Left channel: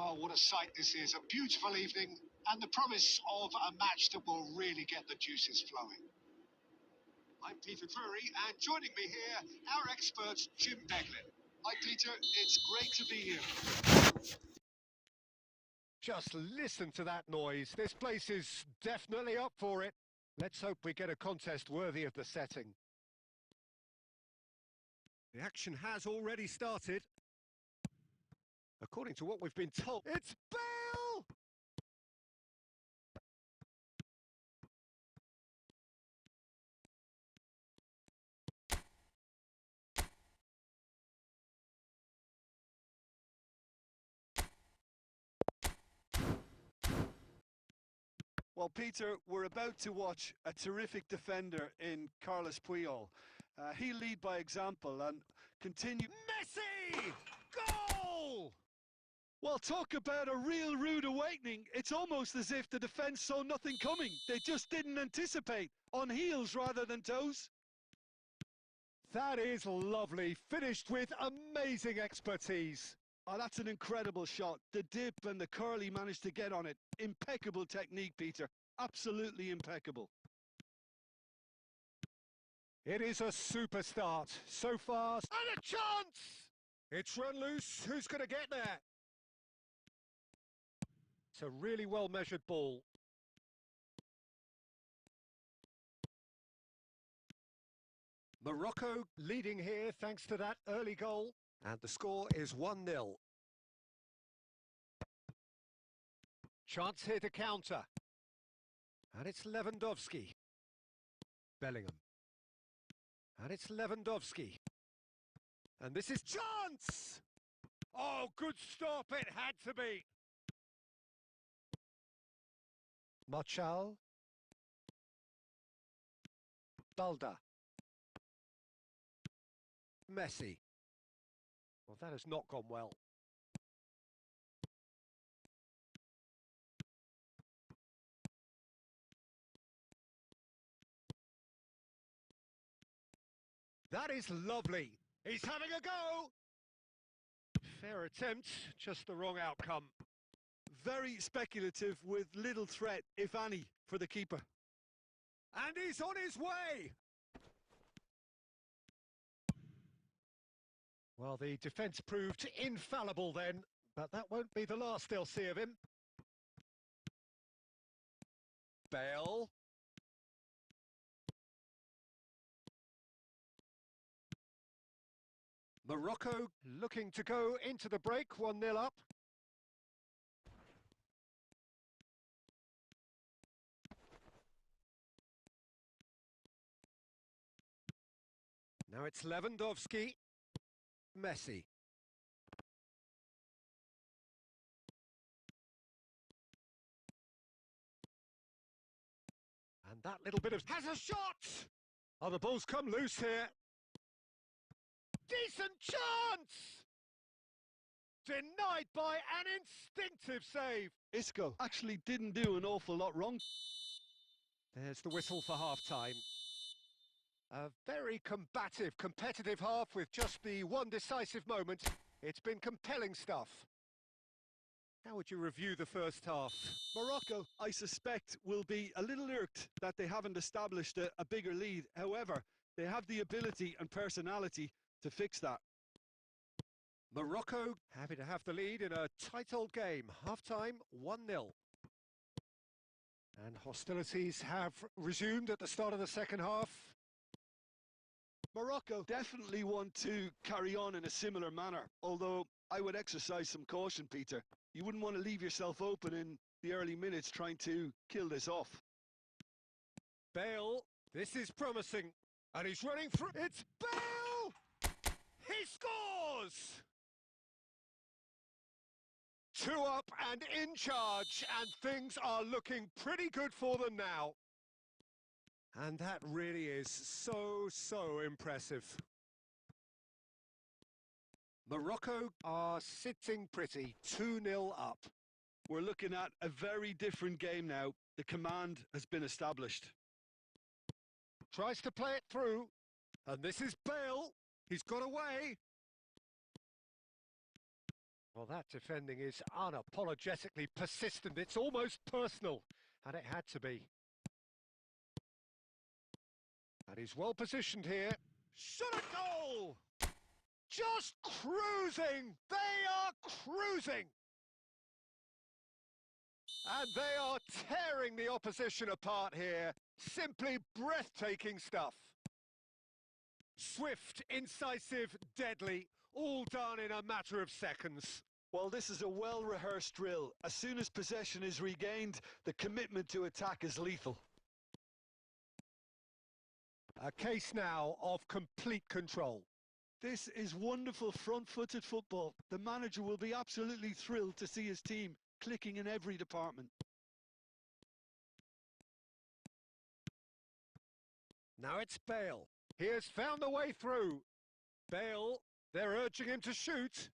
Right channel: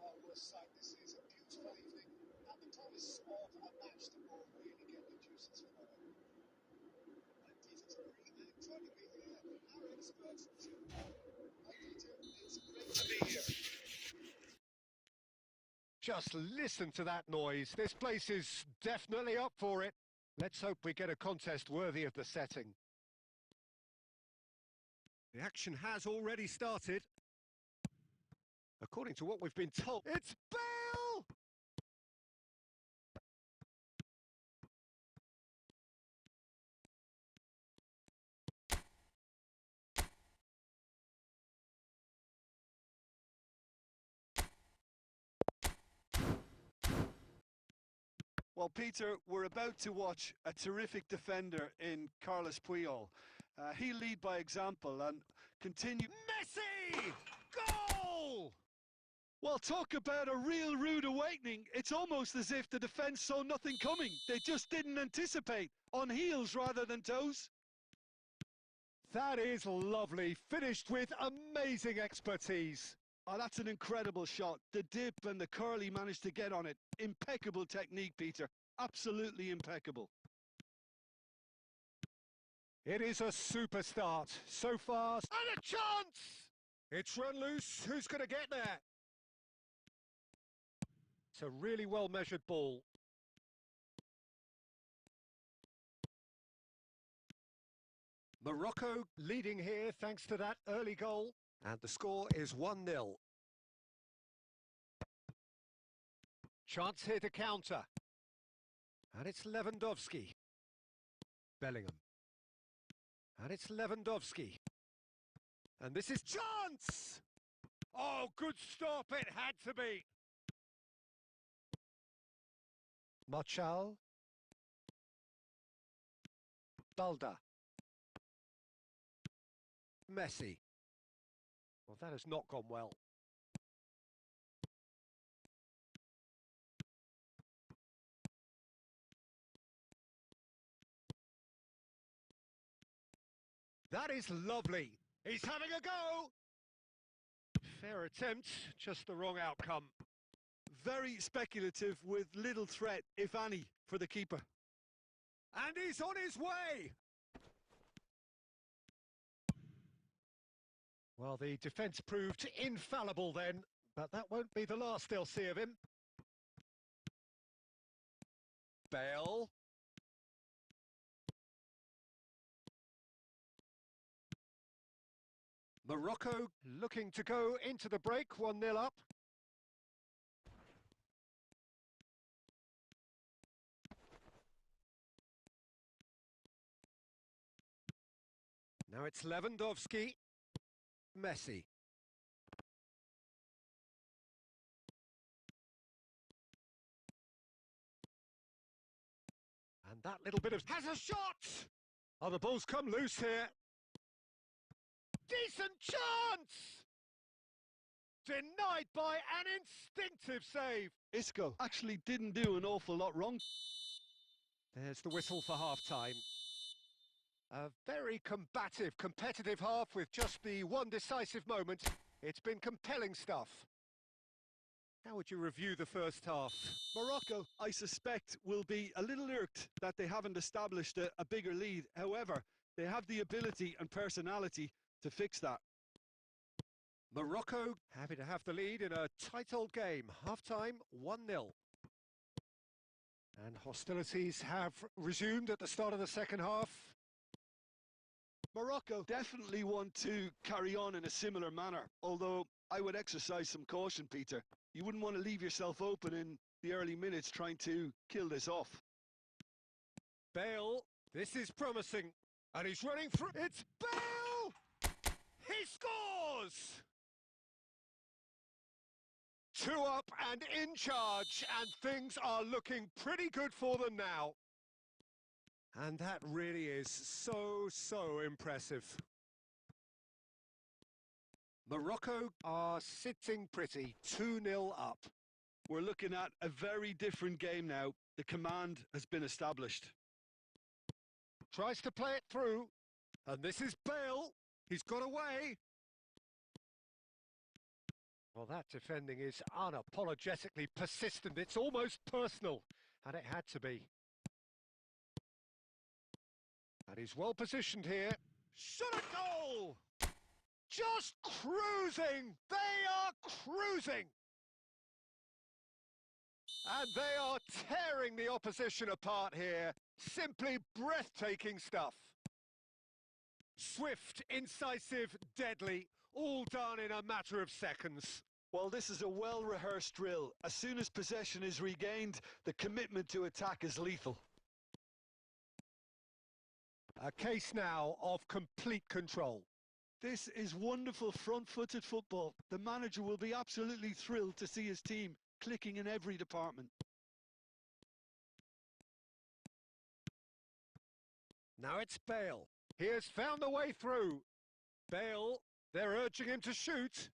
Oh, what a sight this is. A beautiful evening and the promise of a match that will really get the juices flowing. I'm Peter Drury, and joining me here, our expert, Jim Beglin. Hi, Peter. It's great to be here. Just listen to that noise. This place is definitely up for it. Let's hope we get a contest worthy of the setting. The action has already started. According to what we've been told, it's Bale! Well, Peter, we're about to watch a terrific defender in Carlos Puyol. He'll lead by example and continue... Messi! Goal! Well, talk about a real rude awakening. It's almost as if the defence saw nothing coming. They just didn't anticipate. On heels rather than toes. That is lovely. Finished with amazing expertise. Oh, that's an incredible shot. The dip and the curl he managed to get on it. Impeccable technique, Peter. Absolutely impeccable. It is a super start. So fast. And a chance! It's run loose. Who's going to get there? It's a really well-measured ball. Morocco leading here thanks to that early goal. And the score is 1-0. Chance here to counter. And it's Lewandowski. Bellingham. And it's Lewandowski. And this is chance! Oh, good stop. It had to be. Marchal. Balda. Messi. Well, that has not gone well. That is lovely. He's having a go. Fair attempt, just the wrong outcome. Very speculative with little threat, if any, for the keeper. And he's on his way. Well, the defence proved infallible then, but that won't be the last they'll see of him. Bale. Morocco looking to go into the break, 1-0 up. Now it's Lewandowski. Messi. And that little bit of... has a shot! Oh, the ball's come loose here. Decent chance! Denied by an instinctive save. Isco actually didn't do an awful lot wrong. There's the whistle for half-time. A very combative, competitive half with just the one decisive moment. It's been compelling stuff. How would you review the first half? Morocco, I suspect, will be a little irked that they haven't established a bigger lead. However, they have the ability and personality to fix that. Morocco happy to have the lead in a tight old game. Half-time, 1-0. And hostilities have resumed at the start of the second half. Morocco definitely want to carry on in a similar manner, although I would exercise some caution, Peter. You wouldn't want to leave yourself open in the early minutes trying to kill this off. Bale, this is promising. And he's running through. It's Bale! He scores! 2 up and in charge, and things are looking pretty good for them now. And that really is so impressive. Morocco are sitting pretty, 2-0 up. We're looking at a very different game now. The command has been established. Tries to play it through. And this is Bale. He's got away. Well, that defending is unapologetically persistent. It's almost personal, and it had to be. And he's well positioned here. Shot a goal! Just cruising! They are cruising! And they are tearing the opposition apart here. Simply breathtaking stuff. Swift, incisive, deadly, all done in a matter of seconds. Well, this is a well-rehearsed drill. As soon as possession is regained, the commitment to attack is lethal. A case now of complete control. This is wonderful front-footed football. The manager will be absolutely thrilled to see his team clicking in every department. Now it's Bale. He has found the way through. Bale, they're urging him to shoot.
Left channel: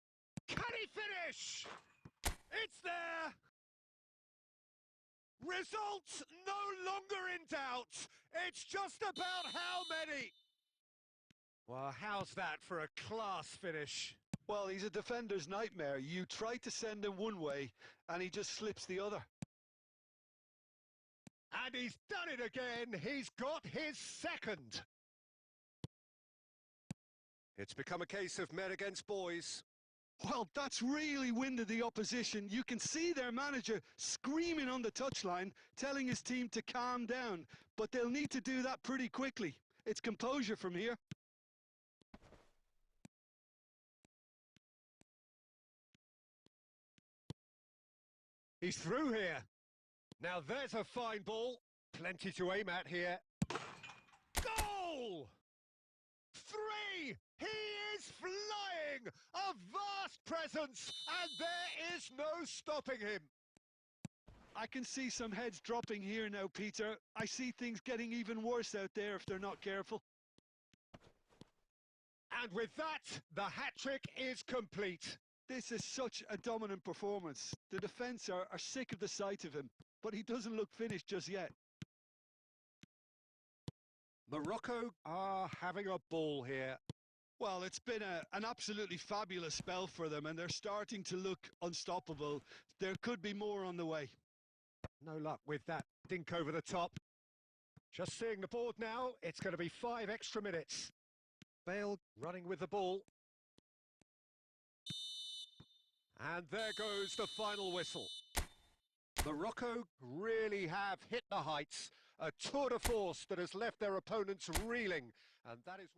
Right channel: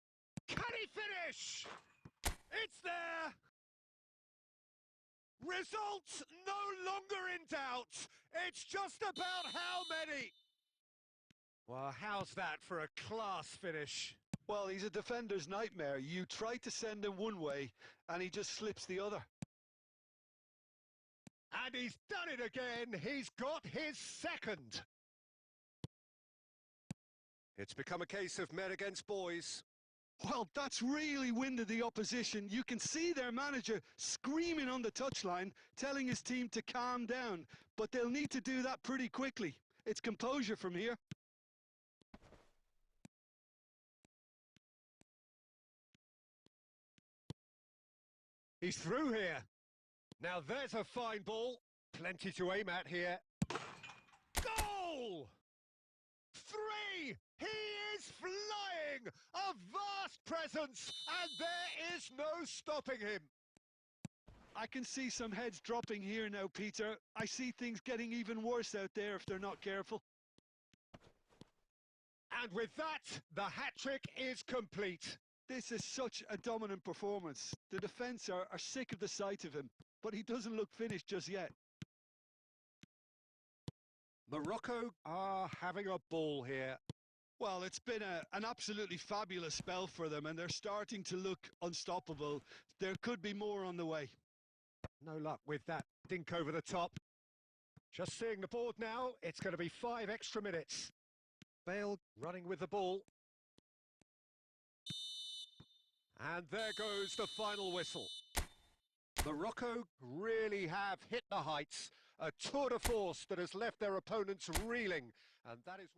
Can he finish? It's there! Results no longer in doubt. It's just about how many. Well, how's that for a class finish? Well, he's a defender's nightmare. You try to send him one way, and he just slips the other. And he's done it again. He's got his second. It's become a case of men against boys. Well, that's really winded the opposition. You can see their manager screaming on the touchline, telling his team to calm down. But they'll need to do that pretty quickly. It's composure from here. He's through here. Now there's a fine ball. Plenty to aim at here. Goal! 3! He is flying! A vast presence, and there is no stopping him. I can see some heads dropping here now, Peter. I see things getting even worse out there if they're not careful. And with that, the hat-trick is complete. This is such a dominant performance. The defence are sick of the sight of him, but he doesn't look finished just yet. Morocco are having a ball here. Well, it's been an absolutely fabulous spell for them, and they're starting to look unstoppable. There could be more on the way. No luck with that dink over the top. Just seeing the board now, it's going to be 5 extra minutes. Bale running with the ball. And there goes the final whistle. Morocco really have hit the heights. A tour de force that has left their opponents reeling. And that is...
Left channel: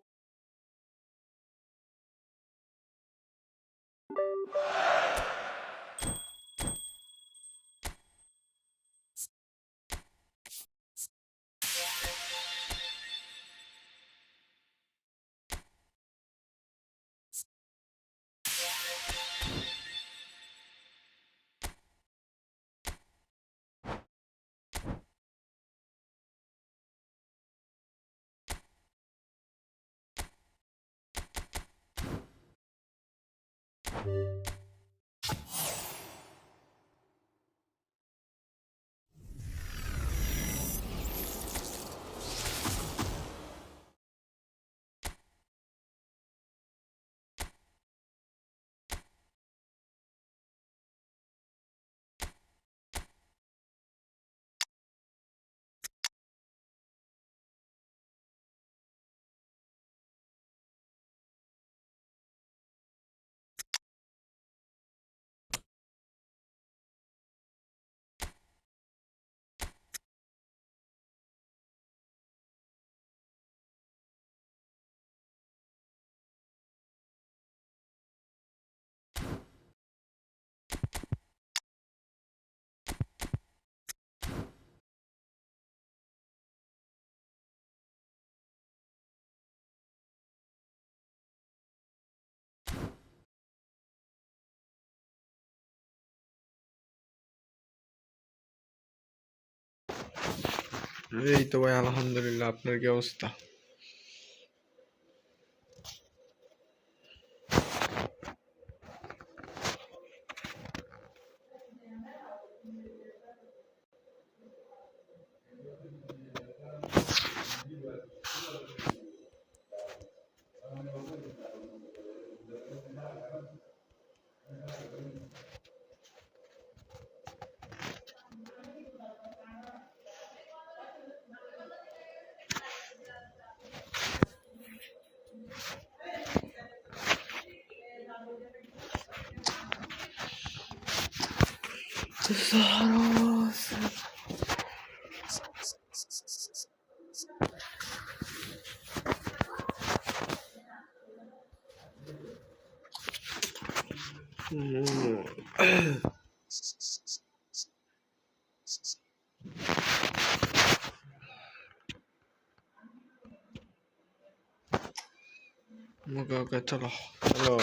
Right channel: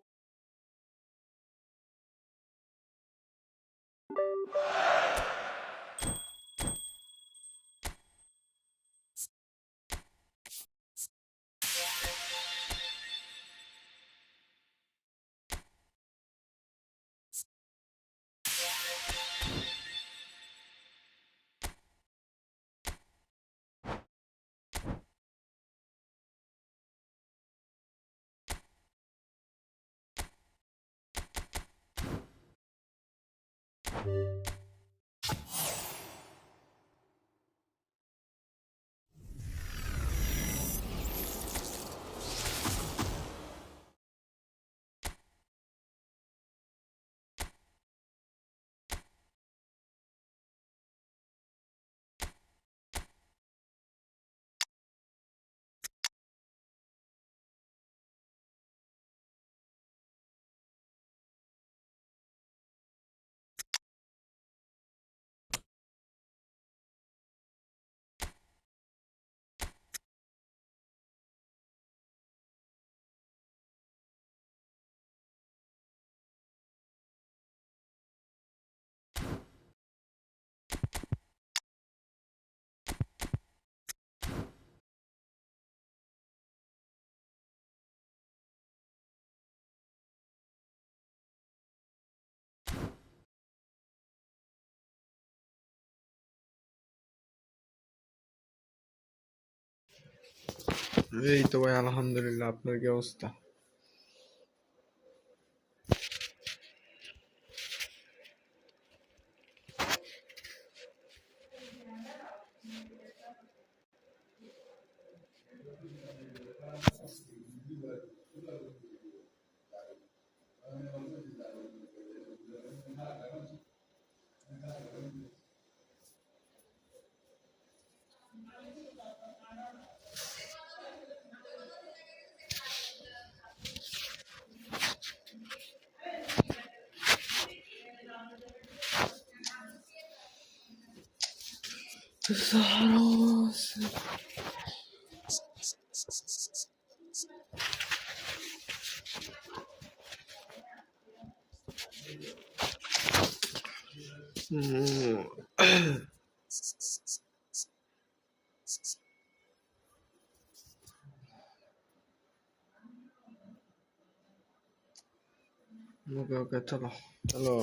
এই তো ভাই আলহামদুলিল্লাহ, আপনার কি অবস্থা? Okay चलो चलो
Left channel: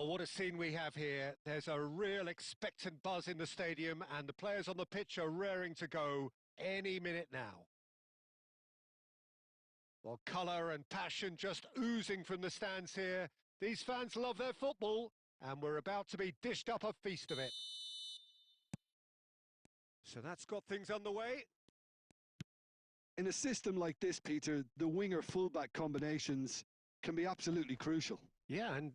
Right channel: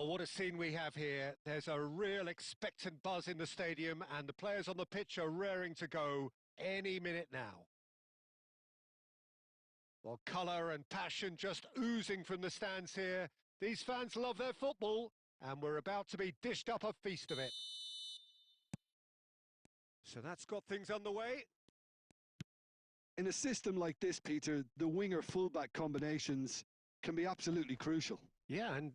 Well, what a scene we have here. There's a real expectant buzz in the stadium and the players on the pitch are raring to go any minute now. Well, colour and passion just oozing from the stands here. These fans love their football and we're about to be dished up a feast of it. So that's got things underway. In a system like this, Peter, the winger-fullback combinations can be absolutely crucial. Yeah, and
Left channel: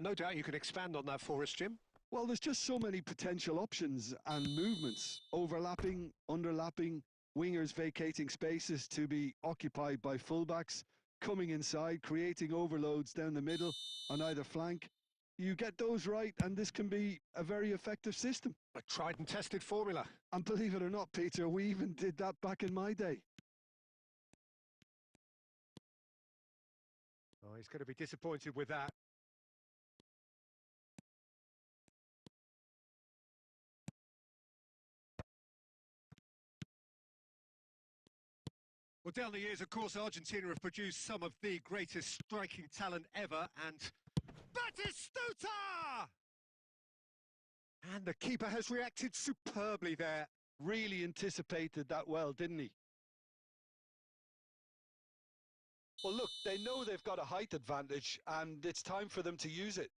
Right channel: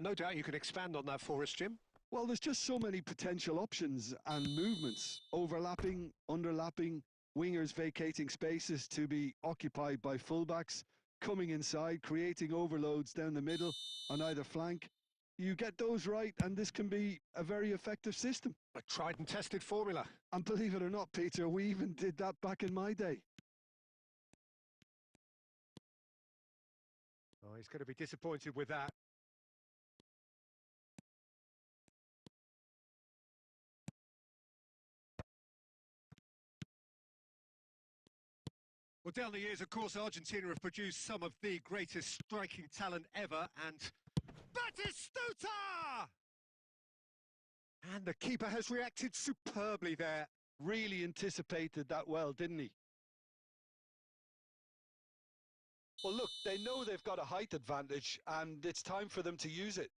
no doubt you can expand on that for us, Jim. Well, there's just so many potential options and movements. Overlapping, underlapping, wingers vacating spaces to be occupied by fullbacks, coming inside, creating overloads down the middle on either flank. You get those right, and this can be a very effective system. A tried and tested formula. And believe it or not, Peter, we even did that back in my day. Oh, he's going to be disappointed with that. Well, down the years, of course, Argentina have produced some of the greatest striking talent ever, and Batistuta! And the keeper has reacted superbly there. Really anticipated that well, didn't he? Well, look, they know they've got a height advantage, and it's time for them to use it.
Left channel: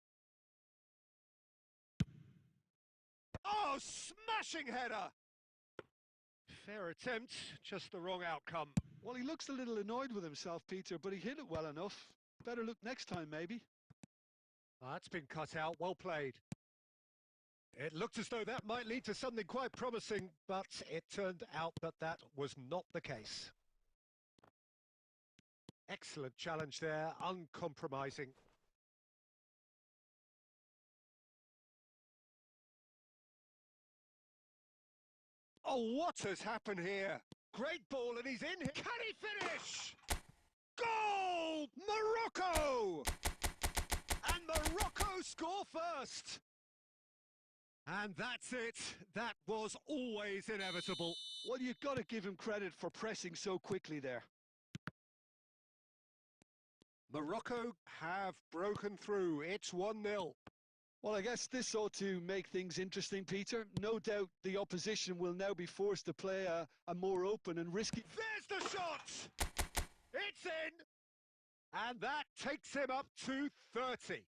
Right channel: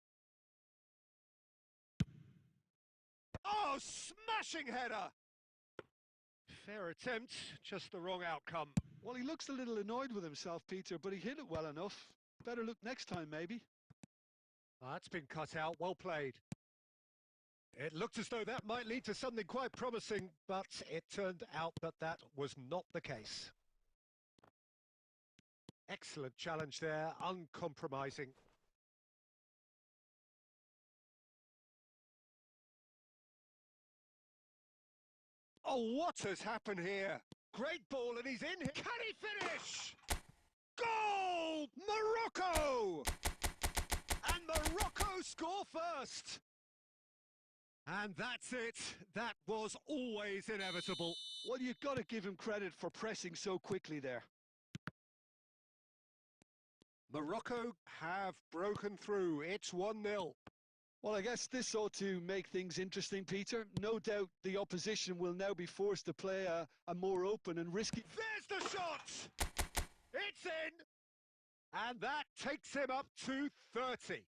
Oh, smashing header! Fair attempt, just the wrong outcome. Well, he looks a little annoyed with himself, Peter, but he hit it well enough. Better look next time, maybe. That's been cut out, well played. It looked as though that might lead to something quite promising, but it turned out that that was not the case. Excellent challenge there, uncompromising. Oh, what has happened here? Great ball and he's in here. Can he finish? Goal! Morocco! And Morocco score first. And that's it. That was always inevitable. Well, you've got to give him credit for pressing so quickly there. Morocco have broken through. It's 1-0. Well, I guess this ought to make things interesting, Peter. No doubt the opposition will now be forced to play a more open and risky... There's the shot! It's in! And that takes him up to 30.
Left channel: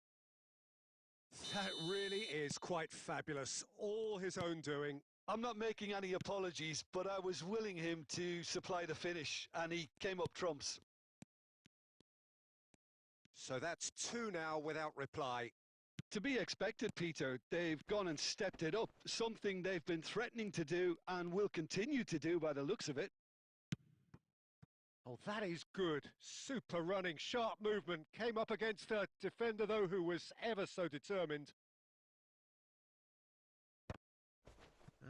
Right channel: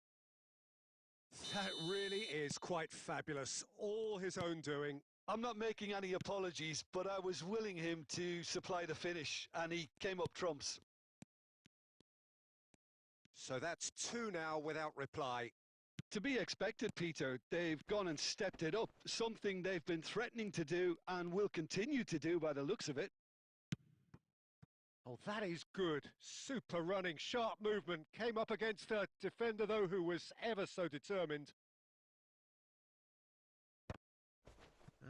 That really is quite fabulous. All his own doing. I'm not making any apologies, but I was willing him to supply the finish, and he came up trumps. So that's 2 now without reply. To be expected, Peter. They've gone and stepped it up, something they've been threatening to do and will continue to do by the looks of it. Oh, that is good. Super running, sharp movement. Came up against a defender, though, who was ever so determined.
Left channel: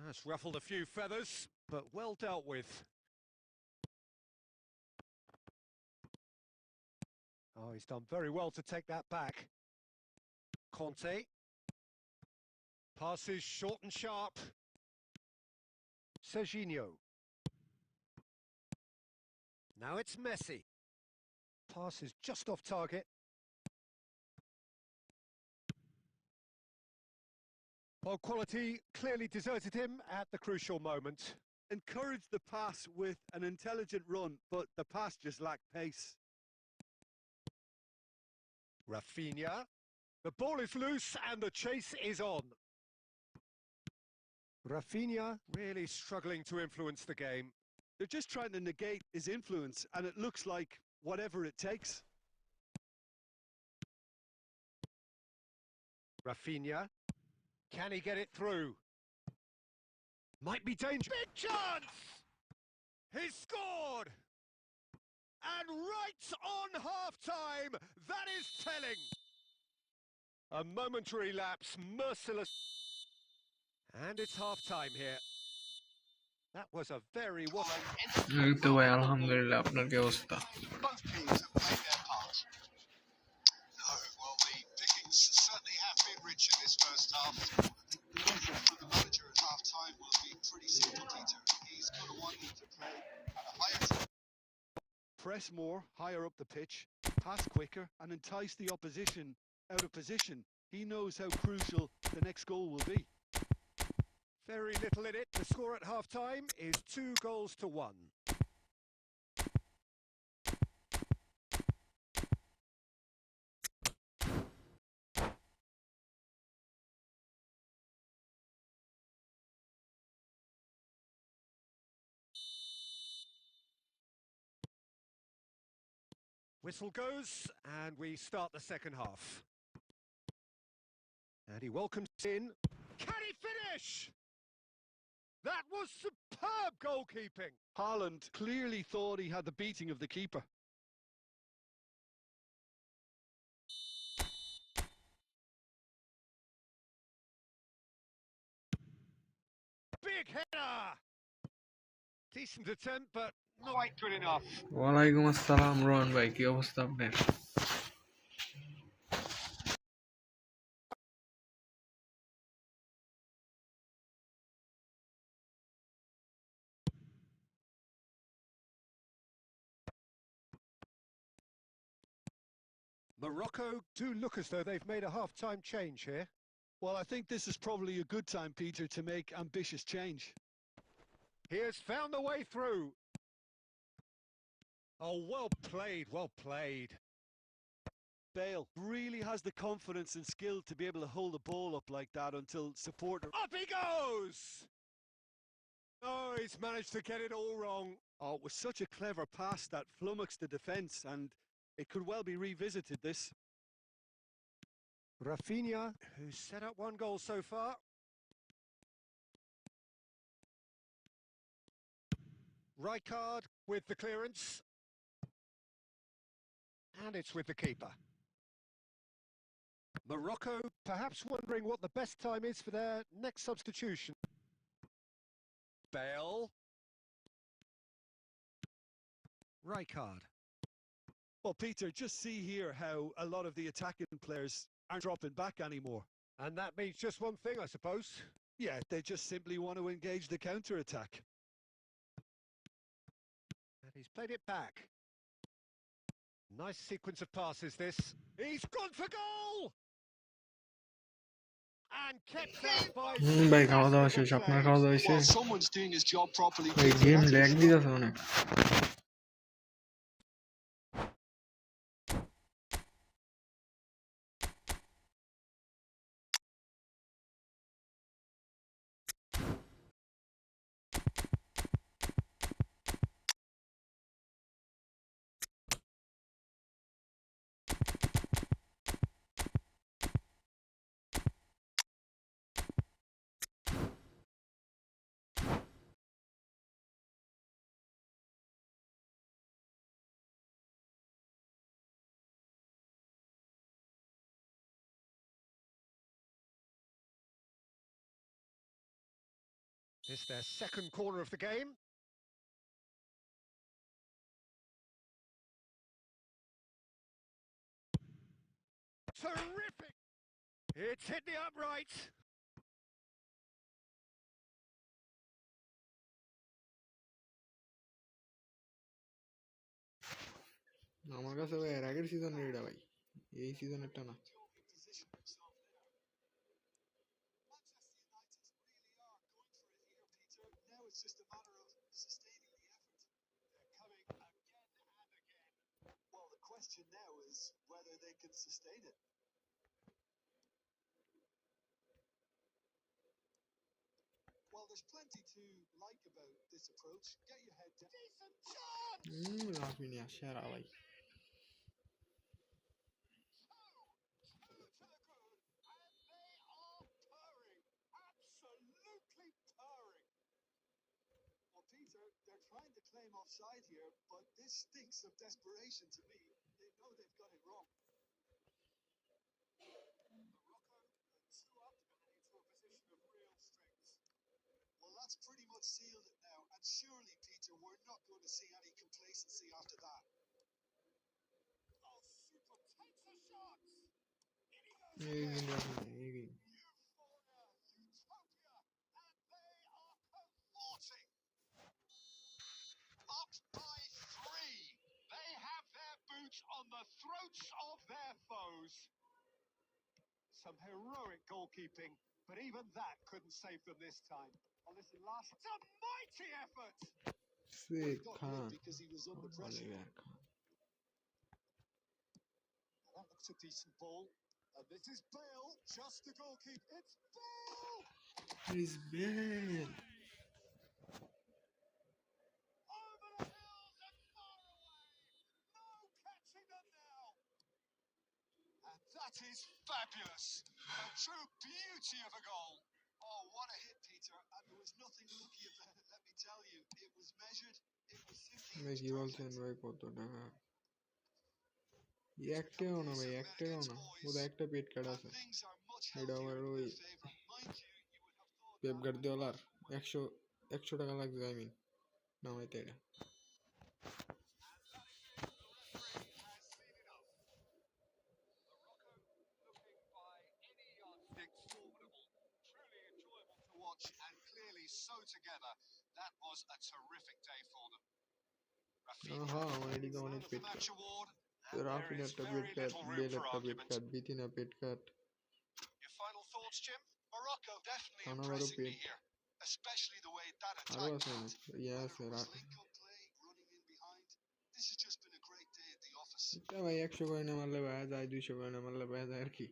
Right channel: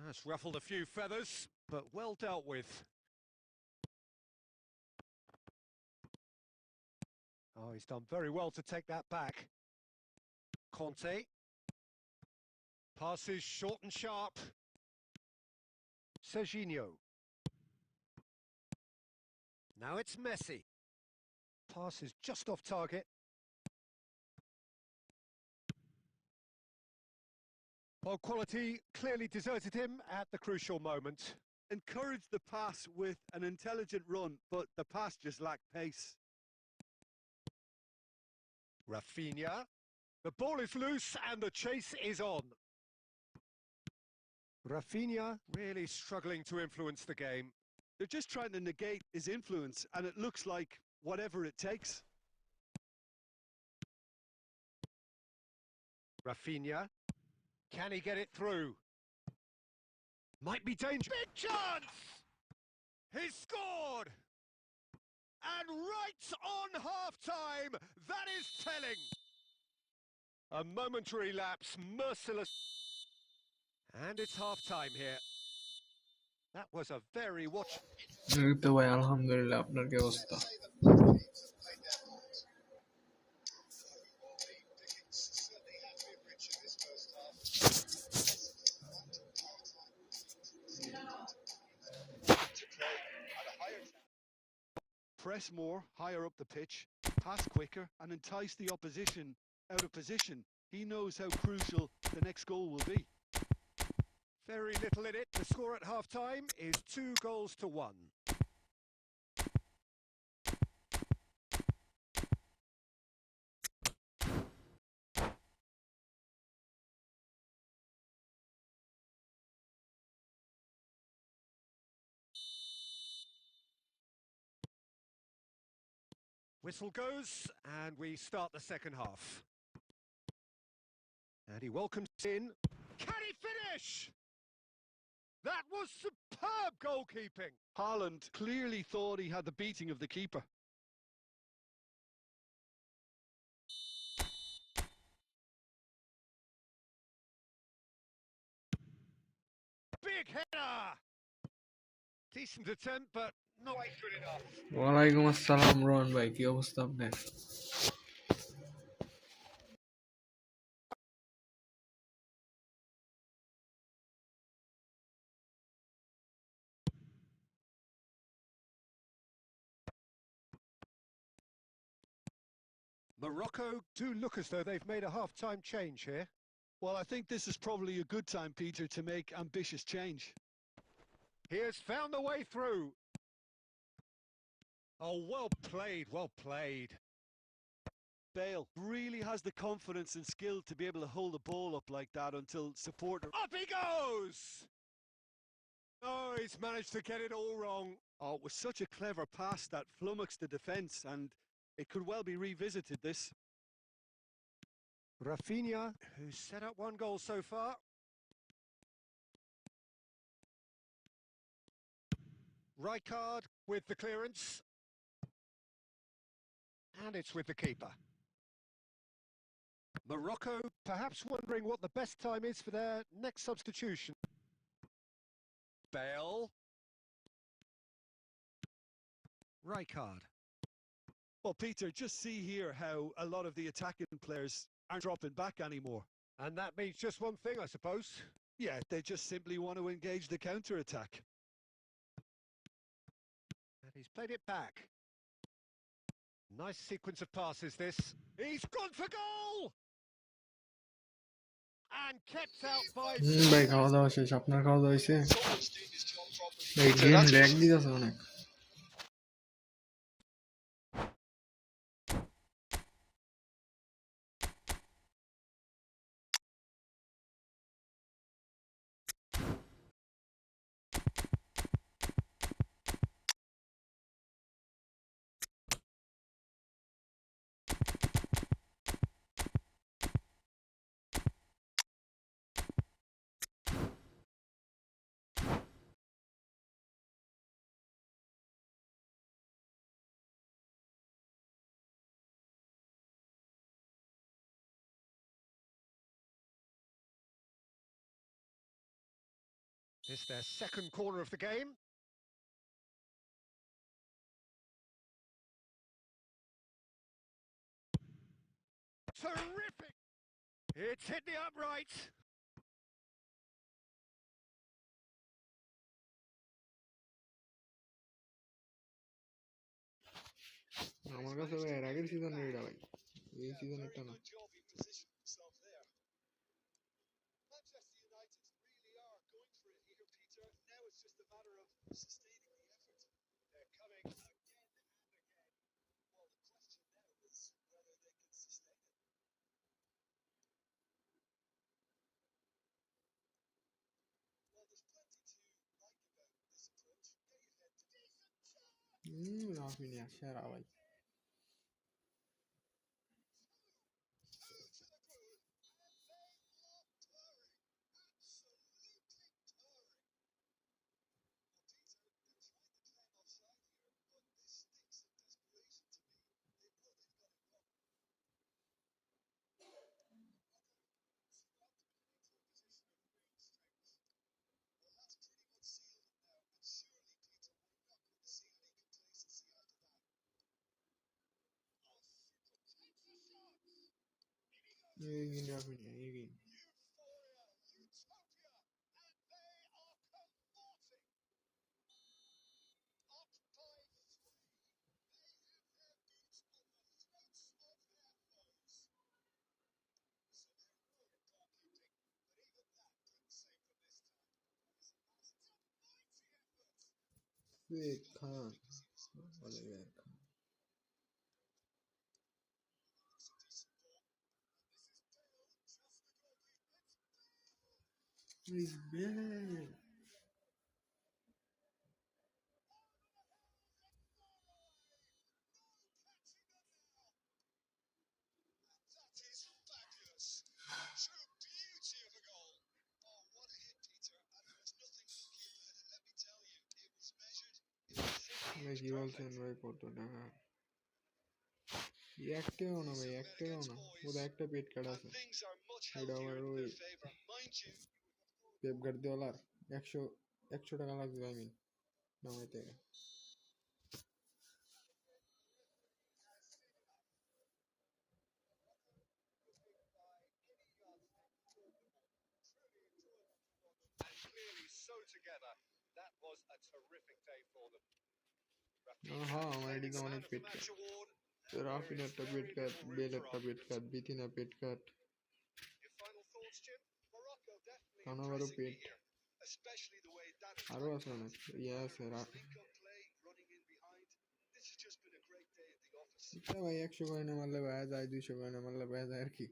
That's ruffled a few feathers, but well dealt with. Oh, he's done very well to take that back. Conte. Passes short and sharp. Serginho. Now it's Messi. Pass is just off target. Well, quality clearly deserted him at the crucial moment. Encouraged the pass with an intelligent run, but the pass just lacked pace. Rafinha. The ball is loose and the chase is on. Rafinha really struggling to influence the game. They're just trying to negate his influence, and it looks like whatever it takes. Rafinha. Can he get it through? Might be dangerous. Big chance! He's scored! And right on half-time, that is telling. A momentary lapse, merciless. And it's half-time here. That was a very... এই তো ভাই আলহামদুলিল্লাহ আপনার কি অবস্থা Both teams have played their part. No, well, the pickings certainly have been rich in this first half. For the manager at half-time will be pretty simple, Peter. He's got to want them to play at a higher... Press more, higher up the pitch, pass quicker, and entice the opposition out of position. He knows how crucial the next goal will be. Very little in it. The score at half-time is 2-1. Whistle goes, and we start the second half. And he welcomes in. Can he finish? That was superb goalkeeping. Haaland clearly thought he had the beating of the keeper. Big header! Decent attempt, but not quite good enough. ওয়ালাইকুম আসসালাম রোহন ভাই কি অবস্থা আপনার Morocco do look as though they've made a half-time change here. Well, I think this is probably a good time, Peter, to make ambitious change. He has found the way through. Oh, well played, well played. Bale really has the confidence and skill to be able to hold the ball up like that until support... Up he goes! Oh, he's managed to get it all wrong. Oh, it was such a clever pass that flummoxed the defence, and it could well be revisited, this. Rafinha, who's set up 1 goal so far. Rijkaard with the clearance. And it's with the keeper. Morocco perhaps wondering what the best time is for their next substitution. Bale. Rijkaard. Well, Peter, just see here how a lot of the attacking players aren't dropping back anymore. And that means just one thing, I suppose. Yeah, they just simply want to engage the counter-attack. And he's played it back. Nice sequence of passes, this. He's gone for goal! And kept out by... ভাই খাওয়া দাওয়া শেষ, আপনার খাওয়া দাওয়া হয়েছে? Well, someone's doing his job properly, ভাই Peter. Game That's lag for sure. দিতেছে অনেক। It's their second corner of the game. Terrific! It's hit the upright. আমার কাছে ভাই এর আগের সিজনের এটা ভাই, এই সিজনেরটা না। Good job he positioned himself there. Manchester United really are going for it here, Peter. Now it's just a matter of sustaining the effort. They're coming again and again. Well, the question now is whether they can sustain it. Well, there's plenty to like about this approach. Get your head down. Decent chance! Raphinha সেরা ভাই। Two to the good, and they are purring. Absolutely purring. Well, Peter, they're trying to claim offside here, but this stinks of desperation to me. They know they've got it wrong. Morocco two up and into a position of real strength. Well, that's pretty much sealed it now, and surely, Peter, we're not going to see any complacency after that. Oh, super takes a shot. In he goes এই again. Raphinha এই Euphoria, utopia, and they are cavorting. Up by 3. They have their boots on the throats of their foes. Some heroic goalkeeping, but even that couldn't save them this time. Well, listen, last... It's a mighty effort! Well, he Suwaid got Khan, hit because he was under pressure. Oliver Khan. That looks a decent ball. And this is Bale, just the goalkeeper. It's Bale! He's bad. Over the hills and far away. No catching them now. And that is fabulous. A true beauty of a goal. Oh, what a hit, Peter. And there was nothing lucky about it, let me tell you. It was measured. It was simply ভাই কি বলছেন perfect. ভাই, কত টাকা? একটাও না ভাই, একটাও না, বোধহয় একটা পেট কার্ড আছে। Things are much এটা healthier আবার in ওই their favor. Mind you, you would have thought Pep that গার্দিওলার 100 টাকা লাগবে আই মিন নামাইতে এটা। and that is it. The referee has seen enough. Morocco looking by any yardstick formidable. Truly enjoyable to watch and clearly so together. That was a terrific day for them. আহা, Rafinha আমার playing এদিকে its man অনেক of the pet match cut. award, and there Raphinha is একটা pet very cut, little room bell for একটা পেট argument. Cut, বিতিনা pet cut, Your final thoughts, Jim? Morocco definitely কানাবারও impressing me pet, here, especially the way that আরও attack আছে went. অনেক ইয়ে Whether আছে। it was link-up play, running in behind, this has just been a great day at the office. এটা ভাই 100 করে না মারলে ভাই যায়, 200 করে না মারলে ভাই যায় আর কি।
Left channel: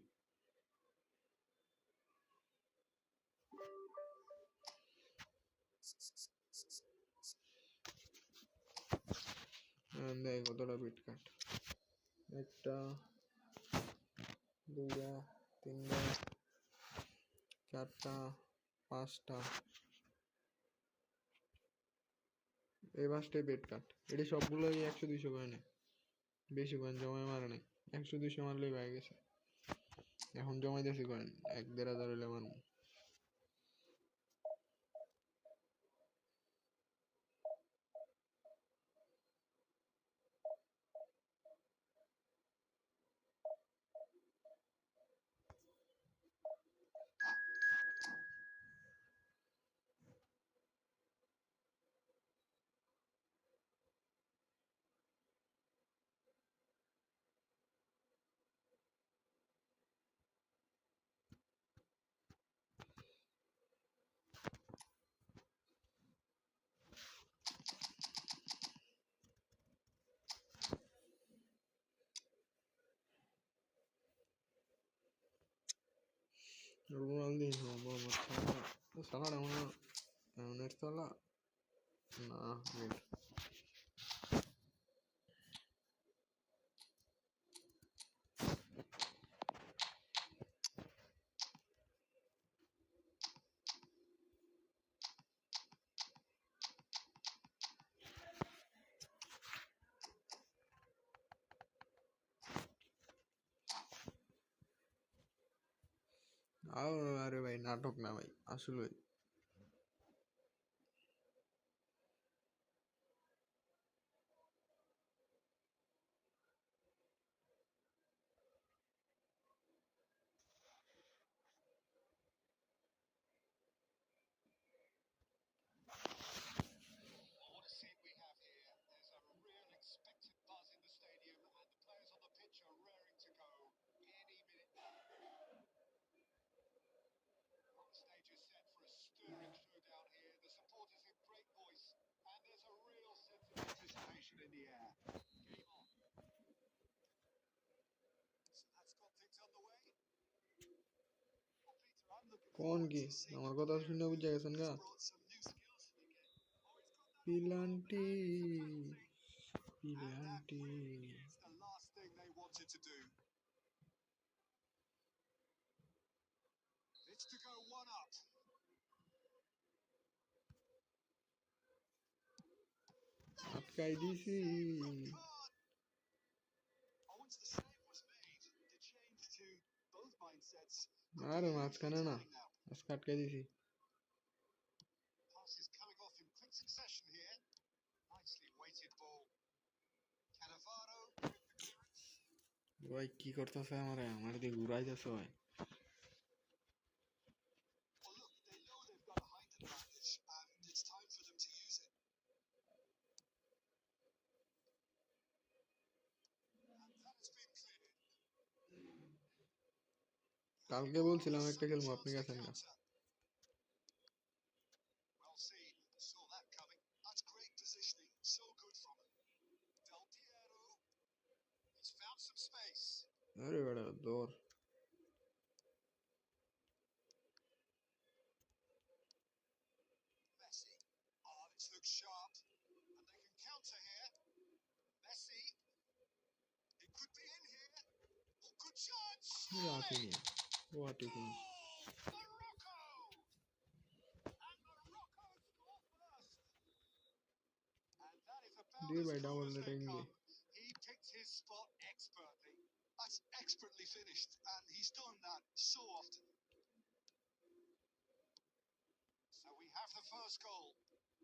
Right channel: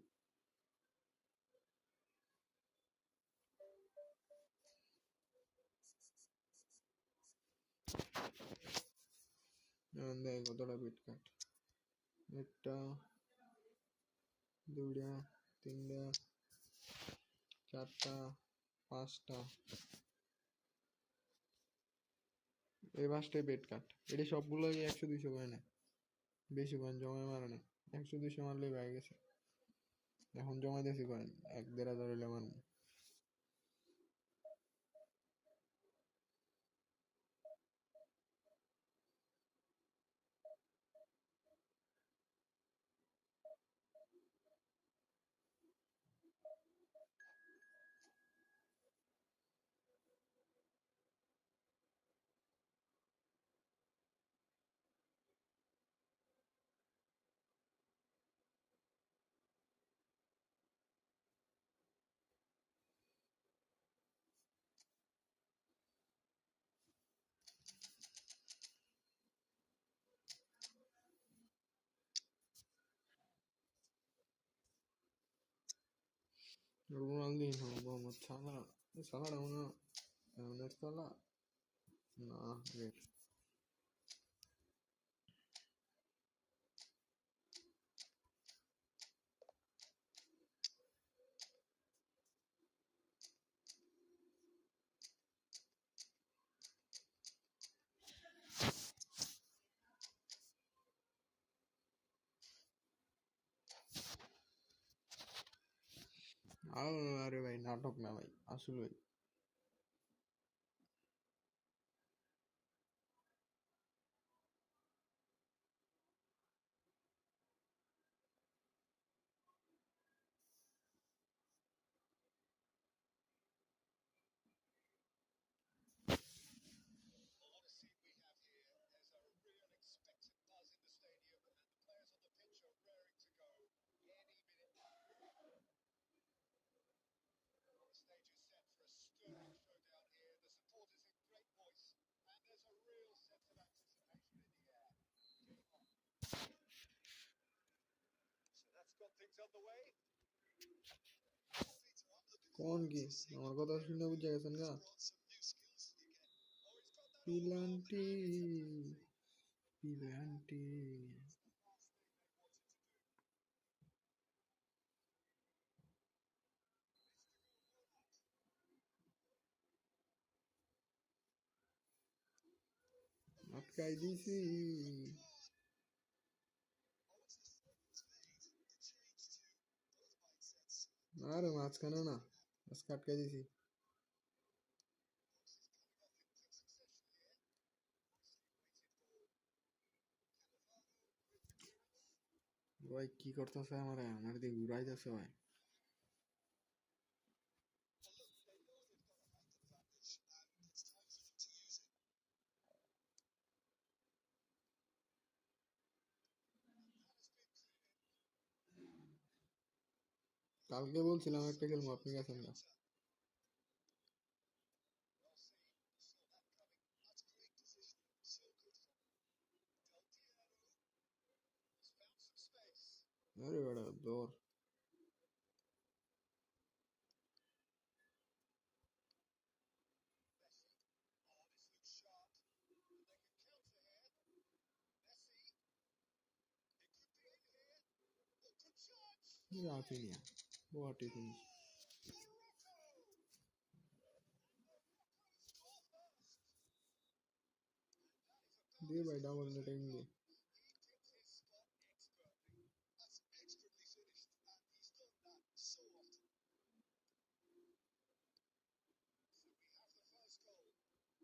দেখ কতটা পেট কাট, একটা, দুইটা, তিনটা, চারটা, পাঁচটা, এই পাঁচটাই পেট কাট। এটি সবগুলোই 100-200 করে নেয়, বেশি কয়েন জমায় মারে নাই। 100-200 মারলেই পাই গেছে। এখন জমাইতেছি কয়েন 1-1.5 হইলে মারবো। Rondinho, Mohamed Salah. Salah down Salah. Nah, wait. अरे भाई नाटक ना भाई আসলে Well, what a scene we have here. There's a real expectant buzz in the stadium, and the players on the pitch are raring to go any minute now. Well, the stage is set for a stirring showdown here. The supporters in great voice, and there's a real sense of anticipation in the air. Game on. So that's got things underway. Well, Peter, I'm looking কোন forward কি to seeing আমার the কথা player শুনে who বুঝা গেছেন has গা brought some new skills to the game. Oh, he's got that on goal, পিলান্টি and it's a penalty. And that পিলান্টি really is the last thing they wanted to do. It's to go one up. আটকাই দিছি Red card. Oh, once the save was made, the change to both mindsets could আরে be মাঝখানে না telling now. আজকে আটকাই দিছি Passes coming off in quick succession here. Nicely weighted ball. Cannavaro with the clearance. ভাই কি করতেছে আমার দিয়ে ঘুরাইতেছে ভাই Well, look, they know they've got a height advantage, and it's time for them to use it. And that has been cleared. কালকে বলছিলাম একটা Second খেলবো chance আপনি to গেছেন না counter. Well seen. Saw that coming. That's great positioning. So good from him. Del Piero. He's found some space. আরে বেটা দৌড় Messi. Oh, this looks sharp. And they can counter here. Messi. It could be in here. Oh, good chance. Raphinha what you think Oh, Morocco. And Morocco score first. And that is about দিয়ে as ভাই cool double as they rating দিয়ে come. He picked his spot expertly. That's expertly finished, and he's done that so often. So we have the first goal.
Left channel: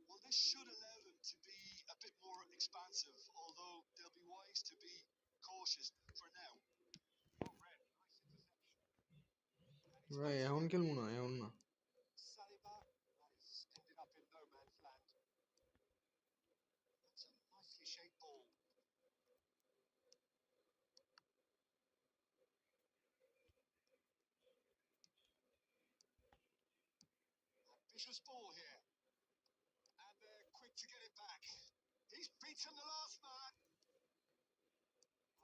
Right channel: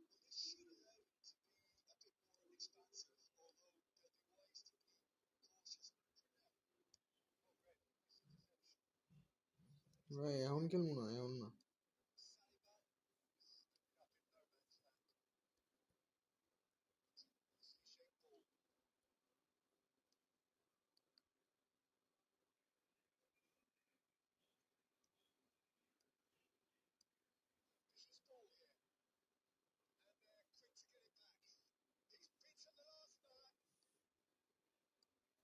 Well, this should allow them to be a bit more expansive, although they'll be wise to be cautious for now. Oh, Red, nice interception. And he's ভাই got এখন through. খেলবো না এখন না Saliba has ended up in no man's land. That's a nicely shaped ball. Ambitious ball here. And they're quick to get it back. He's beaten the last man.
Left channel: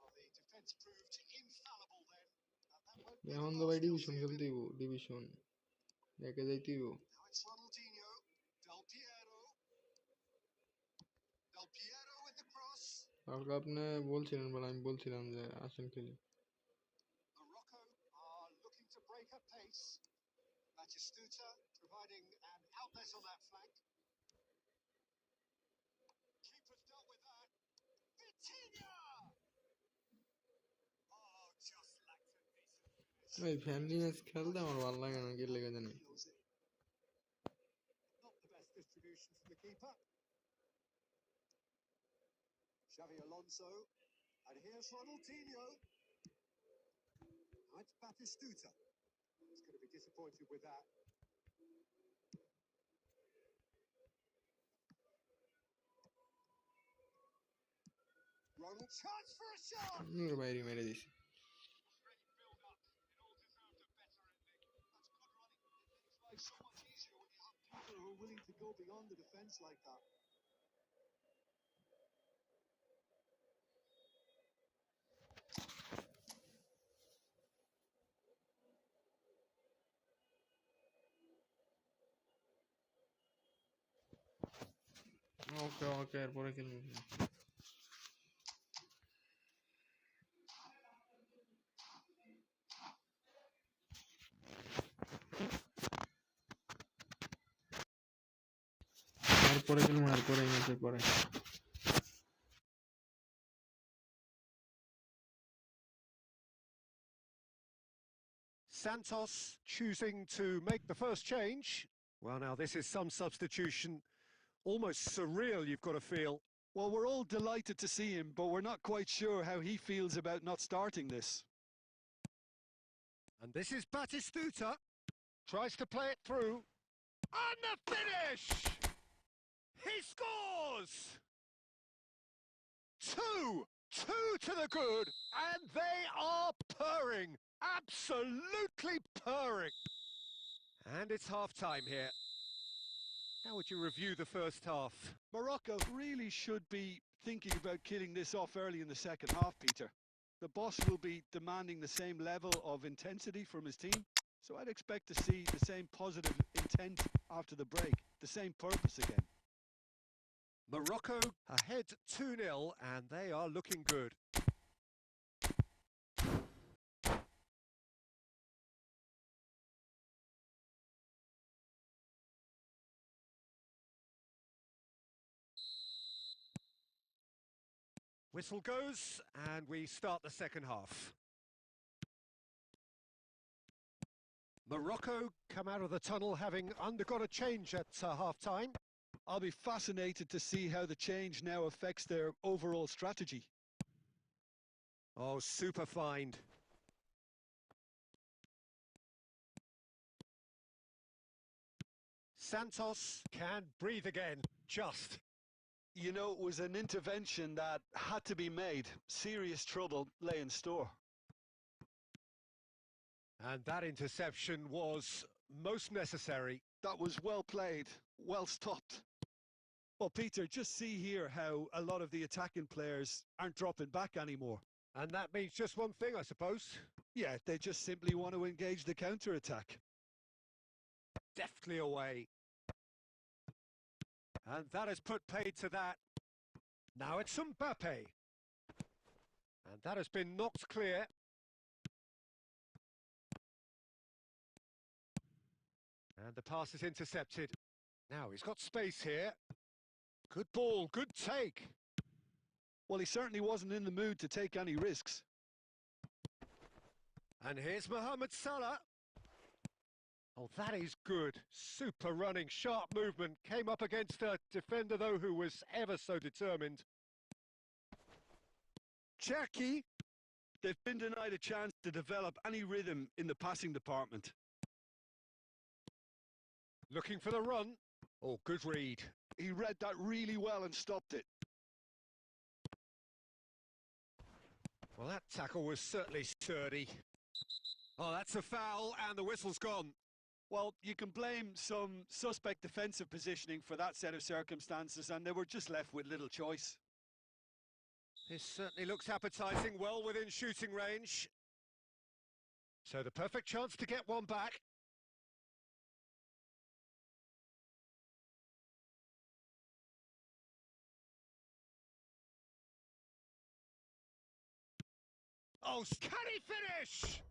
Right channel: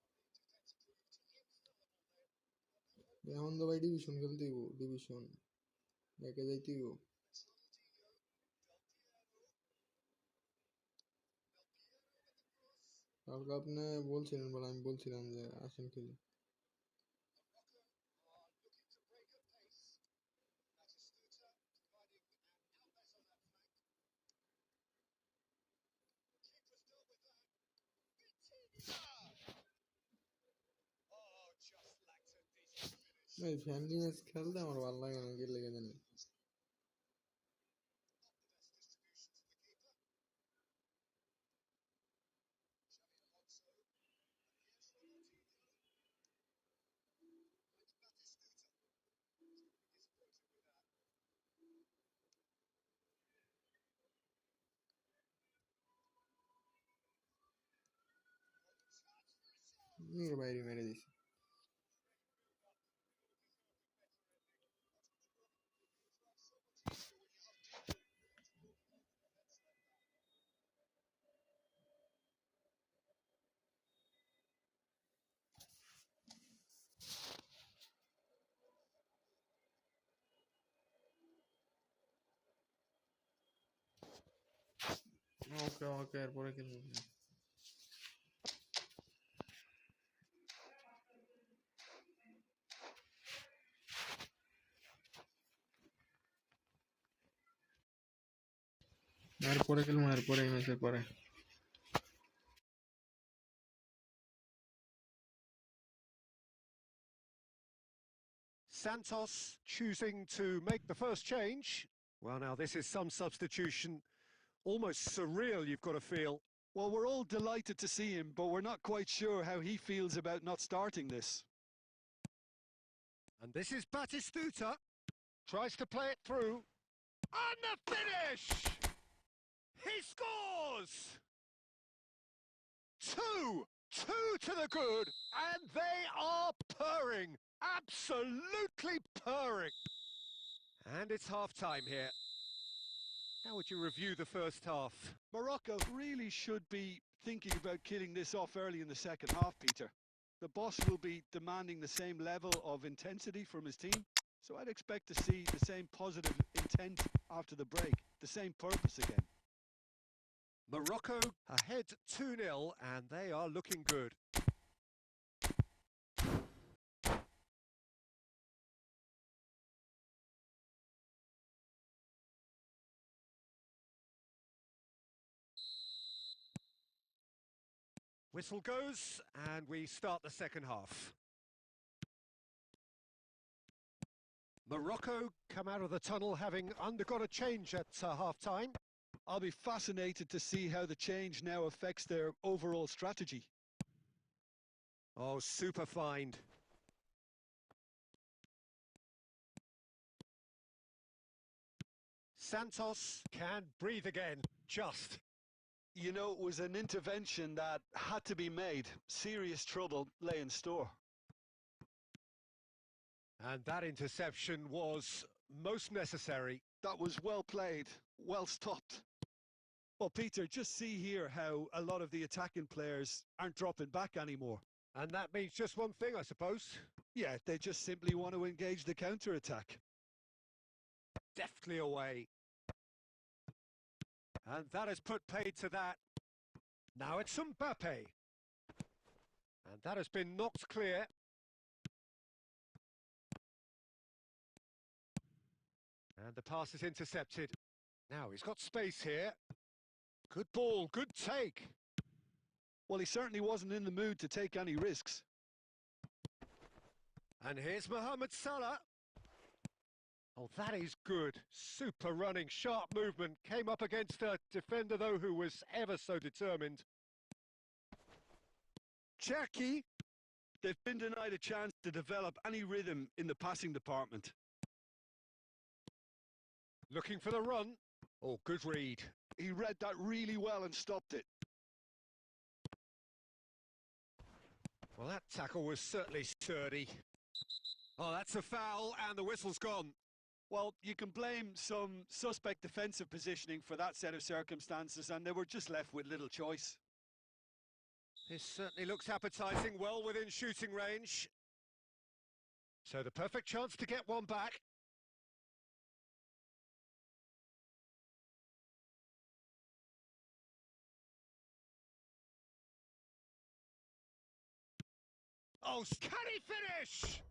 Well, the defence proved infallible then. And that won't be the এখন তো last ভাই they'll division see of খেলতে him. হইব division একে যাইতেইব Now it's Ronaldinho. Del Piero. Del Piero with the cross. কালকে আপনি বলছিলেন বলে আমি বলছিলাম যে আসেন খেলি Morocco are looking to break at pace. Batistuta providing an outlet on that flank. Keeper's dealt with that. Vitinha! Oh, just lacked a decent finish. এই ফ্যামিলি ম্যাচ খেলতে আমার ভালো লাগে না কি লেগে জানি Feels it. Not the best distribution from the keeper. Xavi Alonso. And here's Ronaldinho. Now it's Batistuta. He's going to be disappointed with that. Ronald chance for a shot. বাইরে মেরে দিছি Great build up. It all deserved a better ending. That's good running. It makes life so much easier when you have people who are willing to go beyond the defence like that. ওকে ওকে এরপরে খেলবো। এরপরে খেলবো, এরপরে এই ম্যাচের পরে। Santos choosing to make the first change. Well, now this is some substitution. Almost surreal, you've got to feel. Well, we're all delighted to see him, but we're not quite sure how he feels about not starting this. And this is Batistuta. Tries to play it through. And the finish! He scores! Two to the good, and they are purring. Absolutely purring. And it's half-time here. How would you review the first half? Morocco really should be thinking about killing this off early in the second half, Peter. The boss will be demanding the same level of intensity from his team, so I'd expect to see the same positive intent after the break, the same purpose again. Morocco ahead 2-0, and they are looking good. Whistle goes, and we start the second half. Morocco come out of the tunnel having undergone a change at half-time. I'll be fascinated to see how the change now affects their overall strategy. Oh, super find. Santos can breathe again, just. You know, it was an intervention that had to be made. Serious trouble lay in store. And that interception was most necessary. That was well played, well stopped. Well, Peter, just see here how a lot of the attacking players aren't dropping back anymore. And that means just one thing, I suppose. Yeah, they just simply want to engage the counter-attack. Deftly away. And that has put paid to that. Now it's Mbappe. And that has been knocked clear. And the pass is intercepted. Now he's got space here. Good ball, good take. Well, he certainly wasn't in the mood to take any risks. And here's Mohamed Salah. Oh, that is good. Super running, sharp movement. Came up against a defender, though, who was ever so determined. Cherki, they've been denied a chance to develop any rhythm in the passing department. Looking for the run. Oh, good read. He read that really well and stopped it. Well, that tackle was certainly sturdy. Oh, that's a foul, and the whistle's gone. Well, you can blame some suspect defensive positioning for that set of circumstances, and they were just left with little choice. This certainly looks appetising, well within shooting range. So the perfect chance to get one back. Oh, can he finish?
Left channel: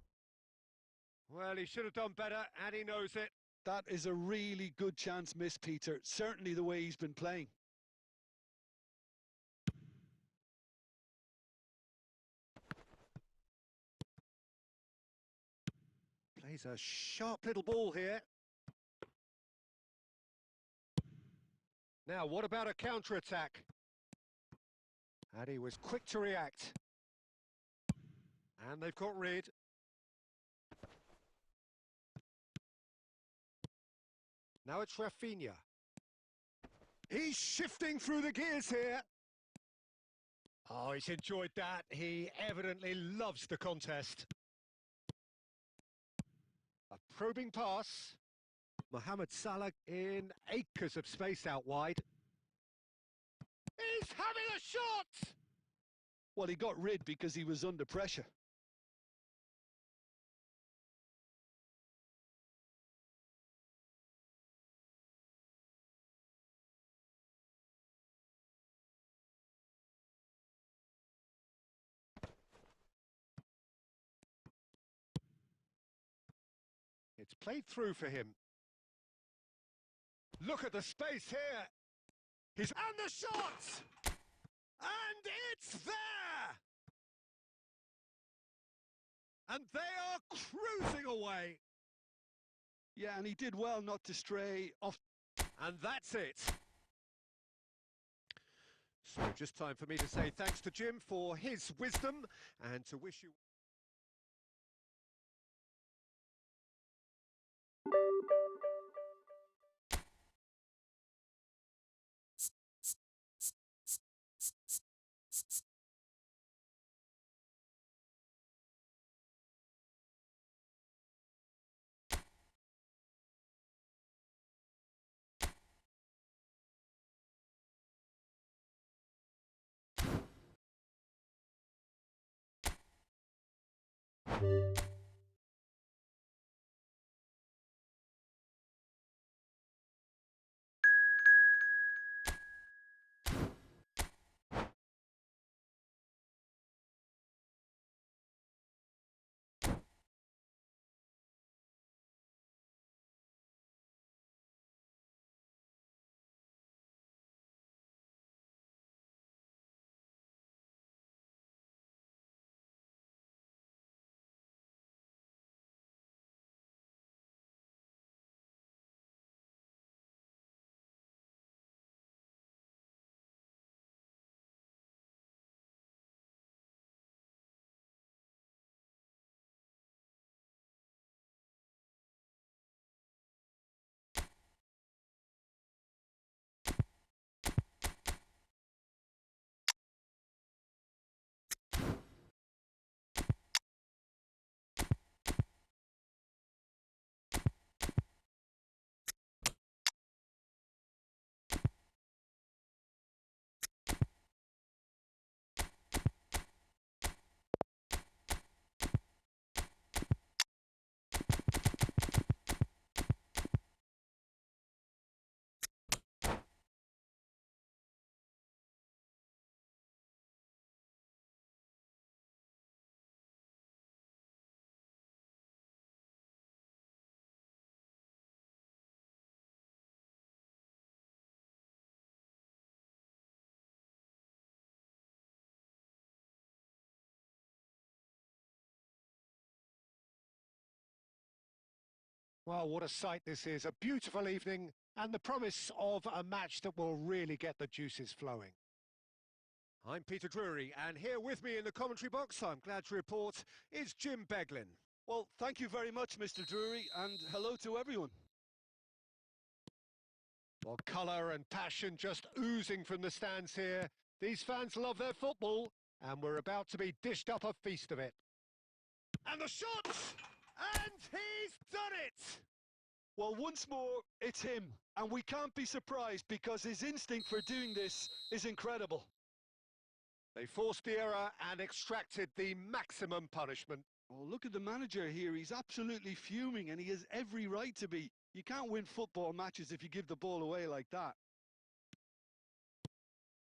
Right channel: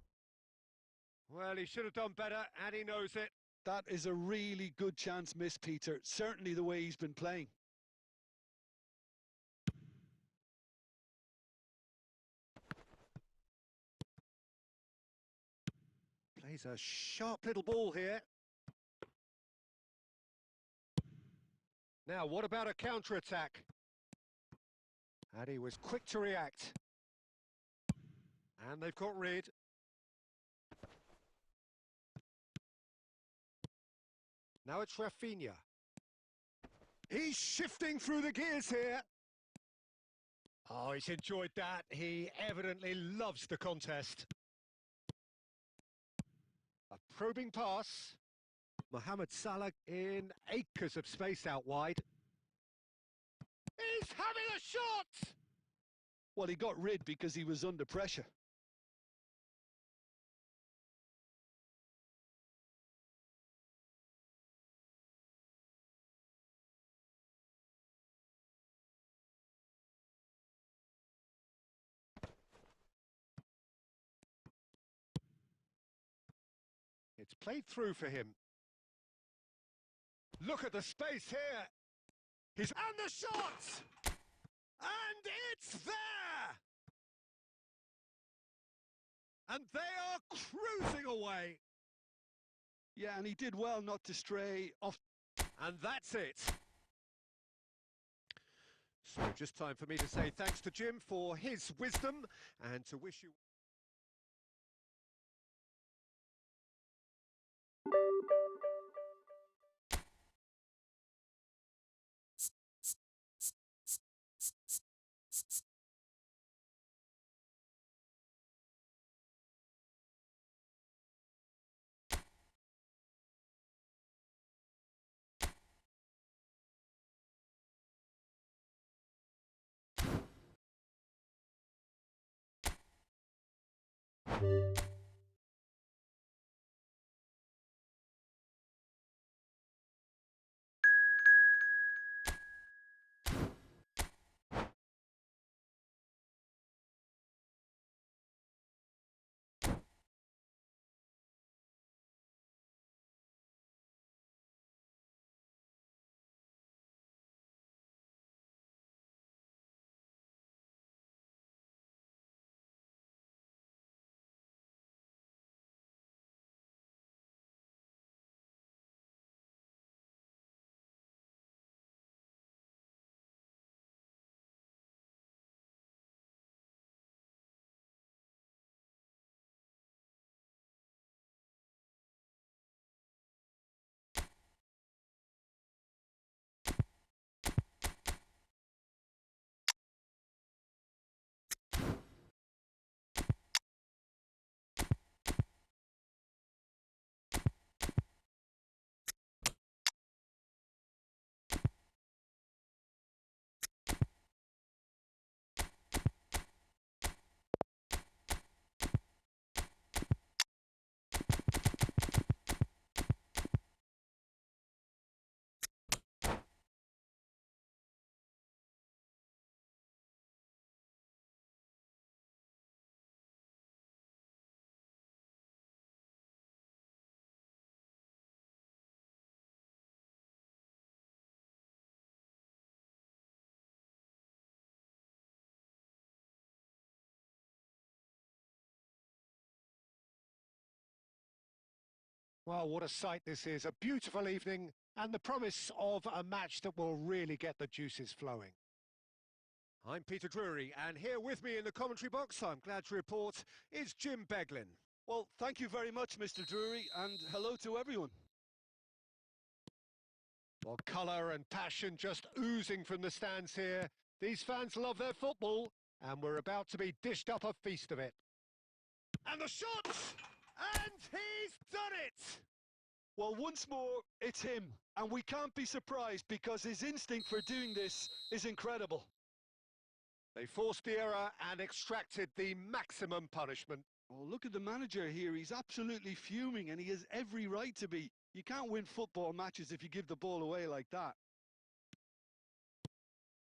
Well, he should have done better, and he knows it. That is a really good chance missed, Peter. Certainly the way he's been playing. Plays a sharp little ball here. Now, what about a counter-attack? And he was quick to react. And they've got rid. Now it's Rafinha. He's shifting through the gears here. Oh, he's enjoyed that. He evidently loves the contest. A probing pass. Mohamed Salah in acres of space out wide. He's having a shot! Well, he got rid because he was under pressure. It's played through for him. Look at the space here. And the shot! And it's there! And they are cruising away. Yeah, and he did well not to stray off. And that's it. So just time for me to say thanks to Jim for his wisdom and to wish you... Well, what a sight this is. A beautiful evening and the promise of a match that will really get the juices flowing. I'm Peter Drury, and here with me in the commentary box, I'm glad to report, is Jim Beglin. Well, thank you very much, Mr. Drury, and hello to everyone. Well, colour and passion just oozing from the stands here. These fans love their football, and we're about to be dished up a feast of it. And the shot! And he's done it! Well, once more, it's him, and we can't be surprised because his instinct for doing this is incredible. They forced the error and extracted the maximum punishment. Oh, look at the manager here. He's absolutely fuming, and he has every right to be. You can't win football matches if you give the ball away like that.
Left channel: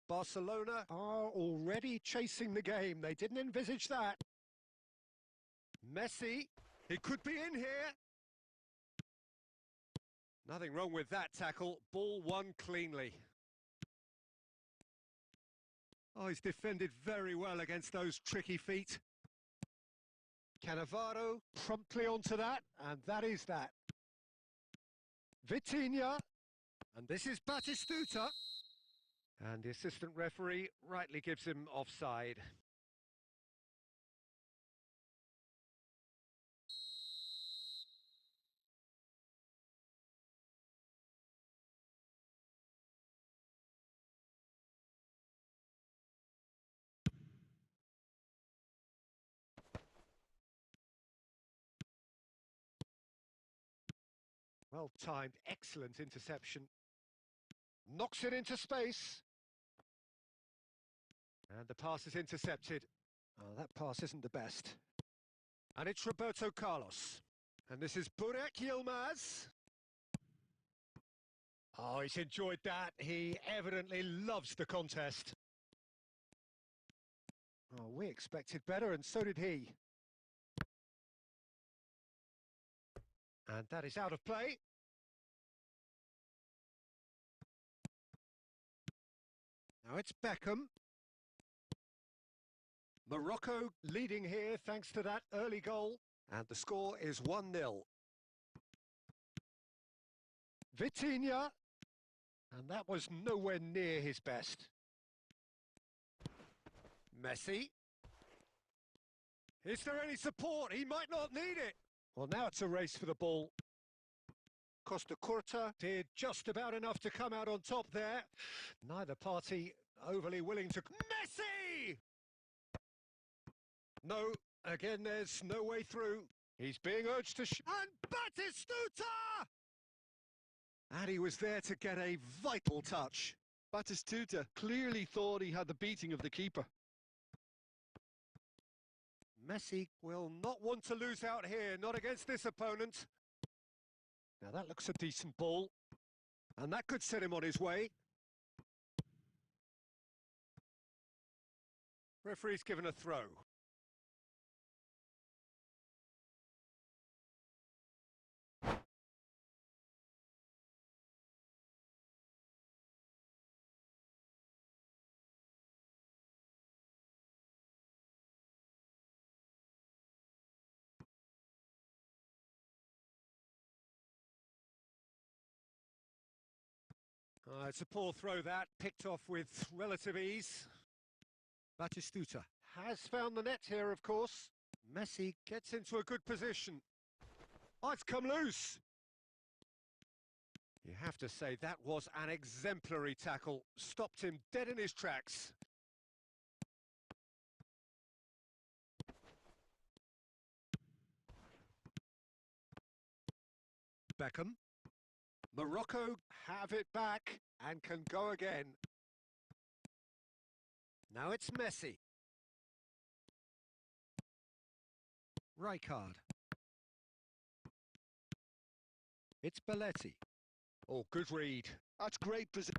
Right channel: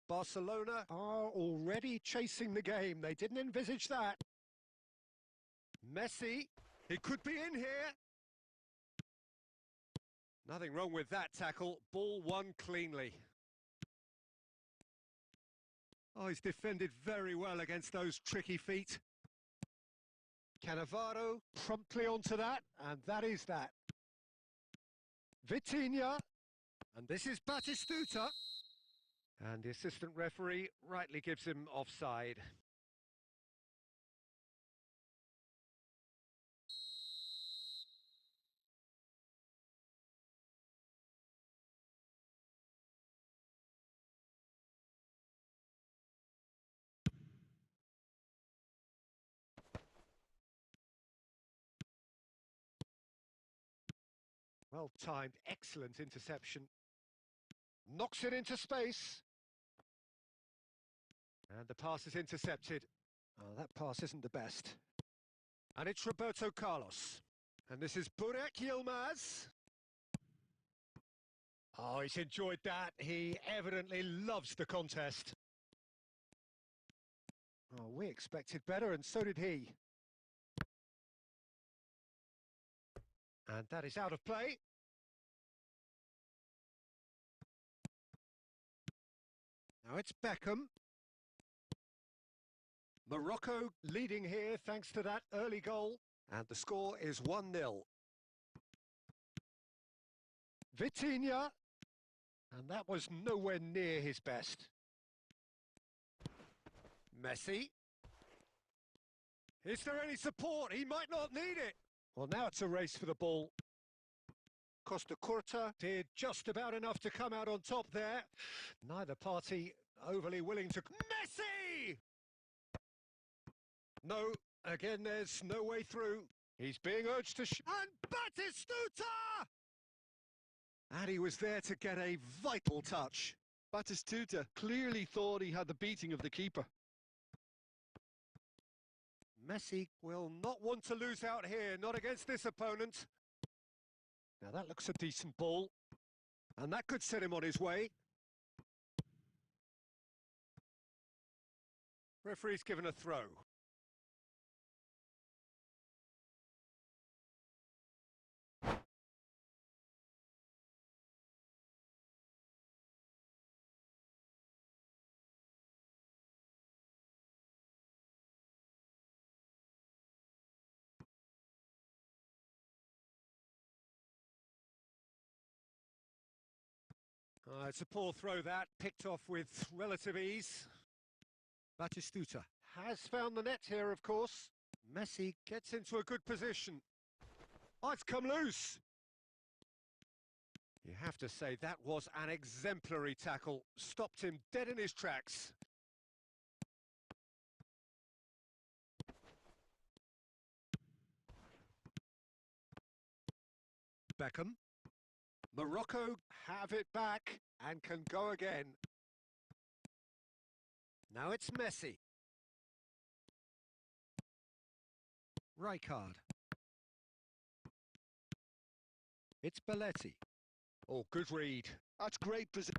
Barcelona are already chasing the game. They didn't envisage that. Messi, he could be in here. Nothing wrong with that tackle. Ball won cleanly. Oh, he's defended very well against those tricky feet. Cannavaro promptly onto that, and that is that. Vitinha, and this is Batistuta. And the assistant referee rightly gives him offside. Well timed, excellent interception. Knocks it into space. And the pass is intercepted. Oh, that pass isn't the best. And it's Roberto Carlos. And this is Burak Yilmaz. Oh, he's enjoyed that. He evidently loves the contest. Oh, we expected better, and so did he. And that is out of play. Now it's Beckham. Morocco leading here thanks to that early goal. And the score is 1-0. Vitinha. And that was nowhere near his best. Messi. Is there any support? He might not need it. Well, now it's a race for the ball. Costa Curta did just about enough to come out on top there. Neither party overly willing to... Messi! No, again, there's no way through. He's being urged to... And Batistuta! And he was there to get a vital touch. Batistuta clearly thought he had the beating of the keeper. Messi will not want to lose out here, not against this opponent. Now that looks a decent ball. And that could set him on his way. Referee's given a throw. It's a poor throw that, picked off with relative ease. Batistuta has found the net here, of course. Messi gets into a good position. Oh, it's come loose. You have to say that was an exemplary tackle. Stopped him dead in his tracks. Beckham. Morocco have it back and can go again. Now it's Messi. Rijkaard. It's Belletti. Oh, good read. That's great position.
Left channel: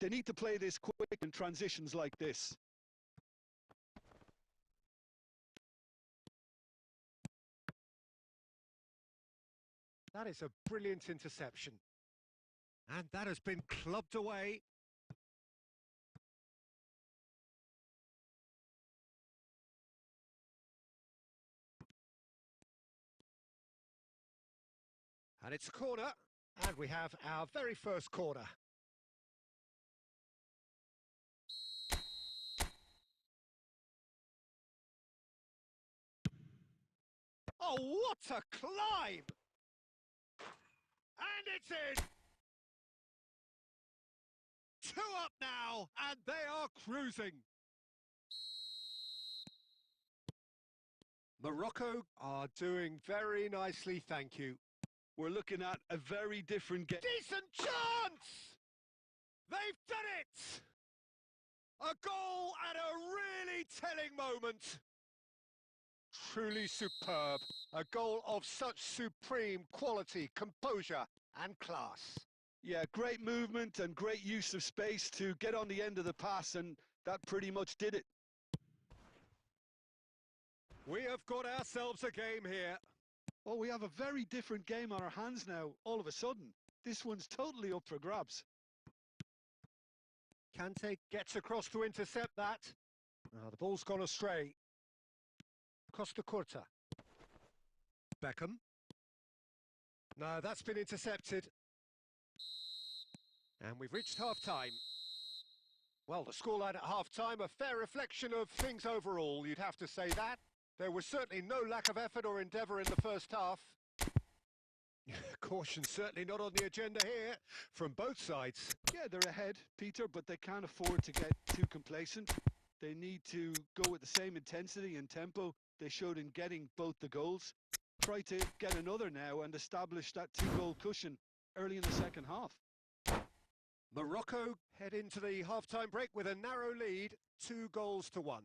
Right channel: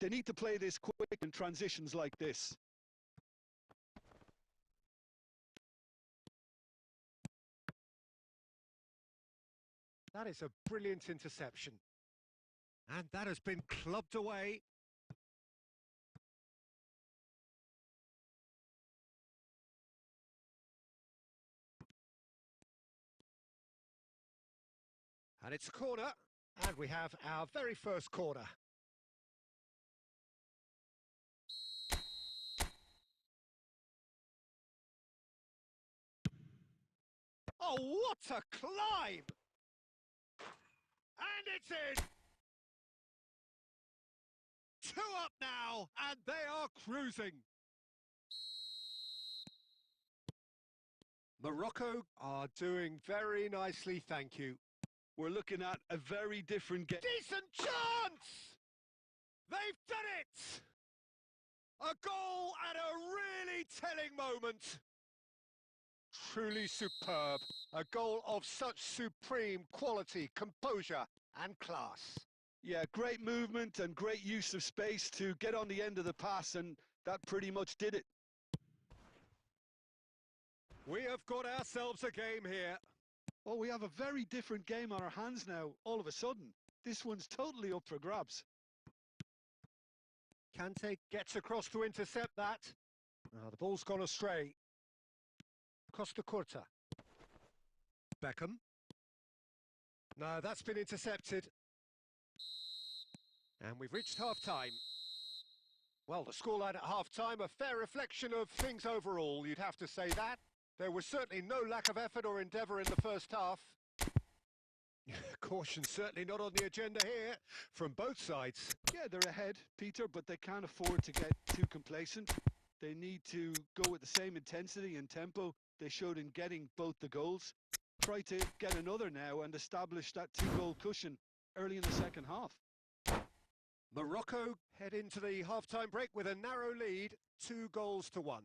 They need to play this quick in transitions like this. That is a brilliant interception. And that has been clubbed away. And it's a corner. And we have our very first corner. Oh, what a climb! And it's in! 2 up now, and they are cruising. Morocco are doing very nicely, thank you. We're looking at a very different game. Decent chance! They've done it! A goal at a really telling moment. Truly superb. A goal of such supreme quality, composure and class. Yeah, great movement and great use of space to get on the end of the pass, and that pretty much did it. We have got ourselves a game here. Oh, we have a very different game on our hands now, all of a sudden. This one's totally up for grabs. Kante gets across to intercept that. The ball's gone astray. Costa Curta. Beckham. No, that's been intercepted. And we've reached half-time. Well, the scoreline at half-time, a fair reflection of things overall, you'd have to say that. There was certainly no lack of effort or endeavour in the first half. Caution certainly not on the agenda here, from both sides. Yeah, they're ahead, Peter, but they can't afford to get too complacent. They need to go with the same intensity and tempo they showed in getting both the goals. Try to get another now and establish that 2-goal cushion early in the second half. Morocco head into the half-time break with a narrow lead, 2-1.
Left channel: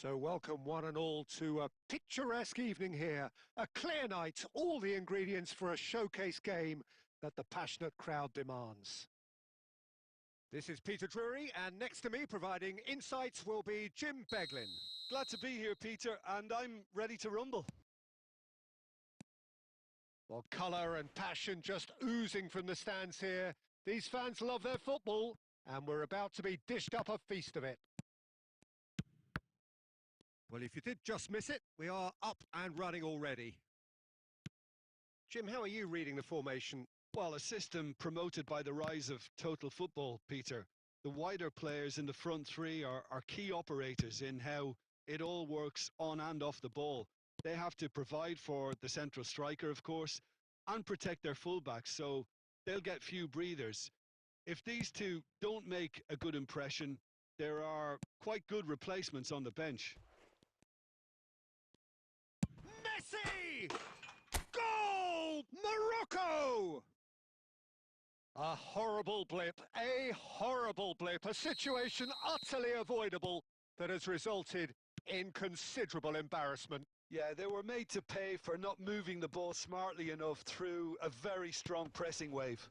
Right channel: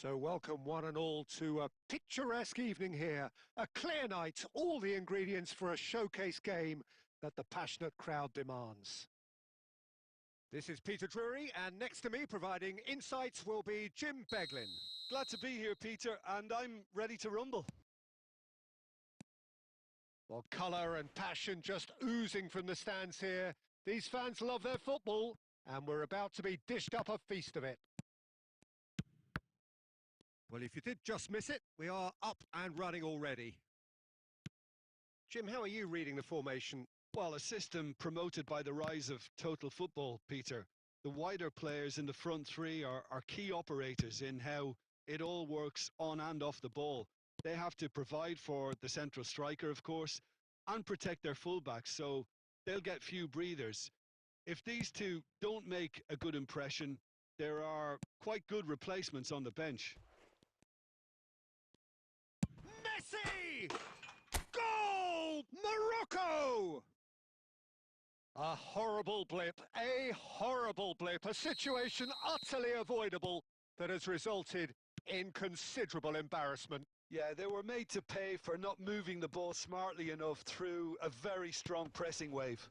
So welcome one and all to a picturesque evening here. A clear night, all the ingredients for a showcase game that the passionate crowd demands. This is Peter Drury, and next to me providing insights will be Jim Beglin. Glad to be here, Peter, and I'm ready to rumble. Well, colour and passion just oozing from the stands here. These fans love their football, and we're about to be dished up a feast of it. Well, if you did just miss it, we are up and running already. Jim, how are you reading the formation? Well, a system promoted by the rise of total football, Peter. The wider players in the front three are key operators in how it all works on and off the ball. They have to provide for the central striker, of course, and protect their fullbacks, so they'll get few breathers. If these two don't make a good impression, there are quite good replacements on the bench. Messi! Goal! Morocco! A horrible blip, a situation utterly avoidable that has resulted in considerable embarrassment. Yeah, they were made to pay for not moving the ball smartly enough through a very strong pressing wave.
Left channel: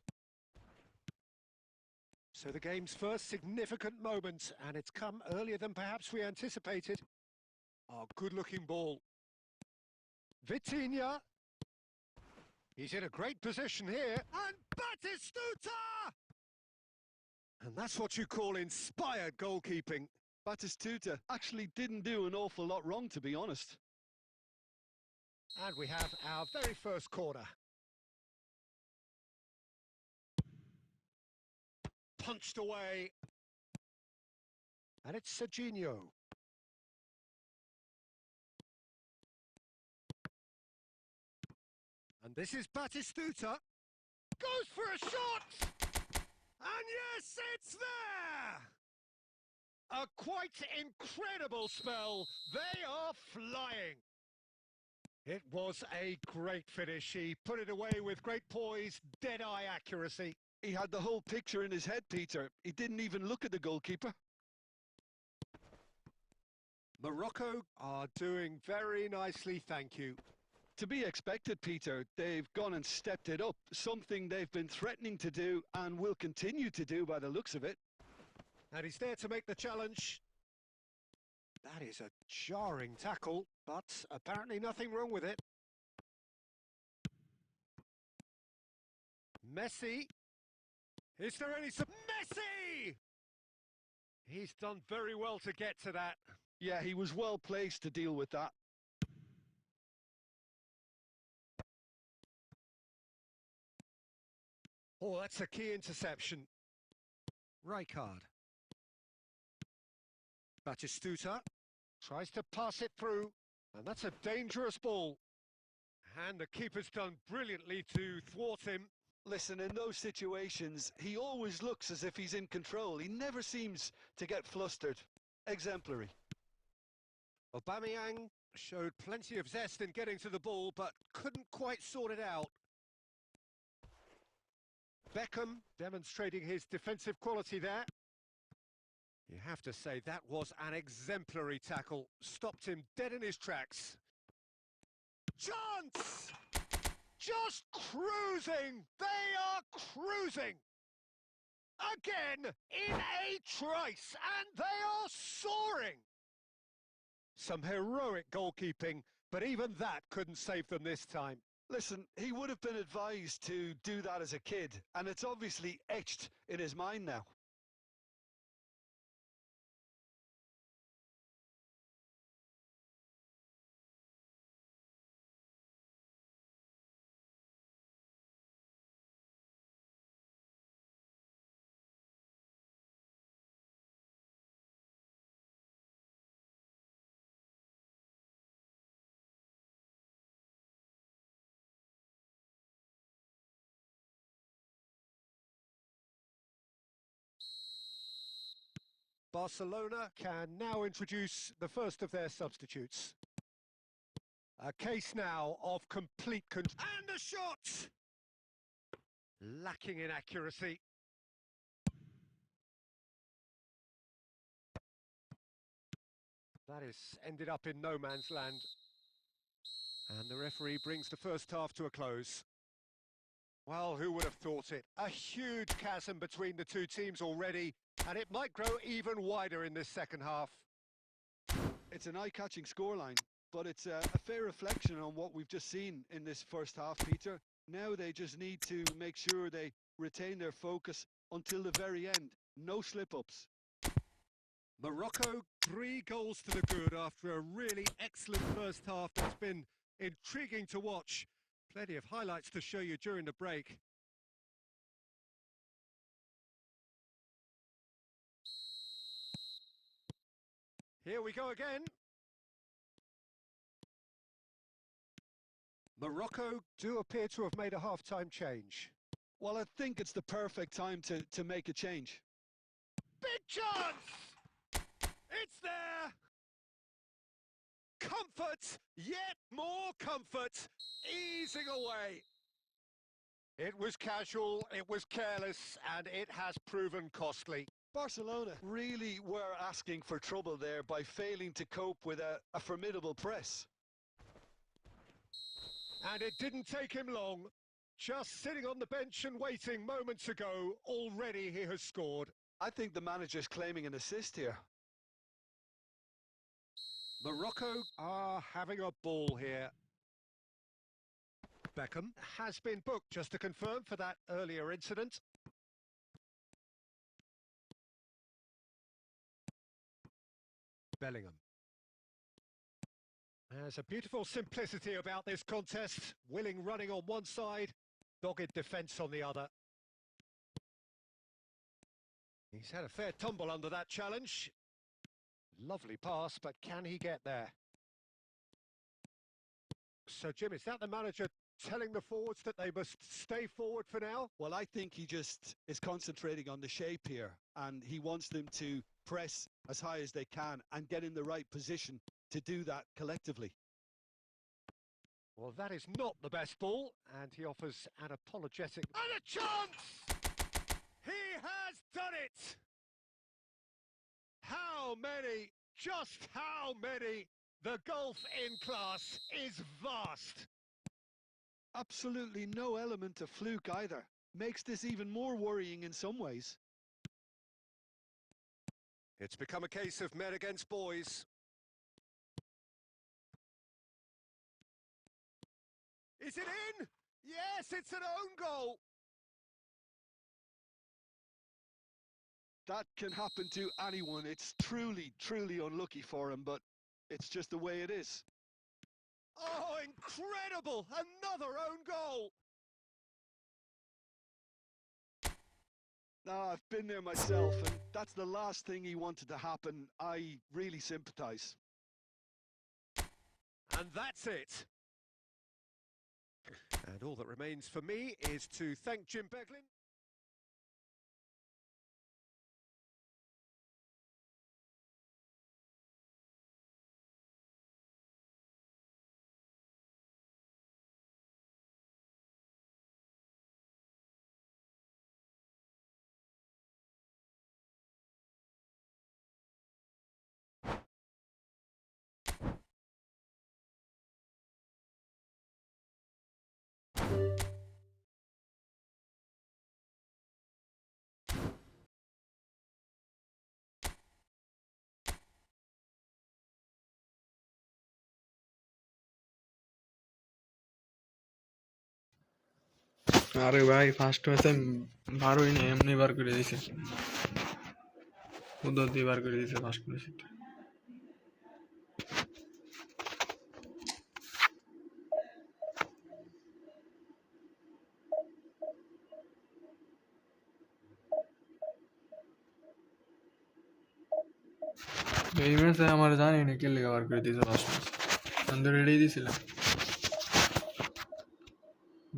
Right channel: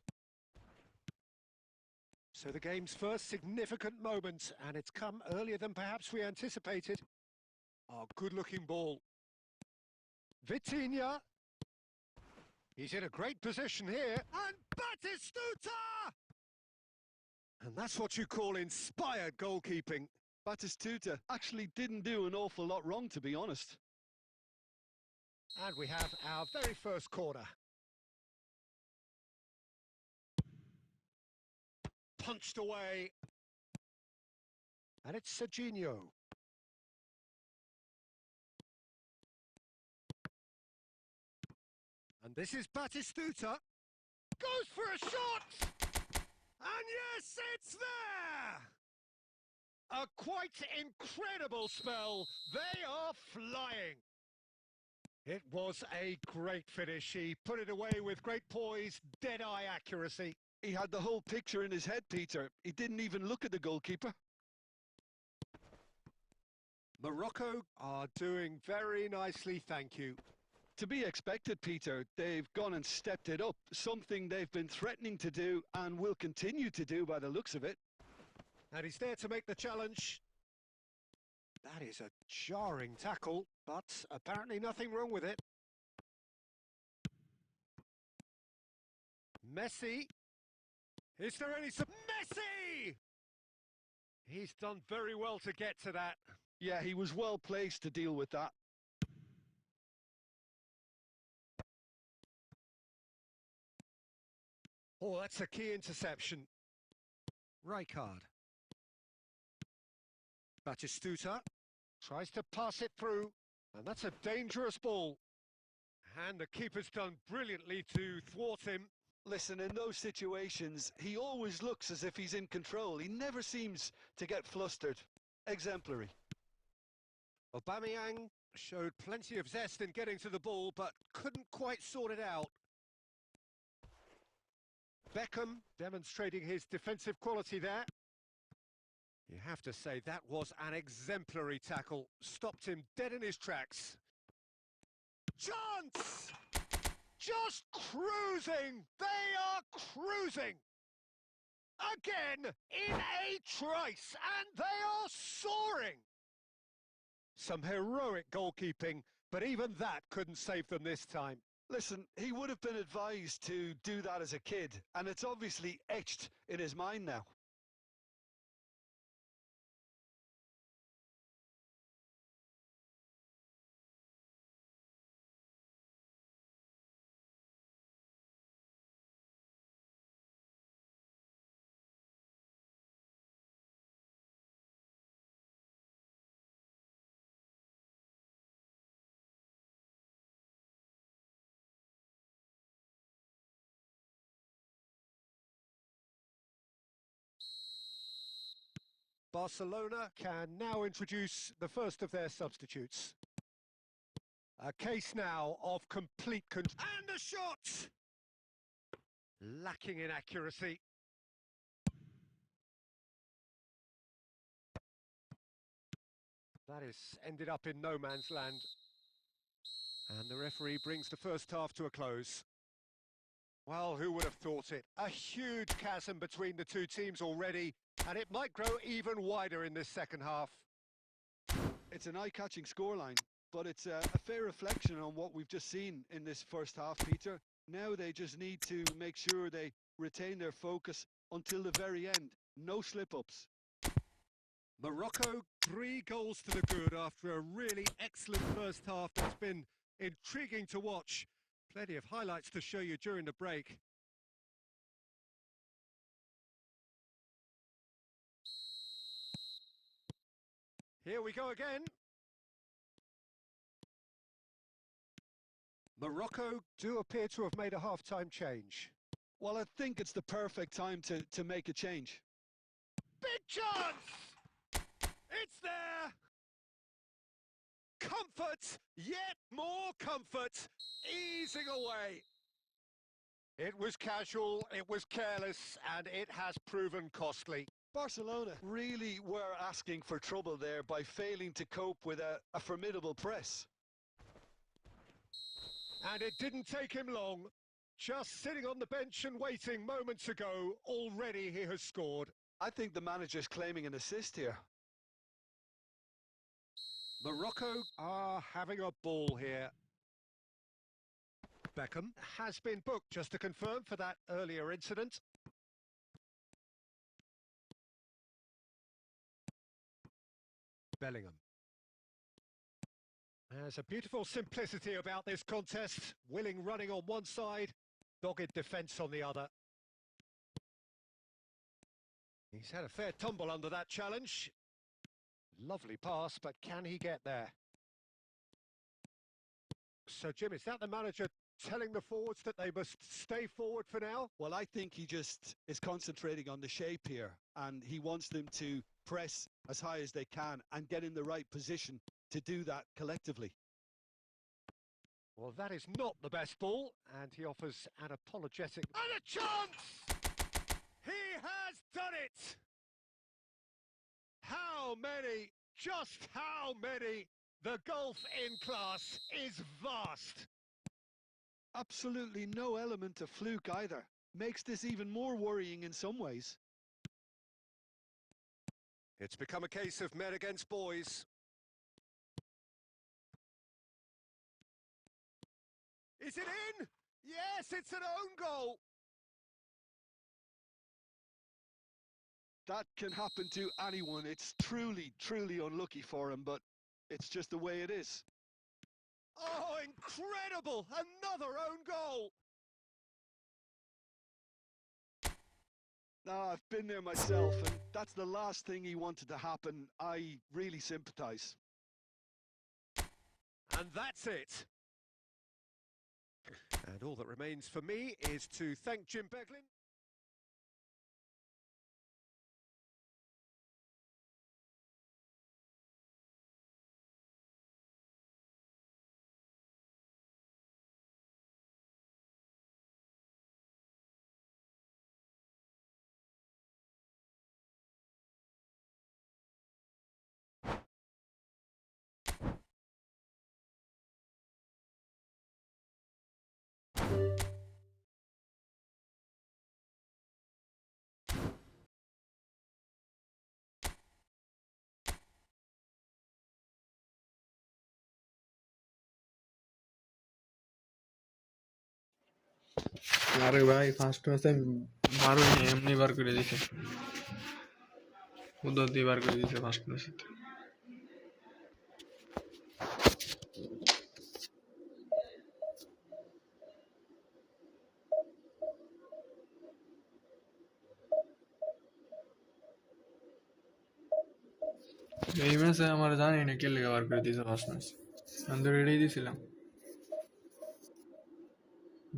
So the game's first significant moment, and it's come earlier than perhaps we anticipated. Oh, good-looking ball. Vitinha. He's in a great position here. And Batistuta! And that's what you call inspired goalkeeping. Batistuta actually didn't do an awful lot wrong, to be honest. And we have our very first corner. Punched away. And it's Serginho. And this is Batistuta. Goes for a shot! And yes, it's there! A quite incredible spell. They are flying. It was a great finish. He put it away with great poise, dead-eye accuracy. He had the whole picture in his head, Peter. He didn't even look at the goalkeeper. Morocco are doing very nicely, thank you. To be expected, Peter. They've gone and stepped it up, something they've been threatening to do and will continue to do by the looks of it. And he's there to make the challenge. That is a jarring tackle, but apparently nothing wrong with it. Messi. Is there any... Messi! He's done very well to get to that. Yeah, he was well placed to deal with that. Oh, that's a key interception. Rijkaard. Batistuta tries to pass it through, and that's a dangerous ball. And the keeper's done brilliantly to thwart him. Listen, in those situations, he always looks as if he's in control. He never seems to get flustered. Exemplary. Aubameyang showed plenty of zest in getting to the ball, but couldn't quite sort it out. Beckham demonstrating his defensive quality there. You have to say that was an exemplary tackle. Stopped him dead in his tracks. Chance! Just cruising! They are cruising! Again, in a trice, and they are soaring! Some heroic goalkeeping, but even that couldn't save them this time. Listen, he would have been advised to do that as a kid, and it's obviously etched in his mind now. Barcelona can now introduce the first of their substitutes. A case now of complete control. And the shot! Lacking in accuracy. That has ended up in no man's land. And the referee brings the first half to a close. Well, who would have thought it? A huge chasm between the two teams already, and it might grow even wider in this second half. It's an eye-catching scoreline, but it's a fair reflection on what we've just seen in this first half, Peter. Now they just need to make sure they retain their focus until the very end. No slip-ups. Morocco, 3 goals to the good after a really excellent first half that's been intriguing to watch. Plenty of highlights to show you during the break. Here we go again. Morocco do appear to have made a half-time change. Well, I think it's the perfect time to make a change. Big chance! It's there! Comfort, yet more comfort, easing away. It was casual, it was careless, and it has proven costly. Barcelona really were asking for trouble there by failing to cope with a formidable press. And it didn't take him long. Just sitting on the bench and waiting moments ago, already he has scored. I think the manager's claiming an assist here. Morocco are having a ball here. Beckham has been booked, just to confirm, for that earlier incident. Bellingham. There's a beautiful simplicity about this contest. Willing running on one side, dogged defence on the other. He's had a fair tumble under that challenge. Lovely pass, but can he get there? So, Jim, is that the manager telling the forwards that they must stay forward for now? Well, I think he just is concentrating on the shape here, and he wants them to press as high as they can and get in the right position to do that collectively. Well, that is not the best ball, and he offers an apologetic... And a chance! He has done it! How many? Just how many? The gulf in class is vast. Absolutely no element of fluke either. Makes this even more worrying in some ways. It's become a case of men against boys. Is it in? Yes, it's an own goal. That can happen to anyone. It's truly, truly unlucky for him, but it's just the way it is. Oh, incredible! Another own goal! Now, I've been there myself, and that's the last thing he wanted to happen. I really sympathise. And that's it. And all that remains for me is to thank Jim Beglin. আরে ভাই first ম্যাচে বারোই না এমনি বার করে দিছে উদর দিয়ে বার করে দিছে ফার্স্ট ম্যাচে এই ম্যাচে আমার জানি না কে লেগে বার করে দিয়েছে ফার্স্ট ম্যাচ আমি তো রেডি দিয়েছিলাম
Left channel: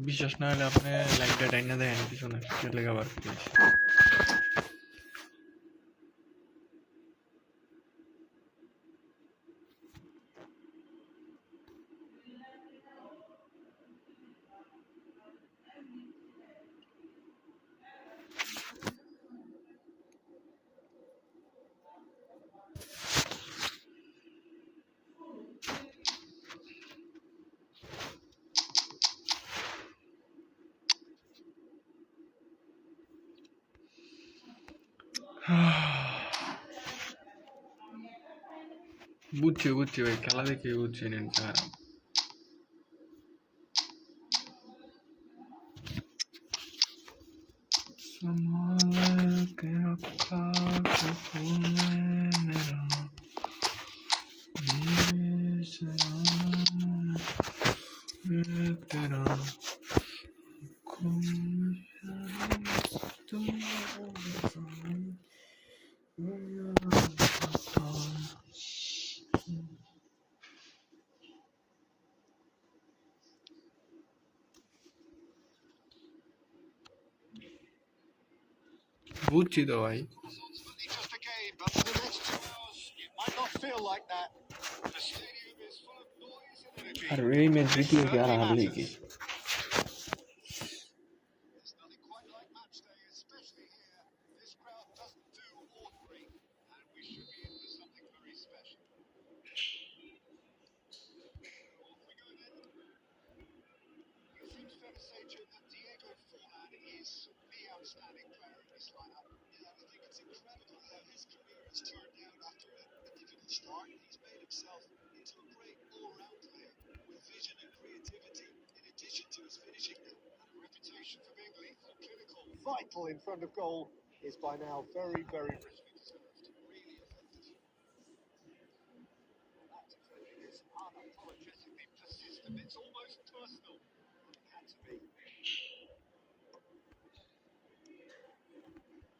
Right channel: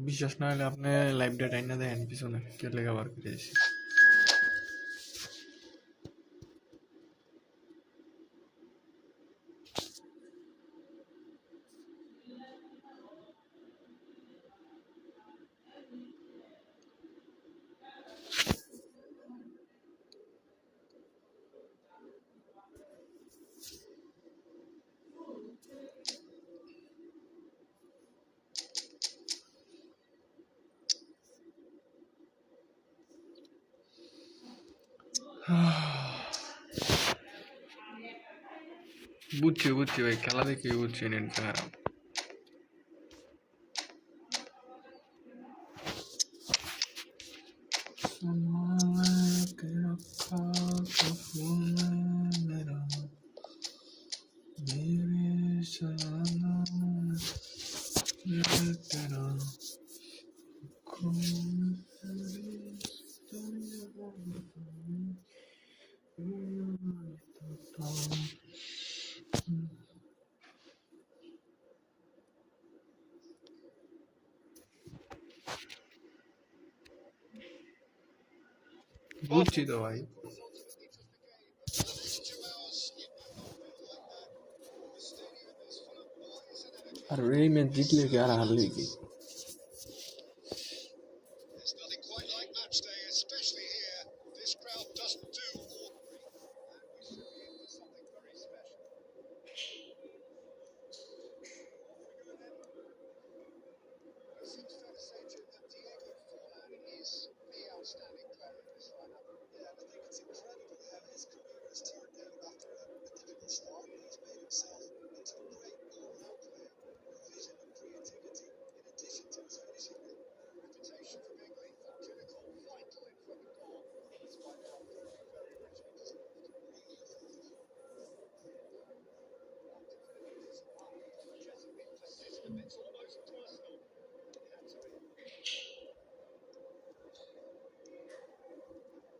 বিশ্বাস না হলে আপনি লাইভটা টাইনা দেখেন পিছনে কে লেগে বার করে দিয়েছে বুঝছি বুঝছি ভাই খেলা দেখে বুঝছি নেটটা খারাপ বুঝছি তো ভাই Ultimately just a game, but for the next 2 hours, it might not feel like that. The stadium is full of noise and energy. আর এই ম্যাচ জিতলে কি আর হারলে কি There's nothing quite like match day, especially here. This crowd doesn't do ordinary, and we should be in for something very special. Off we go then. It seems fair to say, Jim, that Diego Forlan is the outstanding player in this lineup. Yeah, I think it's incredible how his career has turned out after a difficult start. He's made himself into a great all-round player with vision and creativity, in addition to his finishing now. And a reputation for being lethal, clinical, vital in front of goal is by now very, very richly deserved. Really effective. That defending is unapologetically persistent. It's almost personal. It had to be.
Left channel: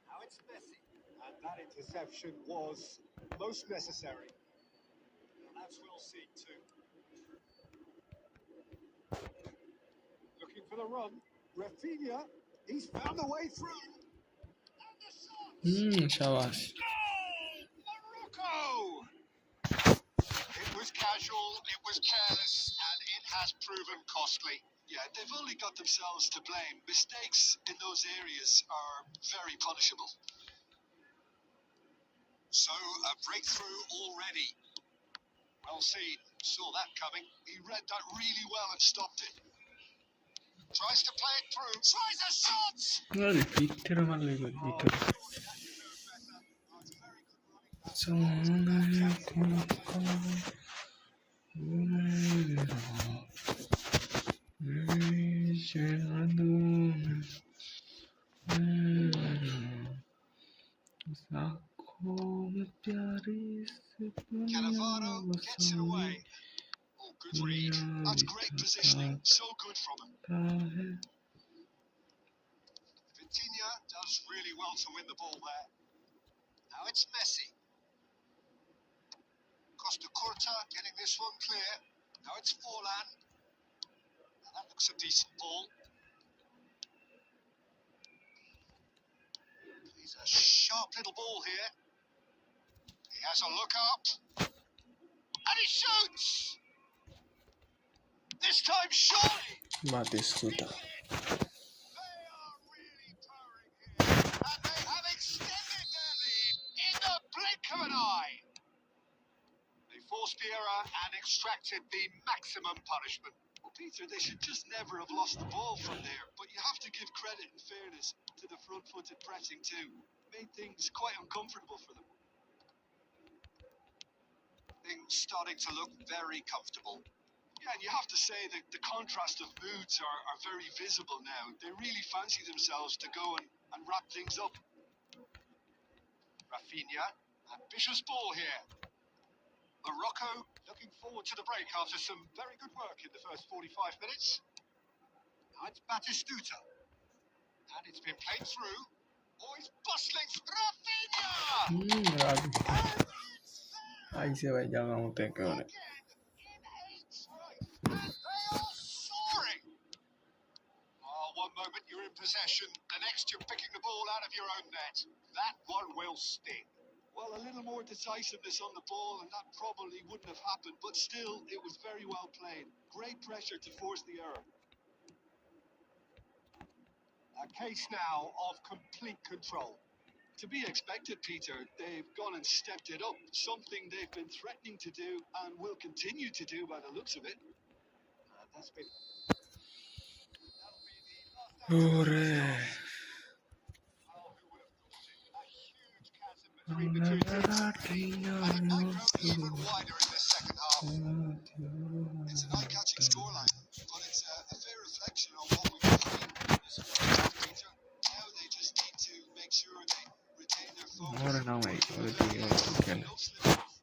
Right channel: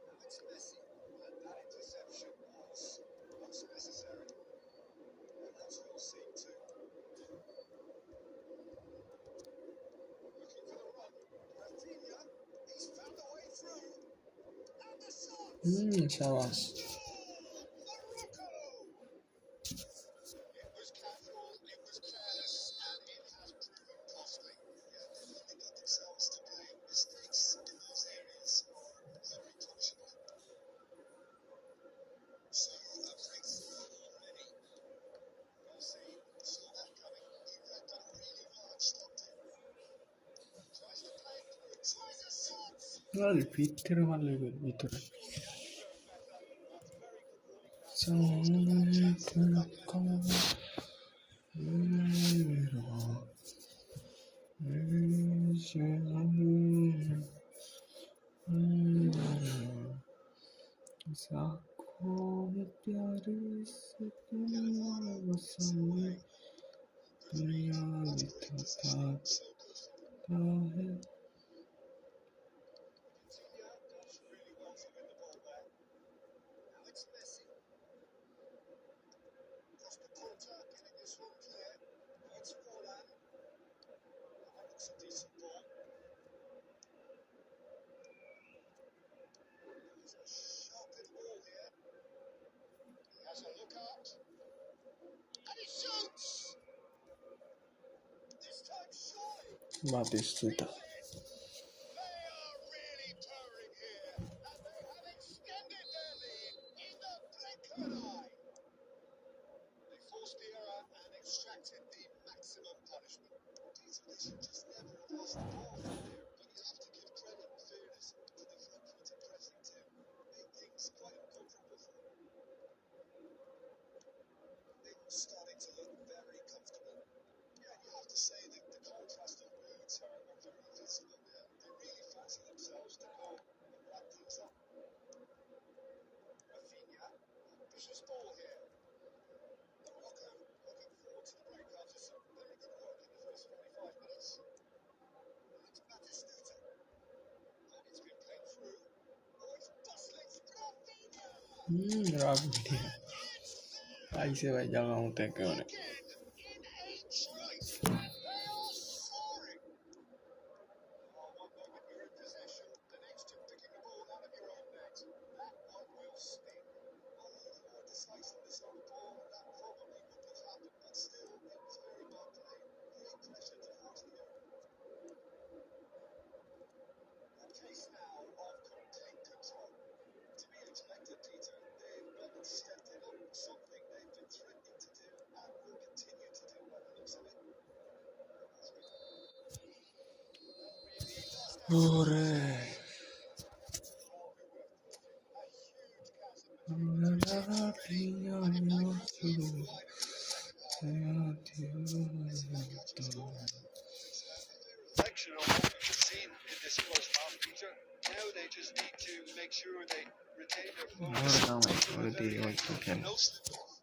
Now it's Messi. And that interception was most necessary. And that's well seen too. Looking for the run. Rafinha, he's found the way through. And the shot! শাবাশ Goal! Morocco! It was casual, it was careless, and it has proven costly. Yeah, they've only got themselves to blame. Mistakes in those areas are very punishable. So, a breakthrough already. Well seen. Saw that coming. He read that really well and stopped it. Tries to play it through. Tries a shot! আরে পিঠ থেকে মারলে কই ভিতরে Surely that deserved better. That's very good running that. He's got that chance in the back line. Cannavaro gets it away. Oh, good read. That's great positioning. So good from him. Vitinha does really well to win the ball there. Now it's Messi. Costa Curta getting this one clear. Now it's Forlan. Now that looks a decent ball. He's a sharp little ball here. He has a look up. And he shoots! This time, surely! Batistuta. They are really purring here. And they have extended their lead in the blink of an eye. They forced the error and extracted the maximum punishment. Well, Peter, they should just never have lost the ball from there. But you have to give credit and fairness to the front-footed pressing too. Made things quite uncomfortable for them. Things starting to look very comfortable. Yeah, and you have to say that the contrast of moods are very visible now. They really fancy themselves to go and wrap things up. Rafinha, ambitious ball here. Morocco looking forward to the break after some very good work in the first 45 minutes. Now it's Batistuta. And it's been played through. Oh, he's bustling. Rafinha! Rabi. And it's there! Ahí se va ya vamos a tener que ver. Again, in eight straight. And they are soaring. Oh, one moment you're in possession. The next you're picking the ball out of your own net. That one will sting. Well, a little more decisiveness on the ball, and that probably wouldn't have happened, but still, it was very well played. Great pressure to force the error. A case now of complete control. To be expected, Peter, they've gone and stepped it up, something they've been threatening to do and will continue to do by the looks of it. That's been... That'll be the last Ore. Well, who would have thought it? A huge chasm between the two teams already, and it might grow even wider in the second half. It's an eye-catching scoreline, but it's a fair reflection of what we've seen in this first half, Peter. Now they just need to make sure they retain their focus. Ahora no, mate. Ahora te digo que No slip-ups.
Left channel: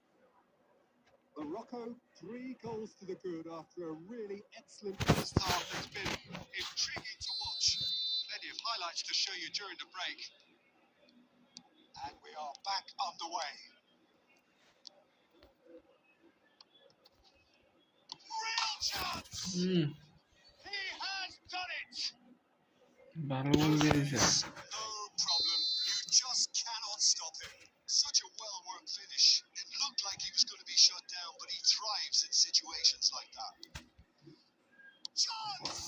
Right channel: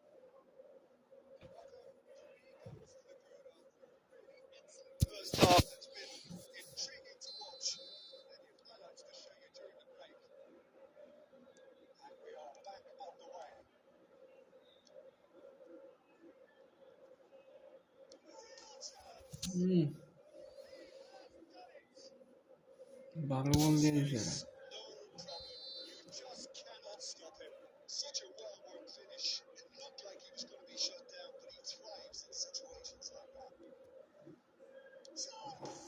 Morocco, 3 goals to the good after a really excellent first half. It's been intriguing to watch. Plenty of highlights to show you during the break. And we are back underway. Real chance! He has done it! ভালো বল দিয়েছে No problem. You just cannot stop him. Such a well-worked finish. It looked like he was going to be shut down, but he thrives in situations like that. Chance!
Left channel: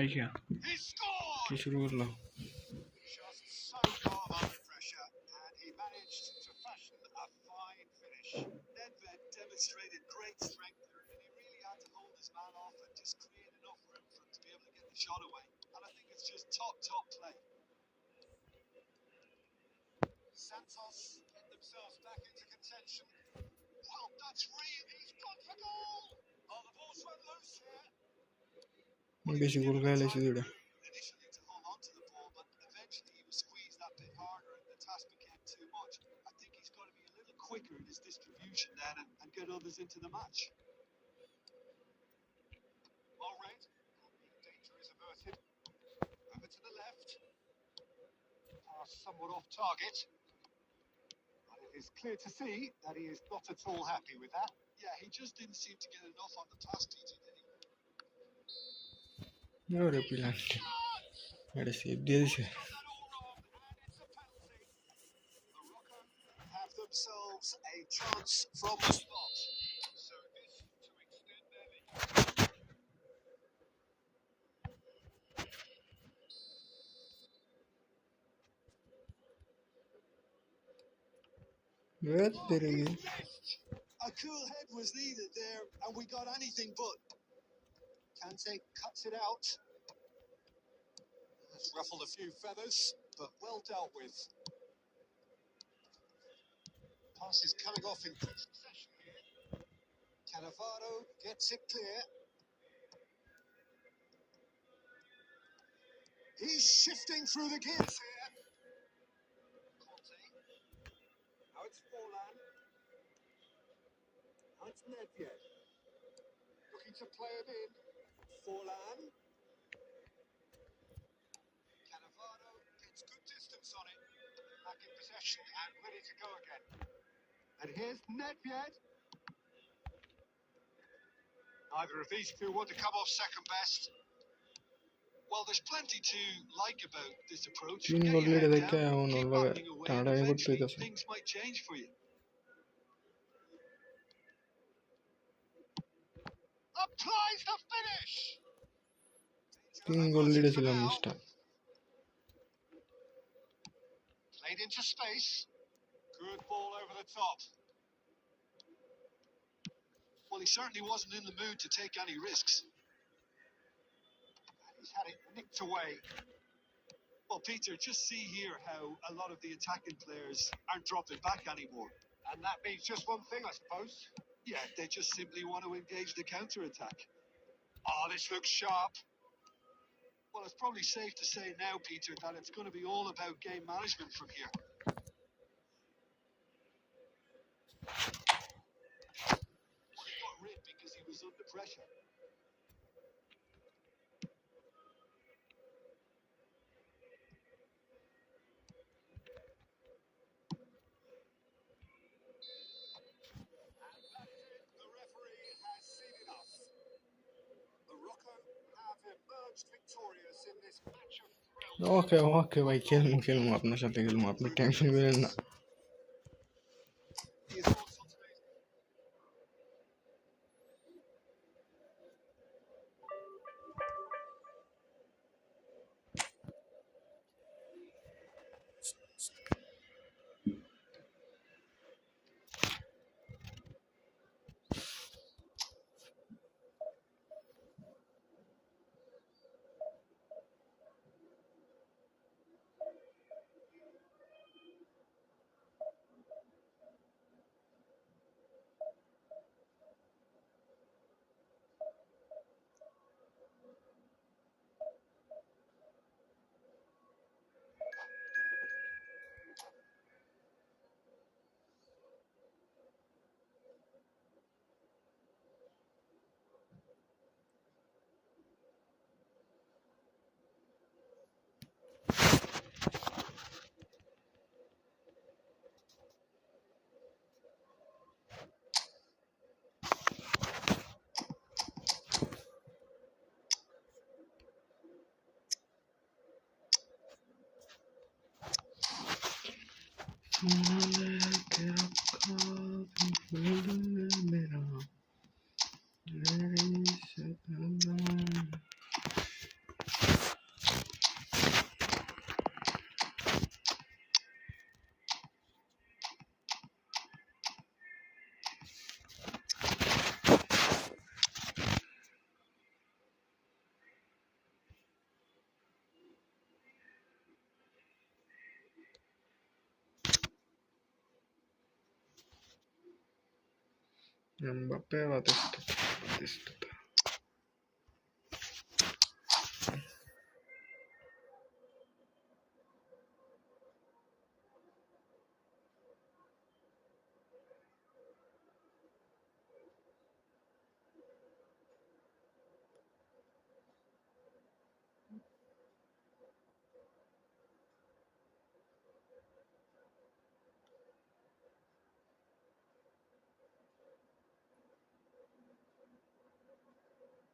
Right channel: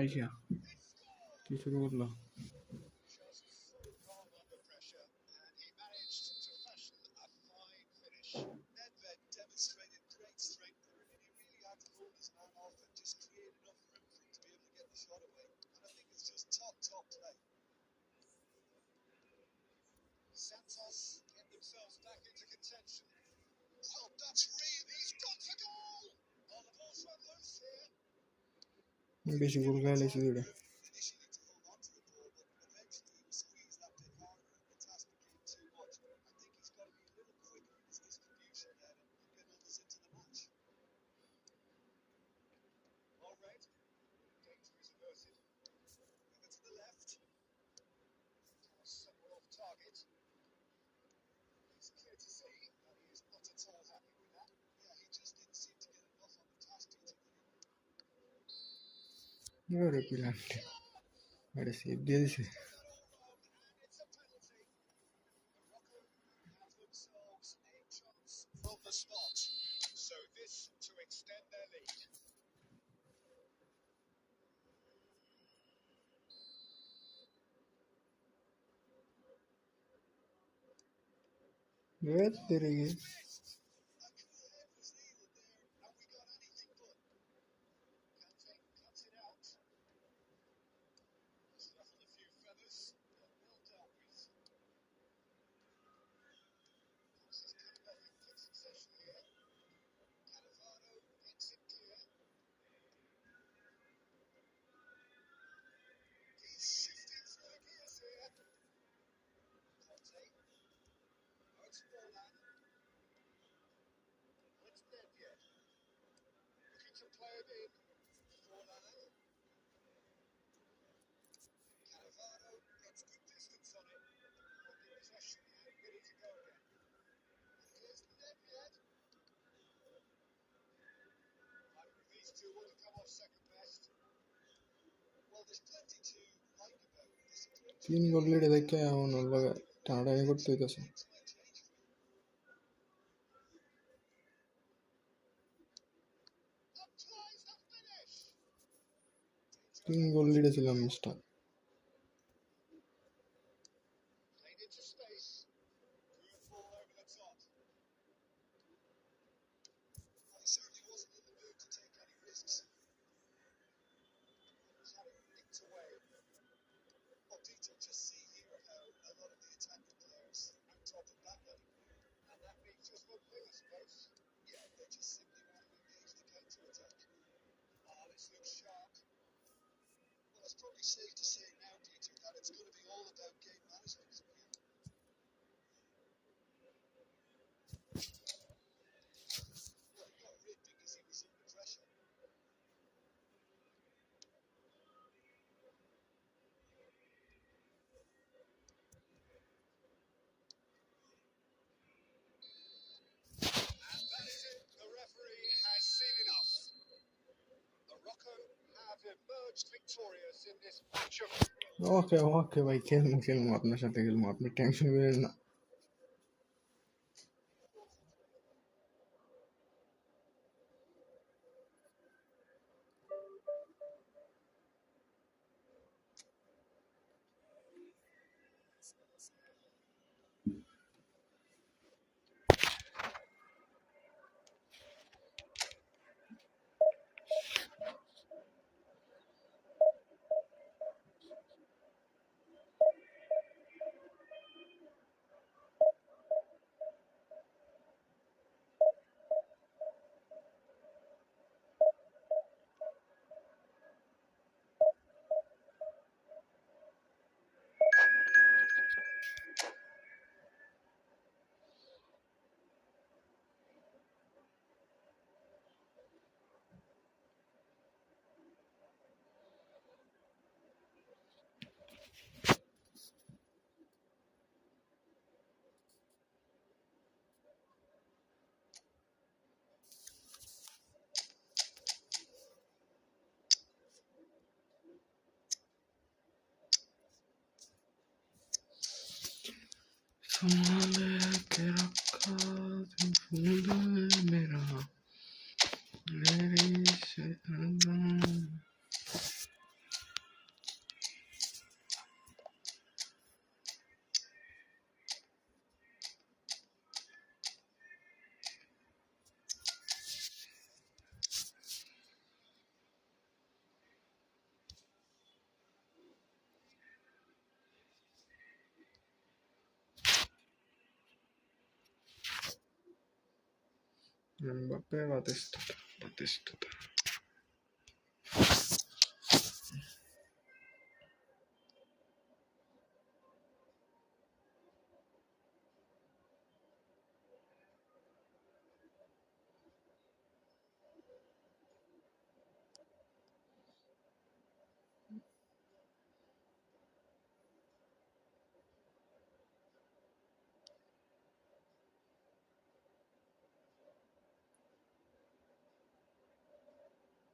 আইসা He scored! কি শুরু করলো Just so calm under pressure, and he managed to fashion a fine finish. Nedved demonstrated great strength there, and he really had to hold his man off and just create enough room for him to be able to get the shot away. And I think it's just top play. Santos get themselves back into contention. Well, that's real. He's gone for goal. Oh, the ball's run loose here. বেশি গোল খেলে দুইটা Initially to hold on to the ball, but eventually he was squeezed that bit harder and the task became too much. I think he's got to be a little quicker in his distribution then and get others into the match. Well read. Danger is averted. Over to the left. Pass somewhat off target. And it is clear to see that he is not at all happy with that. Yeah, he just didn't seem to get enough on the pass, Peter, did he? ওরে পিলান্টি আরে save দিয়ে দিছে Got that all wrong, and it's a penalty. Morocco have themselves a chance from the spot. So this to extend their lead. Evet, तेरी A cool head was needed there, and we got anything but. Kante cuts it out. That's ruffled a few feathers, but well dealt with. Pass is coming off in quick succession here. Cannavaro gets it clear. He's shifting through the gears here. Conte. Now it's Forlan. Now it's Nedved. Looking to play it in. Forlan. Cannavaro gets good distance on it. Back in possession and ready to go again. And here's Nedved. Neither of these two want to come off second best. Well, there's plenty to like about this approach. तीन Get goal your lead head देख के down, उन keep लोग backing away, and Tata नहीं करते eventually इधर से things might change for you. Applies the finish. तीन गोल लीड ছিলাম star Played into space. Good ball over the top. Well, he certainly wasn't in the mood to take any risks. And he's had it nicked away. Well, Peter, just see here how a lot of the attacking players aren't dropping back anymore. And that means just one thing, I suppose. Yeah, they just simply want to engage the counter-attack. Oh, this looks sharp. Well, it's probably safe to say now, Peter, that it's going to be all about game management from here. Well, he got rid because he was under pressure. And that is it. The referee has seen enough. Morocco have emerged victorious in this match of thrill. ওকে ওকে ভাই খেলবো আপনার সাথে খেলবো আপনি tension করেন না Your thoughts on today's संभाले के रखा तुम फूल मेरा मेरी शहनाई Mbappé Batistuta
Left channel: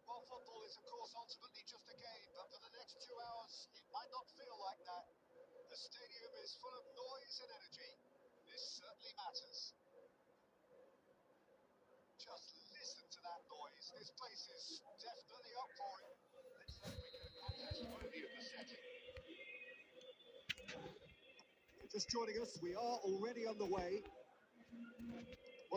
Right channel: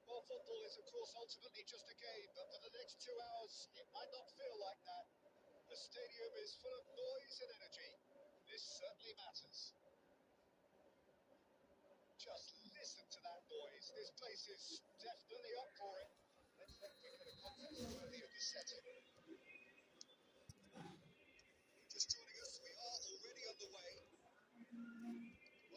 Well, football is, of course, ultimately just a game, but for the next 2 hours, it might not feel like that. The stadium is full of noise and energy. This certainly matters. Just listen to that noise. This place is definitely up for it. Let's hope we get a contest worthy of the setting. Just joining us, we are already on the way.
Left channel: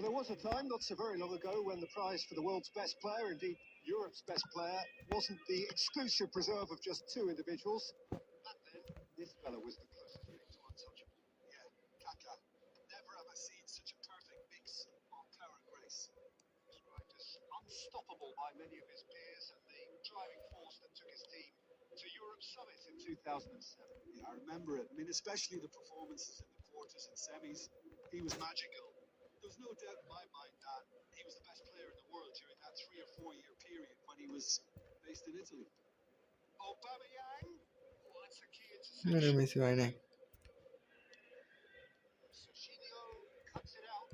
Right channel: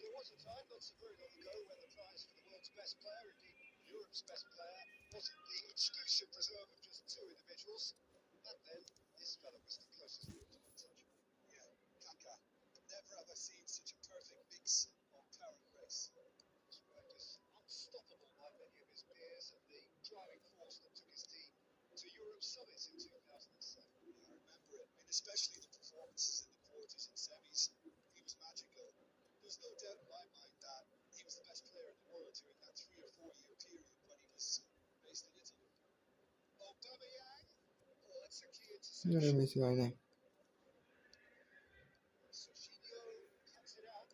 Well, there was a time not so very long ago when the prize for the world's best player, indeed Europe's best player, wasn't the exclusive preserve of just two individuals. Back then, this fella was the closest thing to untouchable. Yeah, Kaka. Never have I seen such a perfect mix of power and grace. Described as unstoppable by many of his peers and the driving force that took his team to Europe's summits in 2007. Yeah, I remember it. I mean, especially the performances in the quarters and semis. He was magical. There's no doubt in my mind that he was the best player in the world during that 3 or 4 year period when he was based in Italy. Aubameyang. Oh, that's a key আরে interception. Messi হয় নাই Serginho cuts it out.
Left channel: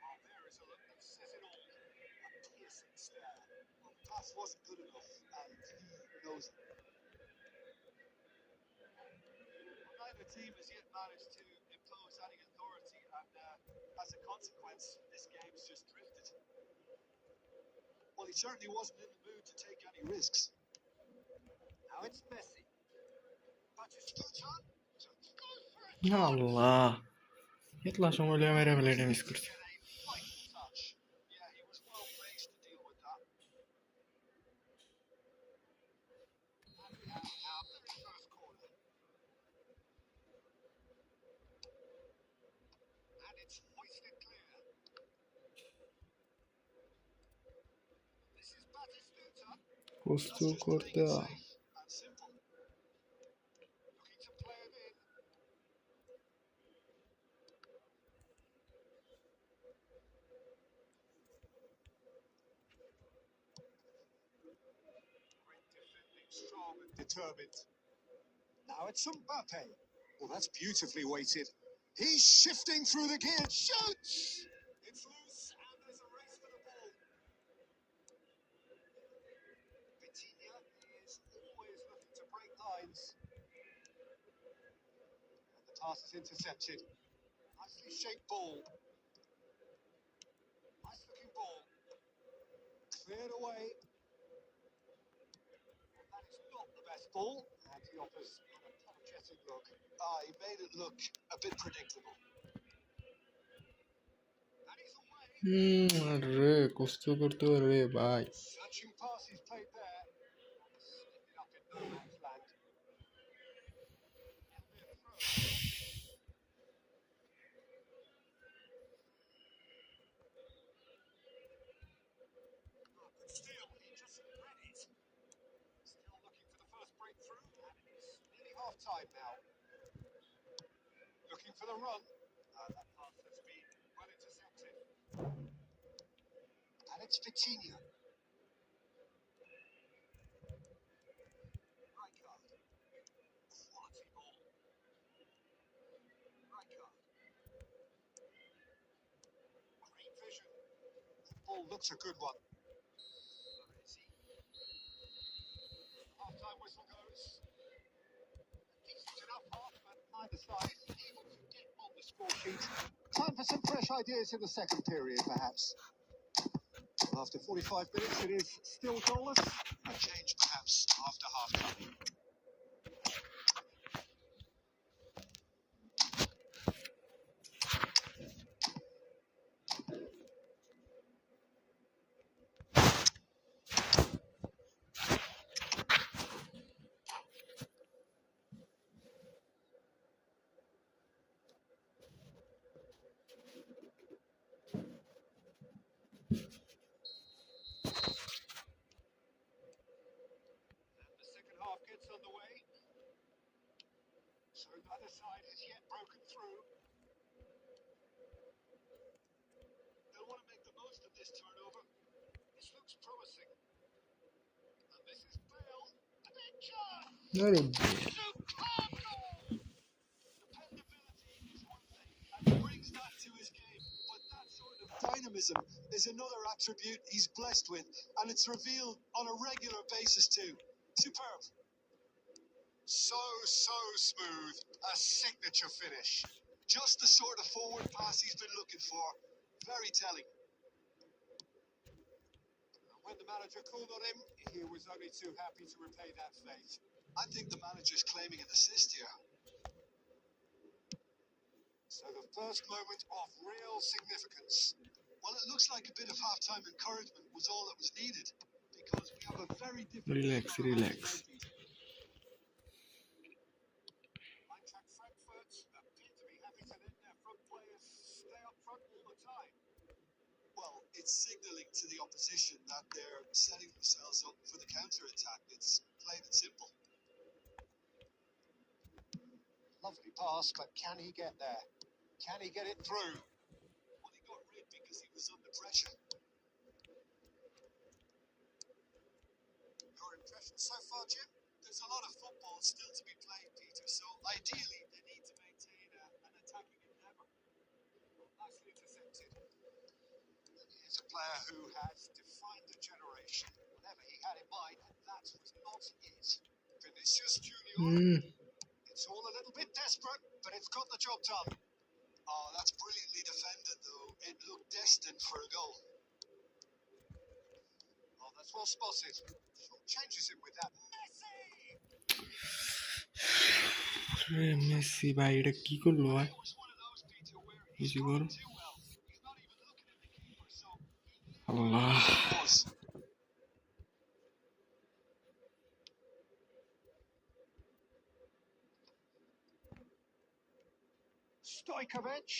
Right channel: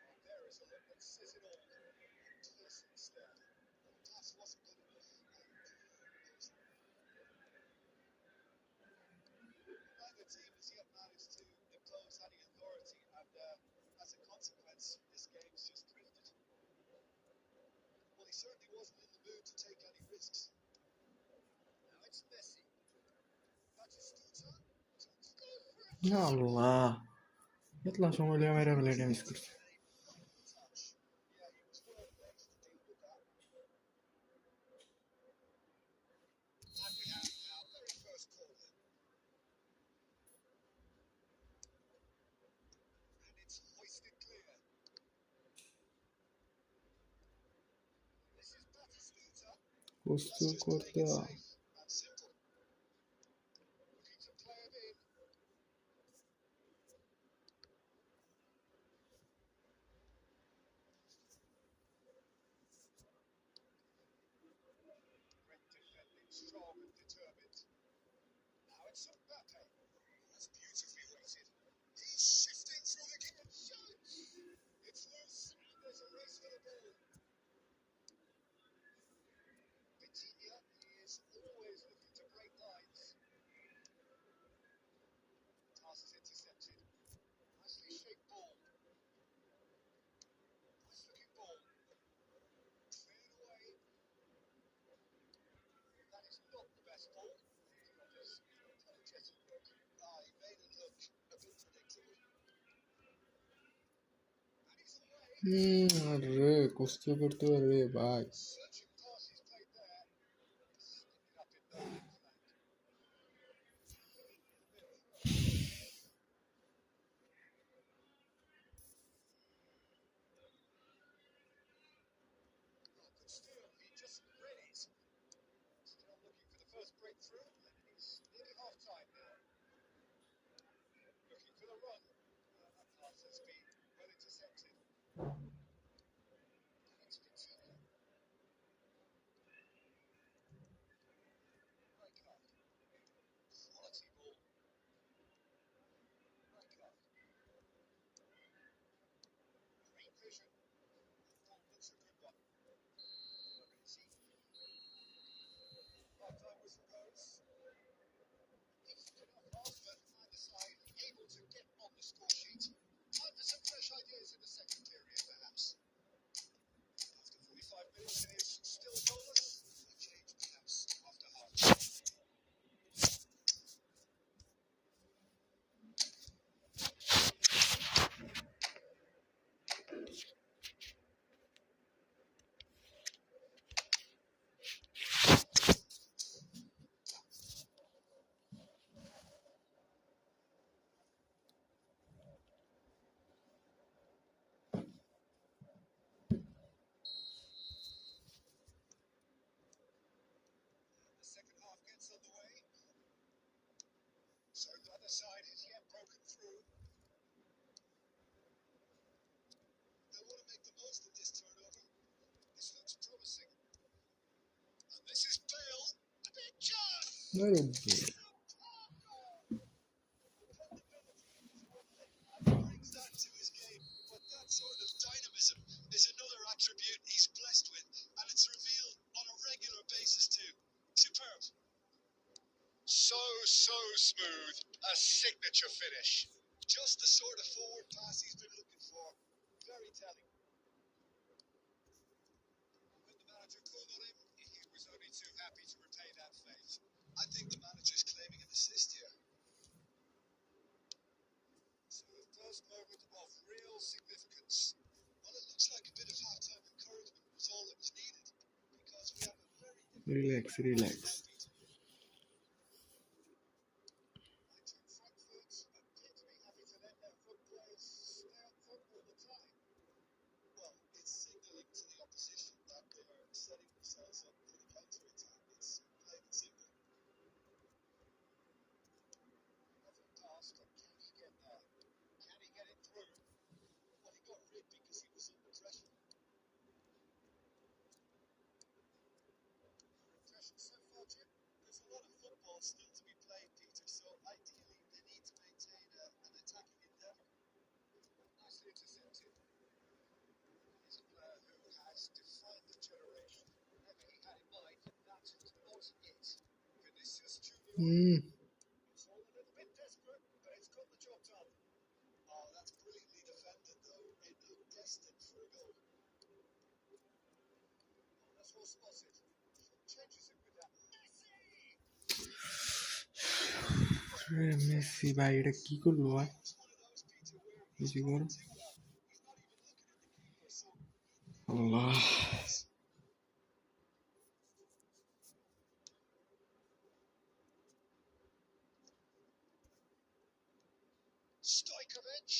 Well, there is a look that says it all. A piercing stare. Well, the pass wasn't good enough, and he knows it. Well, neither team has yet managed to impose any authority, and as a consequence, this game's just drifted. Well, he certainly wasn't in the mood to take any risks. Now it's Messi. Batistuta. আল্লাহ এতলা সময় লিয়ে মেরে ফেলে এটা miss করছে Get a fighting touch. Yeah, he was well placed to deal with that. And we have our very first corner. And it's hoisted clear. This is Batistuta. প্রস্তুত That's just করতে playing it safe and simple. Looking to play it in. Great defending, strong and determined. Now it's Mbappe. Well, that's beautifully weighted. He's shifting through the gear. Shoots! It's loose and there's a race for the ball. Vitinha is always looking to break lines. And the pass is intercepted. Nicely shaped ball. Nice looking ball. Cleared away. Well, that is not the best ball. And he offers an apologetic look. He made it look a bit predictable. And he's away. আরে কষ্ট করতে রে ভাই Searching pass he's played there. Ended up in no man's land. It'll be a throw. Oh, good steal. He just read it. Still looking for the first breakthrough, and it is nearly half time now. Looking for the run. That pass has been well intercepted. And it's Vitinha. Rijkaard. Quality ball. Rijkaard. Great vision. The ball looks a good one. Baresi. Half-time whistle goes. Decent enough half, but neither side able to get on the score sheet. Time for some fresh ideas in the second period, perhaps. After 45 minutes, it is still goalless. A change, perhaps, after half-time. The second half gets underway. So neither side has yet broken through. They'll want to make the most of this turnover. This looks promising. And this is Bale. A big chance! আরে Superb goal! Dependability is one thing, and he brings that to his game. But that sort of dynamism is another attribute he's blessed with, and it's revealed on a regular basis too. Superb. So smooth. A signature finish. Just the sort of forward pass he's been looking for. Very telling. And when the manager called on him, he was only too happy to repay that fate. I think the manager's claiming an assist here. So the first first moment of real significance. Well, it looks like a bit of halftime encouragement was all that was needed because we have a very different Relax, game on our hands relax. now, Peter. Eintracht Frankfurt appear to be happy to let their front players stay up front all the time. Well, it's signalling to the opposition that they're setting themselves up for the counter-attack. It's plain and simple. Lovely pass, but can he get there? Can he get it through? Well, he got rid because he was under pressure. Your impression so far, Jim? There's a lot of football still to be played, Peter, so ideally they need to maintain an attacking endeavour. Nicely intercepted. And here's a player who has defined a generation. Whatever he had in mind, that was not it. Vinicius Junior. It's all a little bit desperate, but it's got the job done. Oh, that's brilliantly defended, though. It looked destined for a goal. Oh, that's well spotted. Changes him with that. Messi! Messi ভাই এটা কি করলো ভাই? It was one of those, Peter, where he's বেশি করো। playing too well. He's not even looking at the keeper, so he knew Allah. what it was. Stojkovic.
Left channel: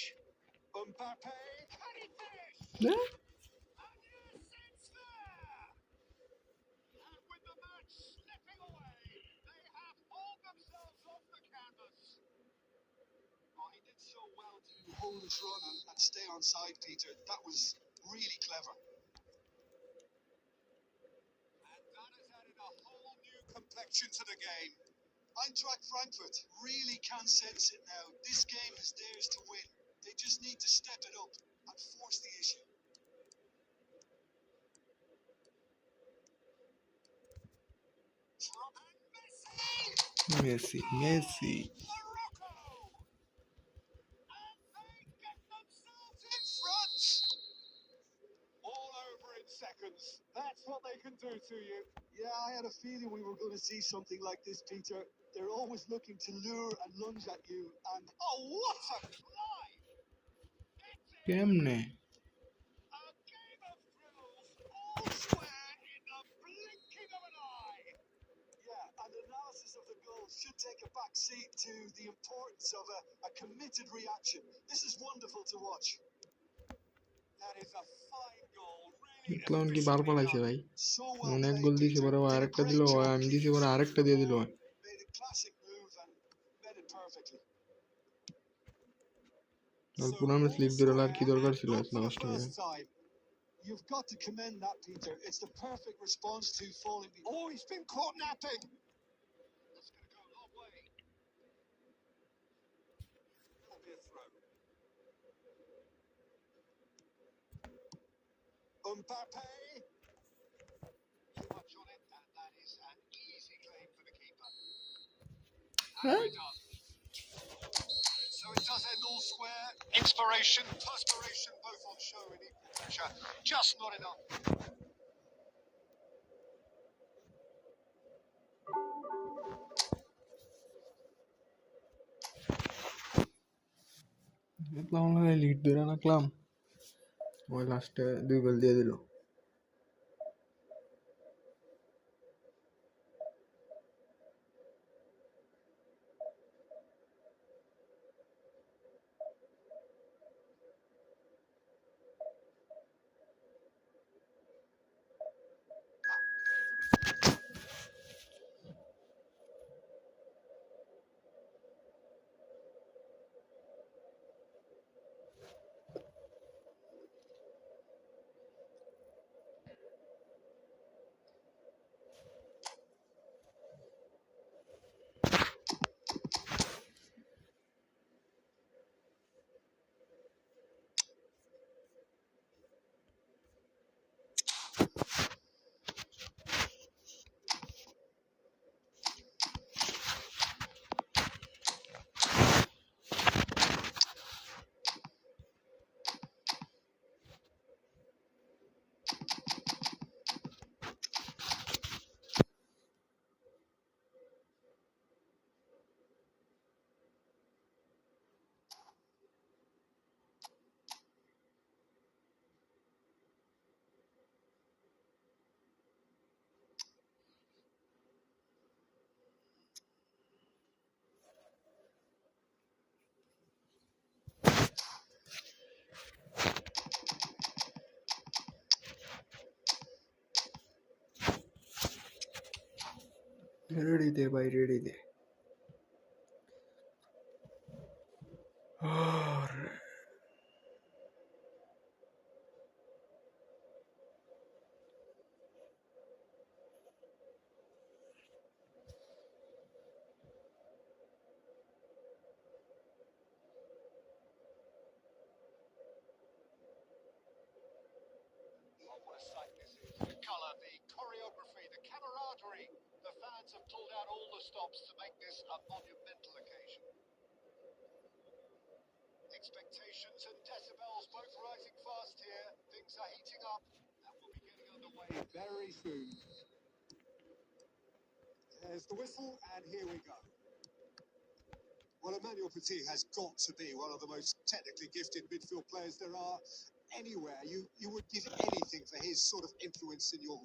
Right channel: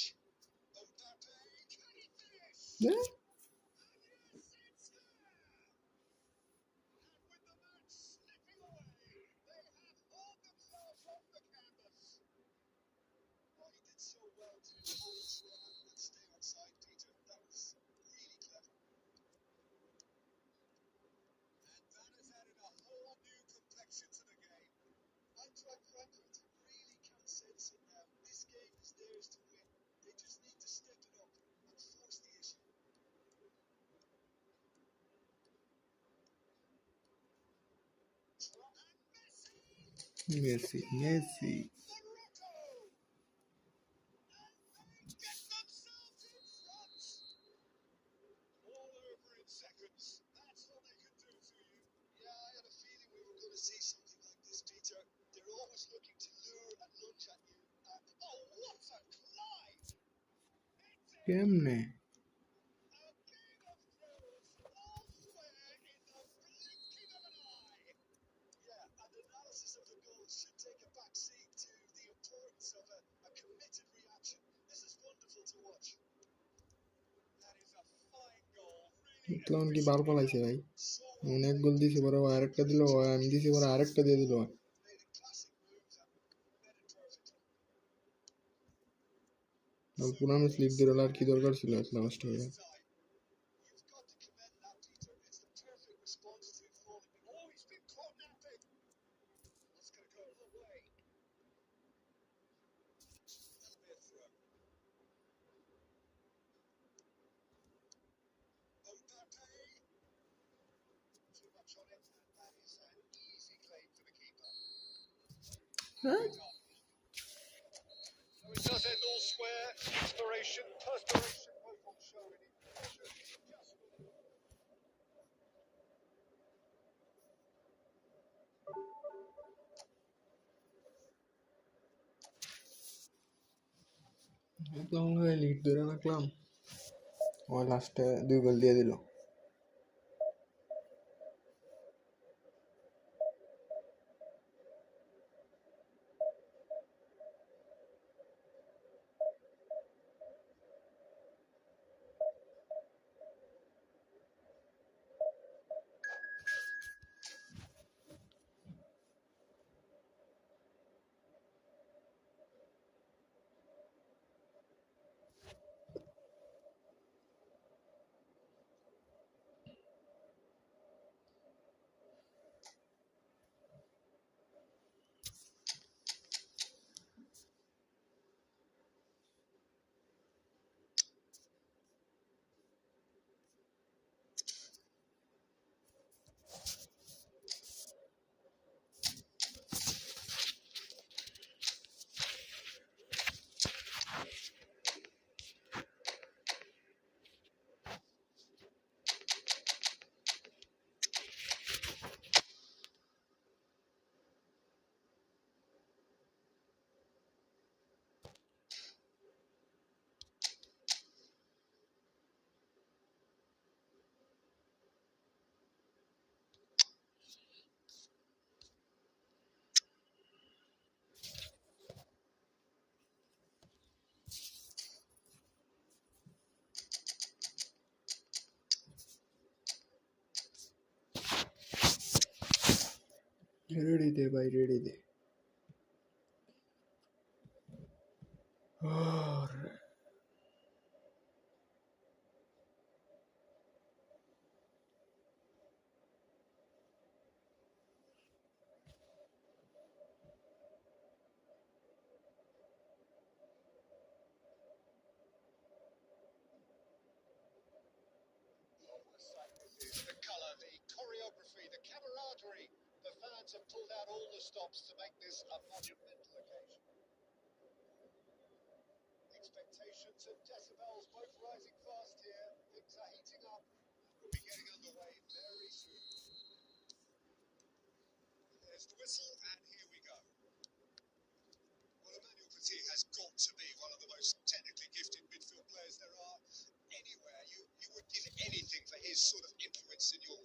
Mbappe. Can he finish? হ্যাঁ? And yes, it's there! And with the match slipping away, they have hauled themselves off the canvas. Oh, he did so well to hold his run and stay on side, Peter. That was really clever. And that has added a whole new complexion to the game. Eintracht Frankfurt really can sense it now. This game is theirs to win. They just need to step it up and force the issue. And Messi Messi Morocco! And they get themselves in front! All over in seconds. That's what they can do to you. Yeah, I had a feeling we were going to see something like this, Peter. They're always looking to lure and lunge at you, and Oh, what a glide! It's in! কেমনে? A game of thrills, all square in the blinking of an eye. yeah, and analysis of the goal should take a back seat to the importance of a committed reaction. This is wonderful to watch. That is a fine goal, really তখন কি বাল efficiently পালাইছে done. ভাই? So well অনেক played, গোল দিছে Peter. পরে Did a আরেকটা great দিল job আমি দিছি keeping পরে fit আরেকটা the দিয়ে দিল ball. Made a classic move and made it perfectly. পুরানো স্লিপ দিল আর কি দরকার ছিল Not এতটা for the কষ্ট করে? first time. You've got to commend that, Peter. It's the perfect response to falling behind. Oh, he's been caught napping. That's going to go a long way. That'll be a throw. Mbappe. Too much on it, and that is an easy claim for the keeper. And Huh? we're done. So it does end all square. Inspiration, perspiration, both on show in equal measure. Just not enough. তখন lead ধরে রাখলাম ওই লাস্টে 2 গোল দিয়ে দিল। Ready दे भाई ready दे और What a sight this is. The colour, the choreography, the camaraderie. The fans have pulled out all the stops to make this a monumental occasion. Expectations and decibels both rising fast here. Things are heating up and we'll be getting underway very soon. There's the whistle and here we go. Well, Emmanuel Petit has got to be one of the most technically gifted midfield players there are anywhere. You would give anything for his sort of influence in your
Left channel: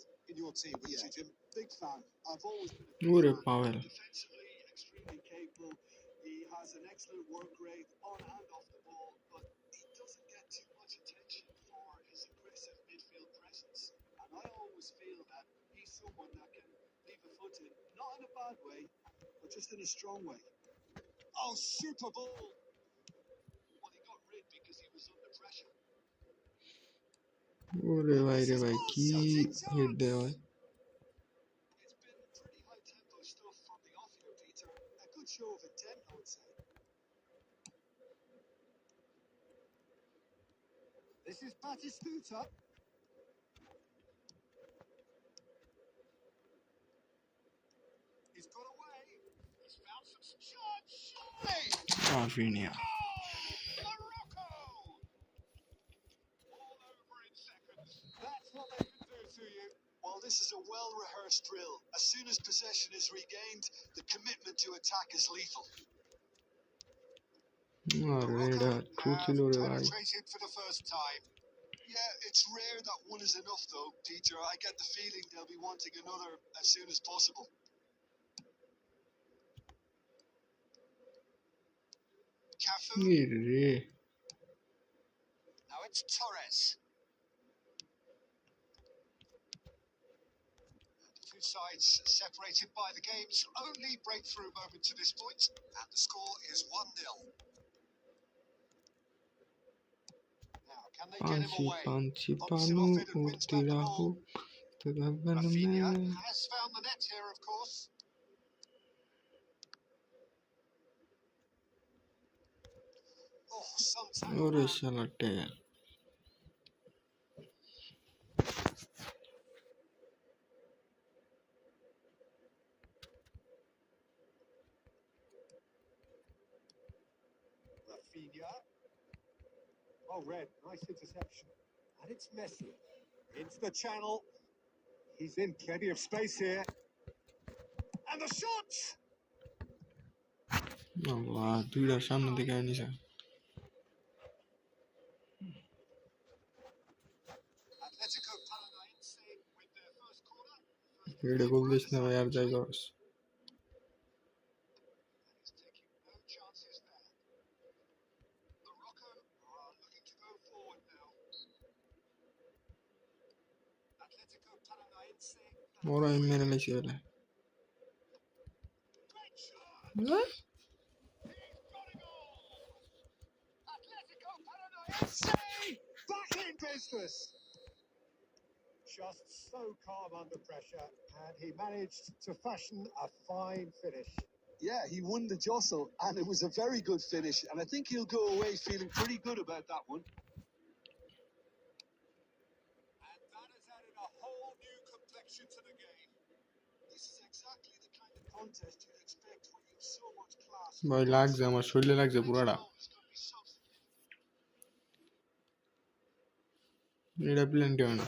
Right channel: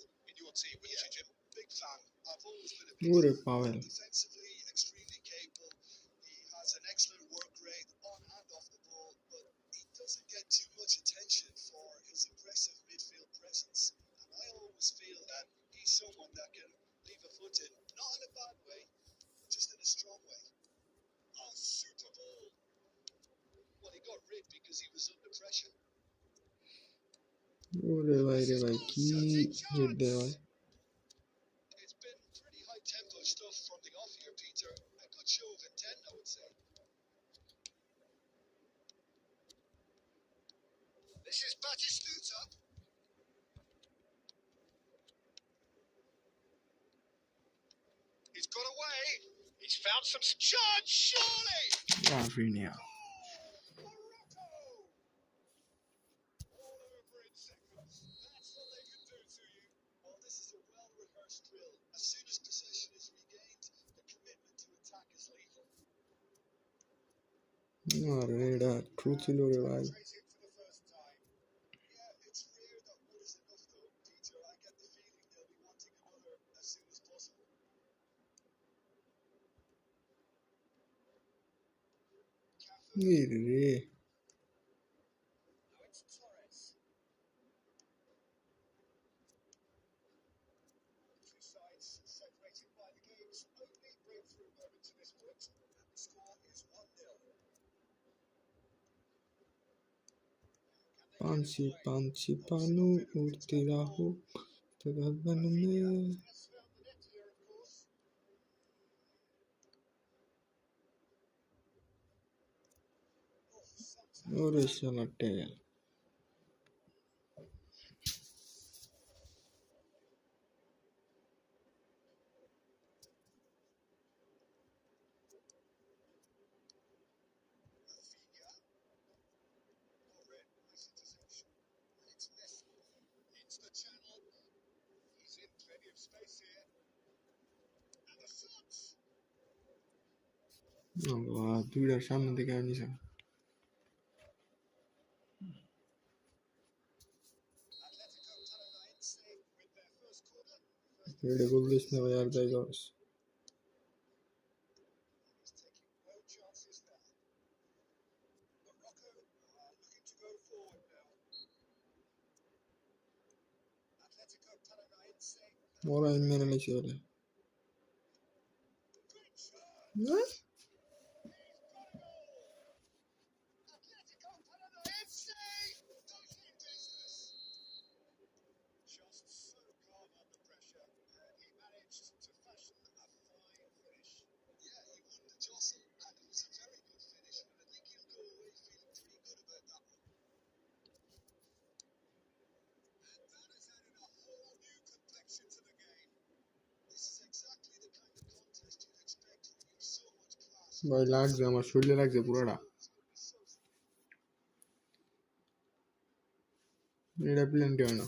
team, wouldn't you, Jim? Big fan. I've always been a big ओरे fan. Pavel Defensively, extremely capable. He has an excellent work rate on and off the ball, but he doesn't get too much attention for his aggressive midfield presence. And I always feel that he's someone that can leave a foot in, not in a bad way, but just in a strong way. Oh, super ball. Well, he got rid because he was under pressure. ओरे भाई की hit दे भाई It's been pretty high tempo stuff from the off here, Peter. A good show of intent, I would say. This is Batistuta. He's got away. He's found some chance, surely. Raphinha Morocco! All over in seconds. That's what they can do to you. Well, this is a well-rehearsed drill. As soon as possession is regained, the commitment to attack is lethal. अरे डा truth लो रे भाई Penetrated for the first time. Yeah, it's rare that one is enough, though, Peter. I get the feeling they'll be wanting another as soon as possible. Cafu. रे Now it's Torres. The two sides separated by the game's only breakthrough moment to this point, and the score is 1-0. Now, can they get him Panchi away? Panchi Bumps him Panu off it and wins उड़ती back the राहो ball. तो गगन Rafinha में has found the net here, of course. Oh, some ओरे शाला tell Rafinha. Oh, Red, nice interception. And it's Messi. Into the channel. He's in plenty of space here. And the shot! अल्लाह दुईटा सामने दिखाई नहीं सका Atletico Paranaense with their first corner. एडे गोल देशने भाई यार जाएगा बस And he's taking no chances there. Morocco are looking to go forward now. Atletico Paranaense. और आई मेरे लिए चले Great shot! What? He's got a goal! Atletico Paranaense back in business. Just so calm under pressure, and he managed to fashion a fine finish. Yeah, he won the jostle, and it was a very good finish. And I think he'll go away feeling pretty good about that one. And that has added a whole new complexion to the game. This is exactly the kind of contest you'd expect when you have so much class. भाई लाग जा আমার শরীরে লাগছে পুরাটা It's going to be so এটা plenty হয় না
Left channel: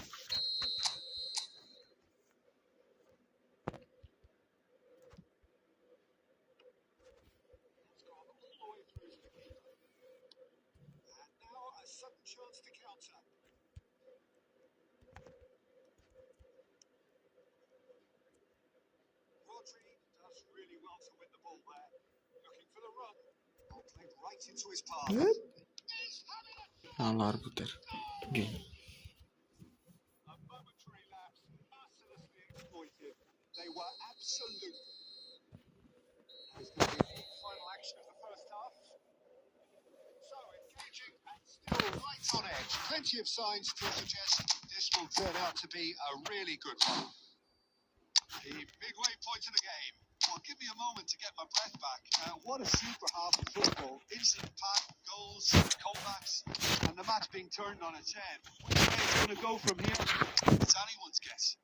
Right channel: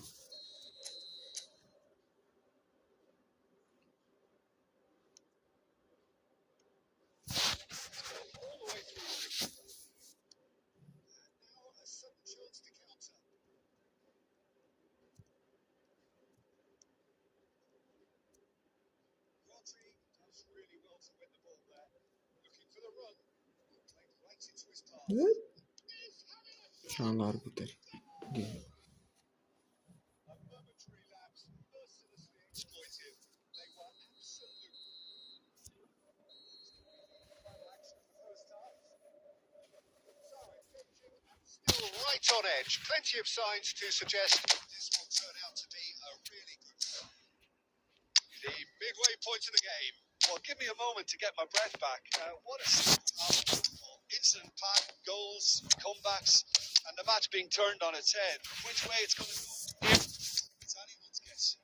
All the way through. And now a sudden chance to counter. Rodri does really well to win the ball there. Looking for the run. Ball played right into his path. Evet. He's having a Çağlar budur game A momentary lapse, mercilessly exploited. They were absolute It's on edge. Plenty of signs to suggest this will turn out to be a really good one. The midway point of the game. Well, give me a moment to get my breath back. What a super half of football. Instant pack, goals, comebacks, and the match being turned on its head. Which way it's going to go from here, it's anyone's guess.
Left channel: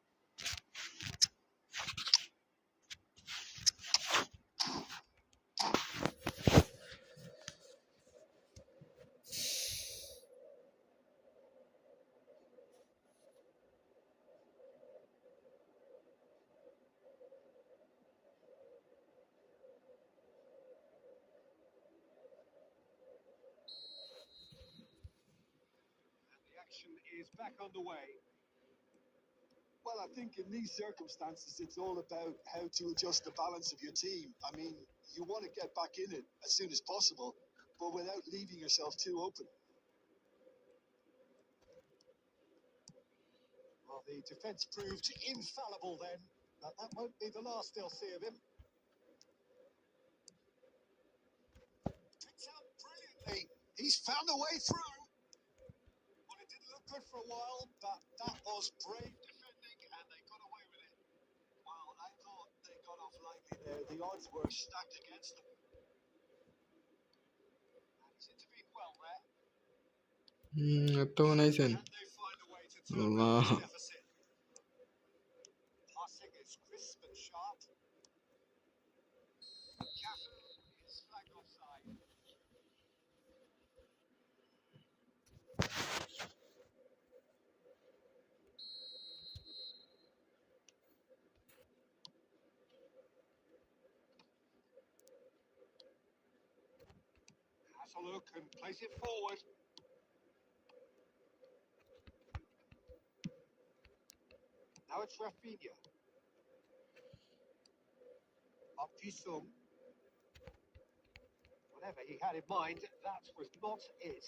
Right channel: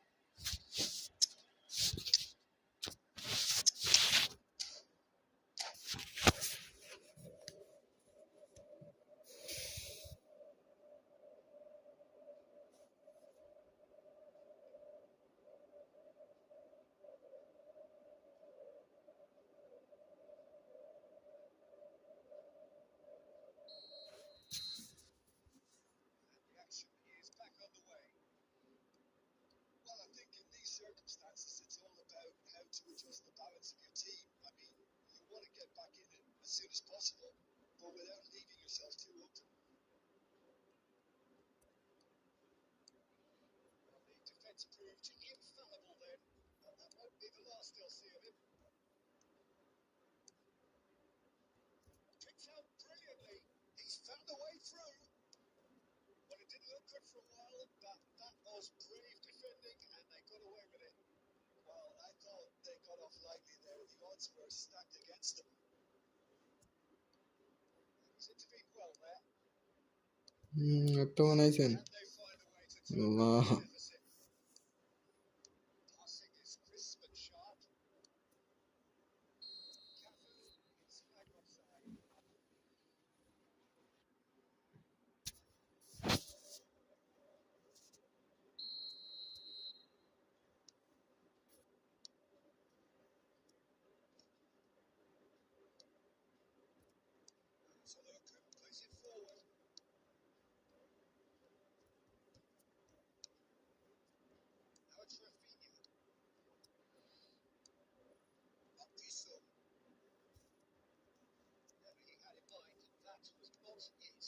The action is back underway. Well, I think in these circumstances, it's all about how to adjust the balance of your team. I mean, you want to get back in it as soon as possible, but without leaving yourself too open. Well, the defence proved infallible then, but that won't be the last they'll see of him. Picks out brilliantly. He's found a way through. Well, it didn't look good for a while, but that was brave defending, and they got away with it. Well, I thought they got off lightly there. The odds were stacked against them. And he's intervened well there. এত বানাইছেন And they find a way to turn Allah that deficit. Passing is crisp and sharp. Cafu is flagged offside. Has a look and plays it forward. Now it's Rafinha. Up Jisung. Whatever he had in mind, that was not it.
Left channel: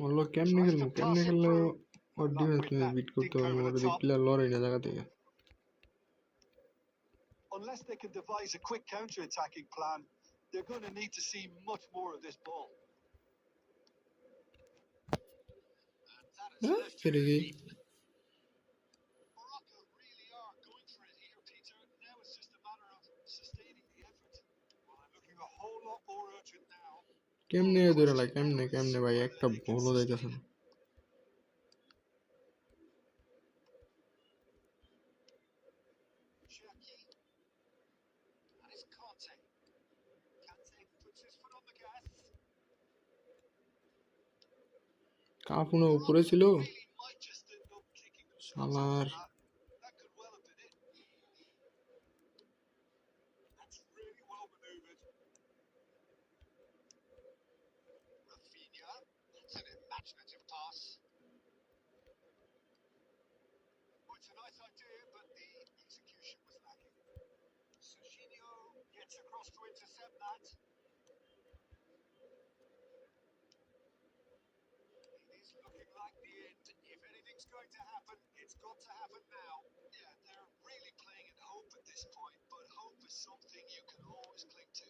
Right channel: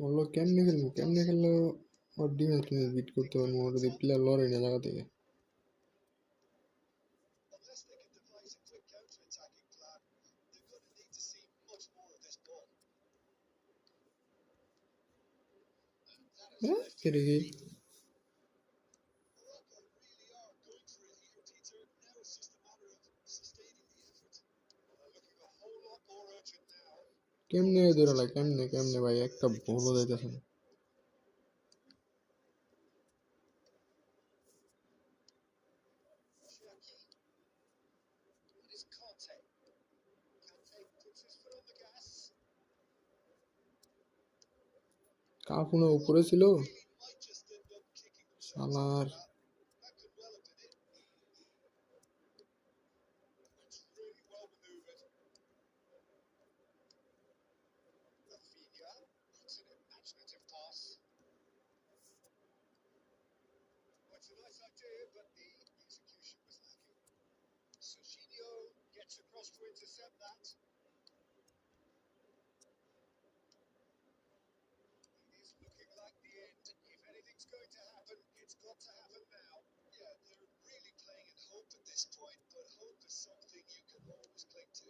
বললো কেমনে খেললে ওর defence তুমি bit করতে পারবো ওর যদি player লড়াই না জায়গা থেকে Unless they can devise a quick counter-attacking plan, they're going to need to see much more of this ball. And that has হ্যাঁ left ফিরে গিয়ে Morocco really are going for it here, Peter. Now it's just a matter of sustaining the effort. Well, they're looking a whole lot more urgent now. কেমনে ধরে লাগে কেমনে ভাই একটা বলও যাইতেছে না Cherki. And it's Kante. Kante puts his foot on the gas. কাফুনা উপরে ছিল Really might just end up kicking themselves শালার after that. That could well have been it. That's really well manoeuvred. Rafinha. That's an imaginative pass. Well, it's a nice idea, but the execution was lacking. Serginho gets across to intercept that. It is looking like the end. If anything's going to happen, it's got to happen now. Yeah, they're really playing in hope at this point, but hope is something you can always cling to.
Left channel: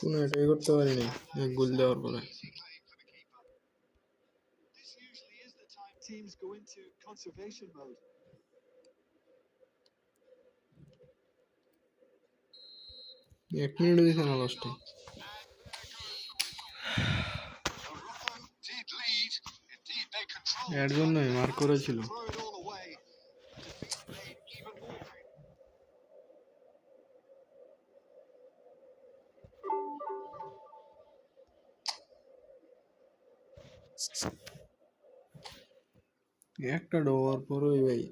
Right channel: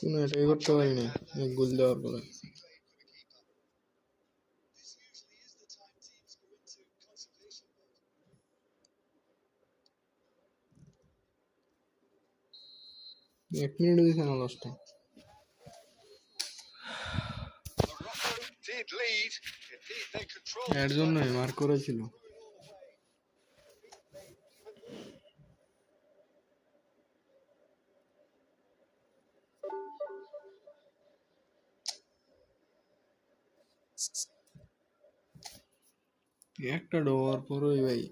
কোনো এটাই করতে পারিনি এক গোল দেওয়ার পরে Easy claim for the keeper. This usually is the time teams go into conservation mode. এক minute দিছে না লাস্টে And there goes the whistle. Morocco did lead. Indeed, they controlled এর the জন্যই game. মার্ক করেছিল Throw it all away. The defeat made even more painful. একটা ডোর পরই ভাই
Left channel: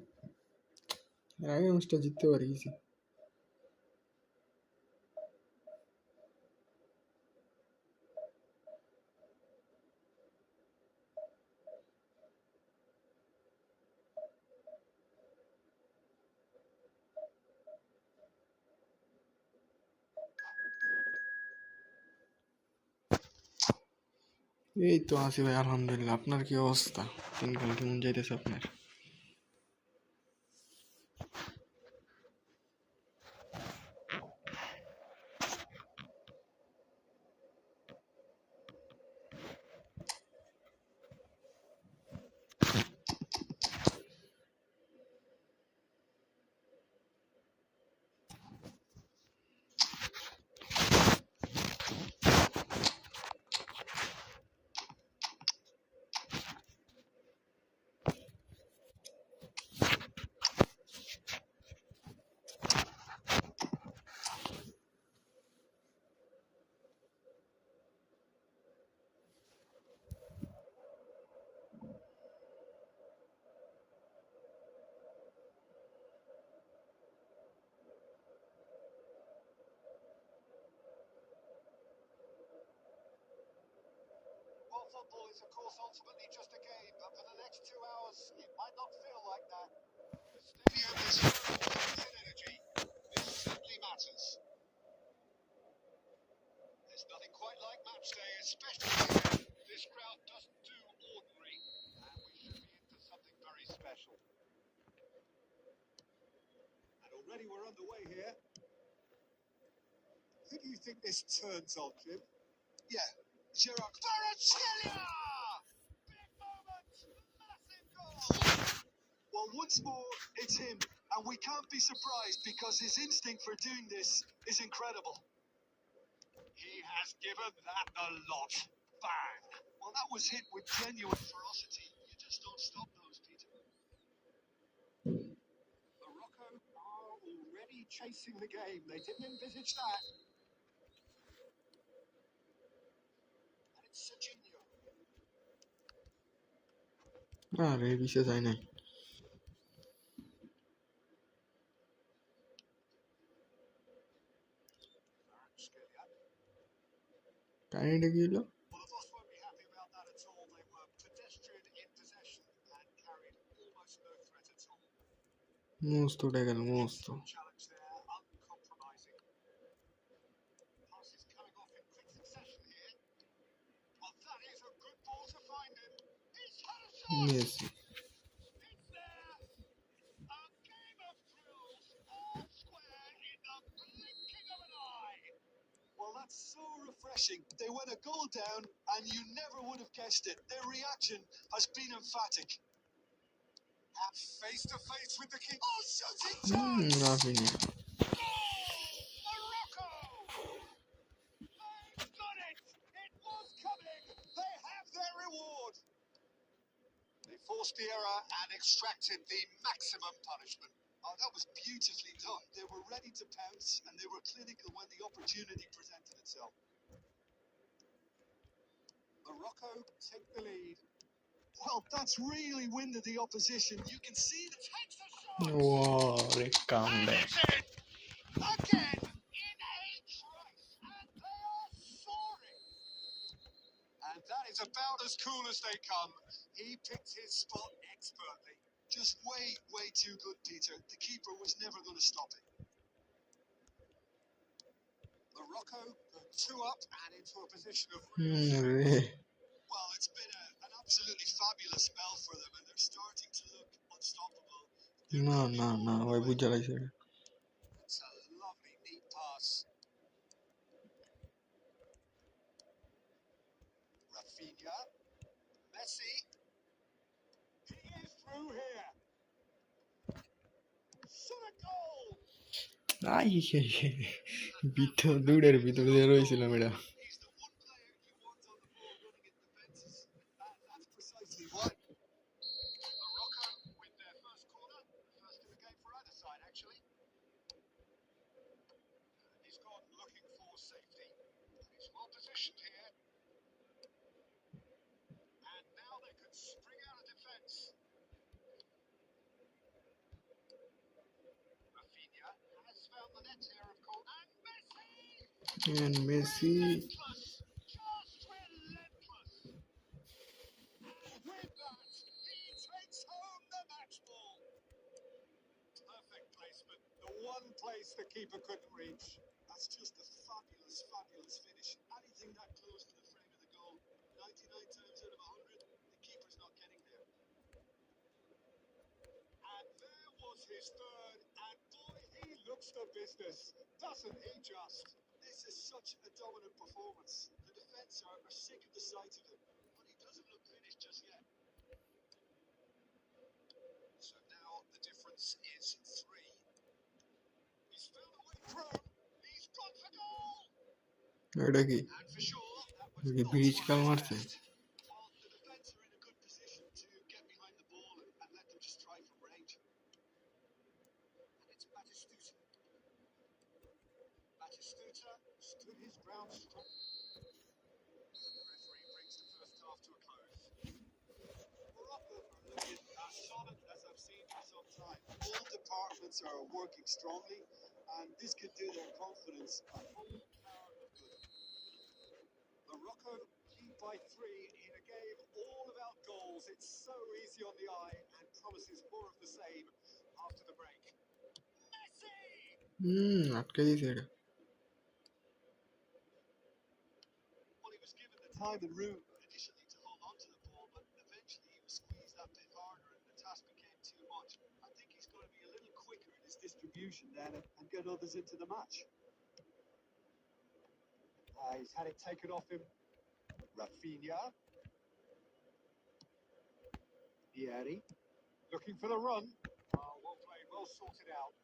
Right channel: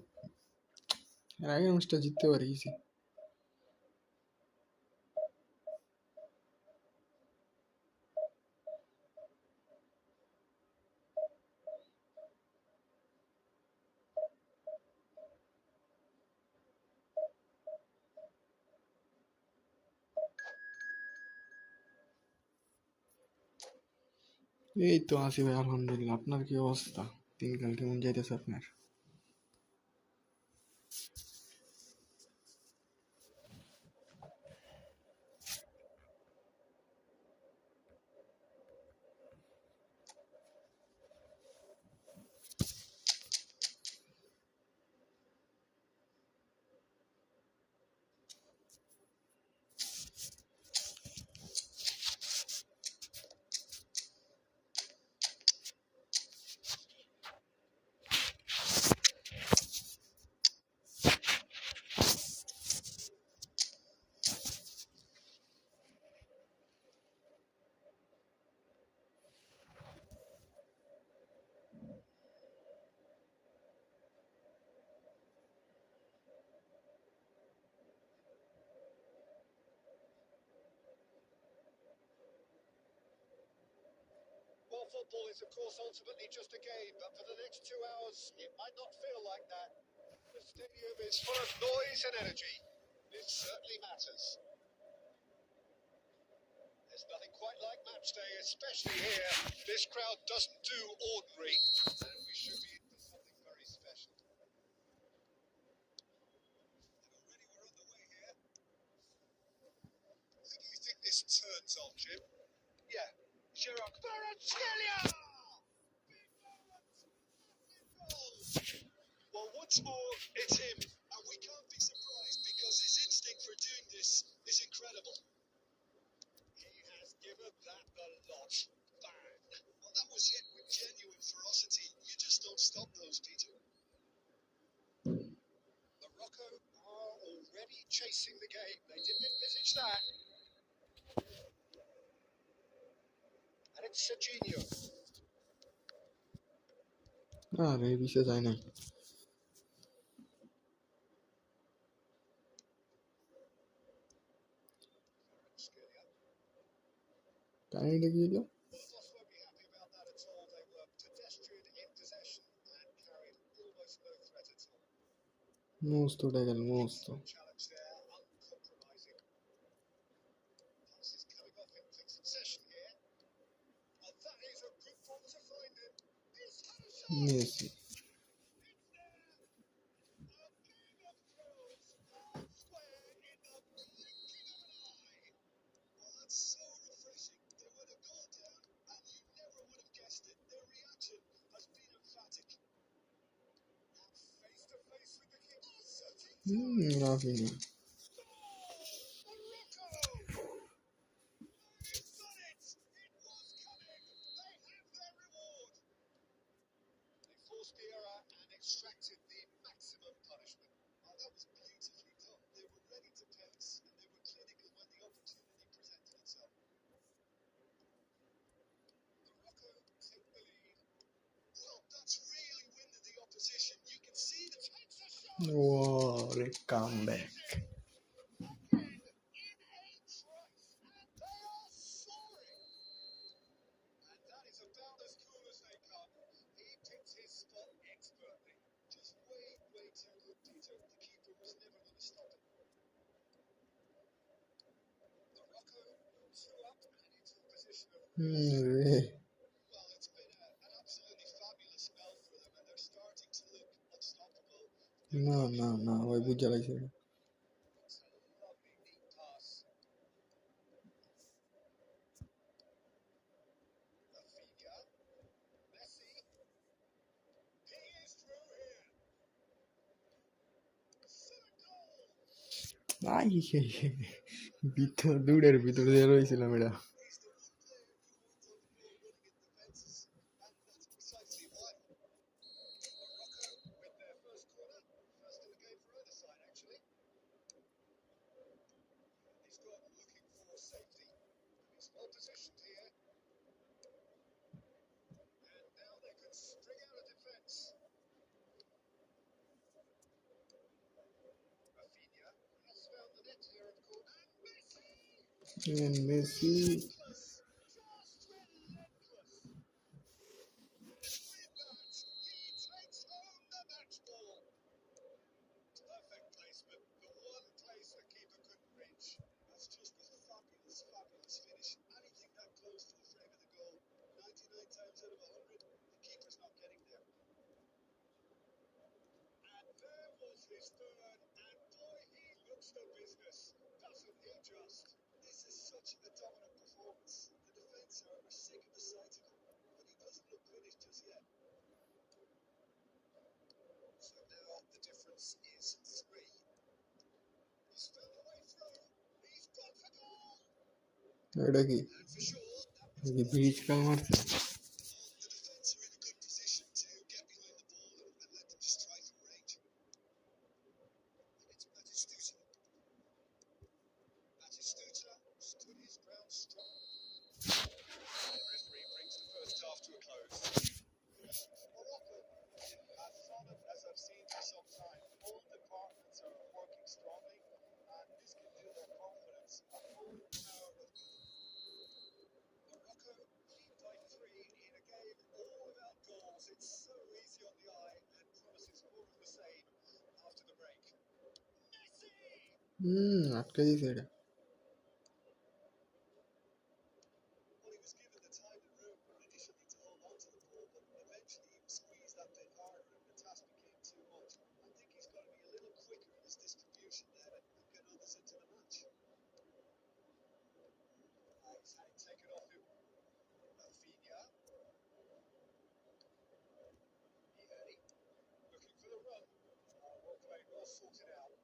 এর আগে ম্যাচটা জিততে পারি ইজি এই তো আছি ভাই আলহামদুলিল্লাহ আপনার কি অবস্থা দিনকাল কেমন যাইতেছে আপনার Football is, of course, ultimately just a game, but for the next 2 hours, it might not feel like that. The stadium is full of noise and energy. This certainly matters. There's nothing quite like match day, especially here. This crowd doesn't do ordinary, and we should be in for something very special. And already we're underway here. Who do you think this turns on, Jim? Yeah, Gerard Kvaratskhelia! Big moment! Massive goal! Well, once more, it's him. And we can't be surprised because his instinct for doing this is incredible. He has given that a lot. Bang! Well, that was hit with genuine ferocity. You just don't stop those, Peter. Morocco are already chasing the game. They didn't envisage that. And it's Serginho. আরে বিশেষ যায় নাই Kvaratskhelia. কাহিনীটা কি হলো Well, the boss won't be happy about that at all. They were pedestrian in possession and carried almost no threat at all. মস্ত উঠে গেল মস্ত Excellent challenge there, uncompromising. Passes coming off in quick succession here. Oh, that is a good ball to find him. He's had a shot. Messi It's there. A game of thrills, all square in the blinking of an eye. Well, that's so refreshing. They went a goal down, and you never would have guessed it. Their reaction has been emphatic. And face to face with the king. Oh, shooting Raphinha goal! Morocco! They've done it! It was coming. They have their reward. They forced the error and extracted the maximum punishment. Oh, that was beautifully done. They were ready to pounce, and they were clinical when the opportunity presented itself. Morocco take the lead. Well, that's really winded the opposition. You can see the Takes the shot. ওরে comeback Again in a trice, and they are soaring. And that is about as cool as they come. He picked his spot expertly. just way too good, Peter. The keeper was never going to stop it. Morocco go 2 up and into a position of রে Well, it's been an absolutely fabulous spell for them, and they're starting to look unstoppable. না না না ভাই বুঝা লাগছে এটা It's a lovely neat pass. Rafinha, Messi. He is through here. Senegal. I ভিতর দূরের ভিতর দিয়ে রয়েছিলাম এটা He's the one player you want on the ball running at defences, and that's precisely why. Morocco with their first corner. First in the game for either side, actually. He's gone looking for safety. He's well positioned here. And now they can spring out of defence. Rafinha has found the net here, of course. And Messi! and Messi Relentless! Just relentless! And with that, he takes home the match ball. Perfect placement. The one place the keeper couldn't reach. That's just a fabulous finish. Anything that close to the frame of the goal, 99 times out of 100, the keeper's not getting there. And there was his third, and boy, he looks the business, doesn't he just? This is such a dominant performance. The defence are sick of the sight of him, but he doesn't look finished just yet. So now the difference is 3. He's found a way through. He's gone for goal. এটা কি And for sure, that was কি not bridge কাল what মারছে Well, the defence are in a good position to get behind the ball and let them just try from range. And it's Batistuta. Batistuta stood his ground strong. The referee brings the first half to a close. Morocco are looking as solid as I've seen for some time. All departments are working strongly, and this could do their confidence a whole power of good. Morocco lead by 3 in a game it's so easy on the eye and promises more of the same after the break. Messi! আটকে দিছে এটা। Well, he was given the time and room initially to hold on to the ball, but eventually he was squeezed that bit harder and the task became too much. I think he's got to be a little quicker in his distribution then and get others into the match. He's had it taken off him. Rafinha. Vieri. Looking for the run. Well played, well sorted out.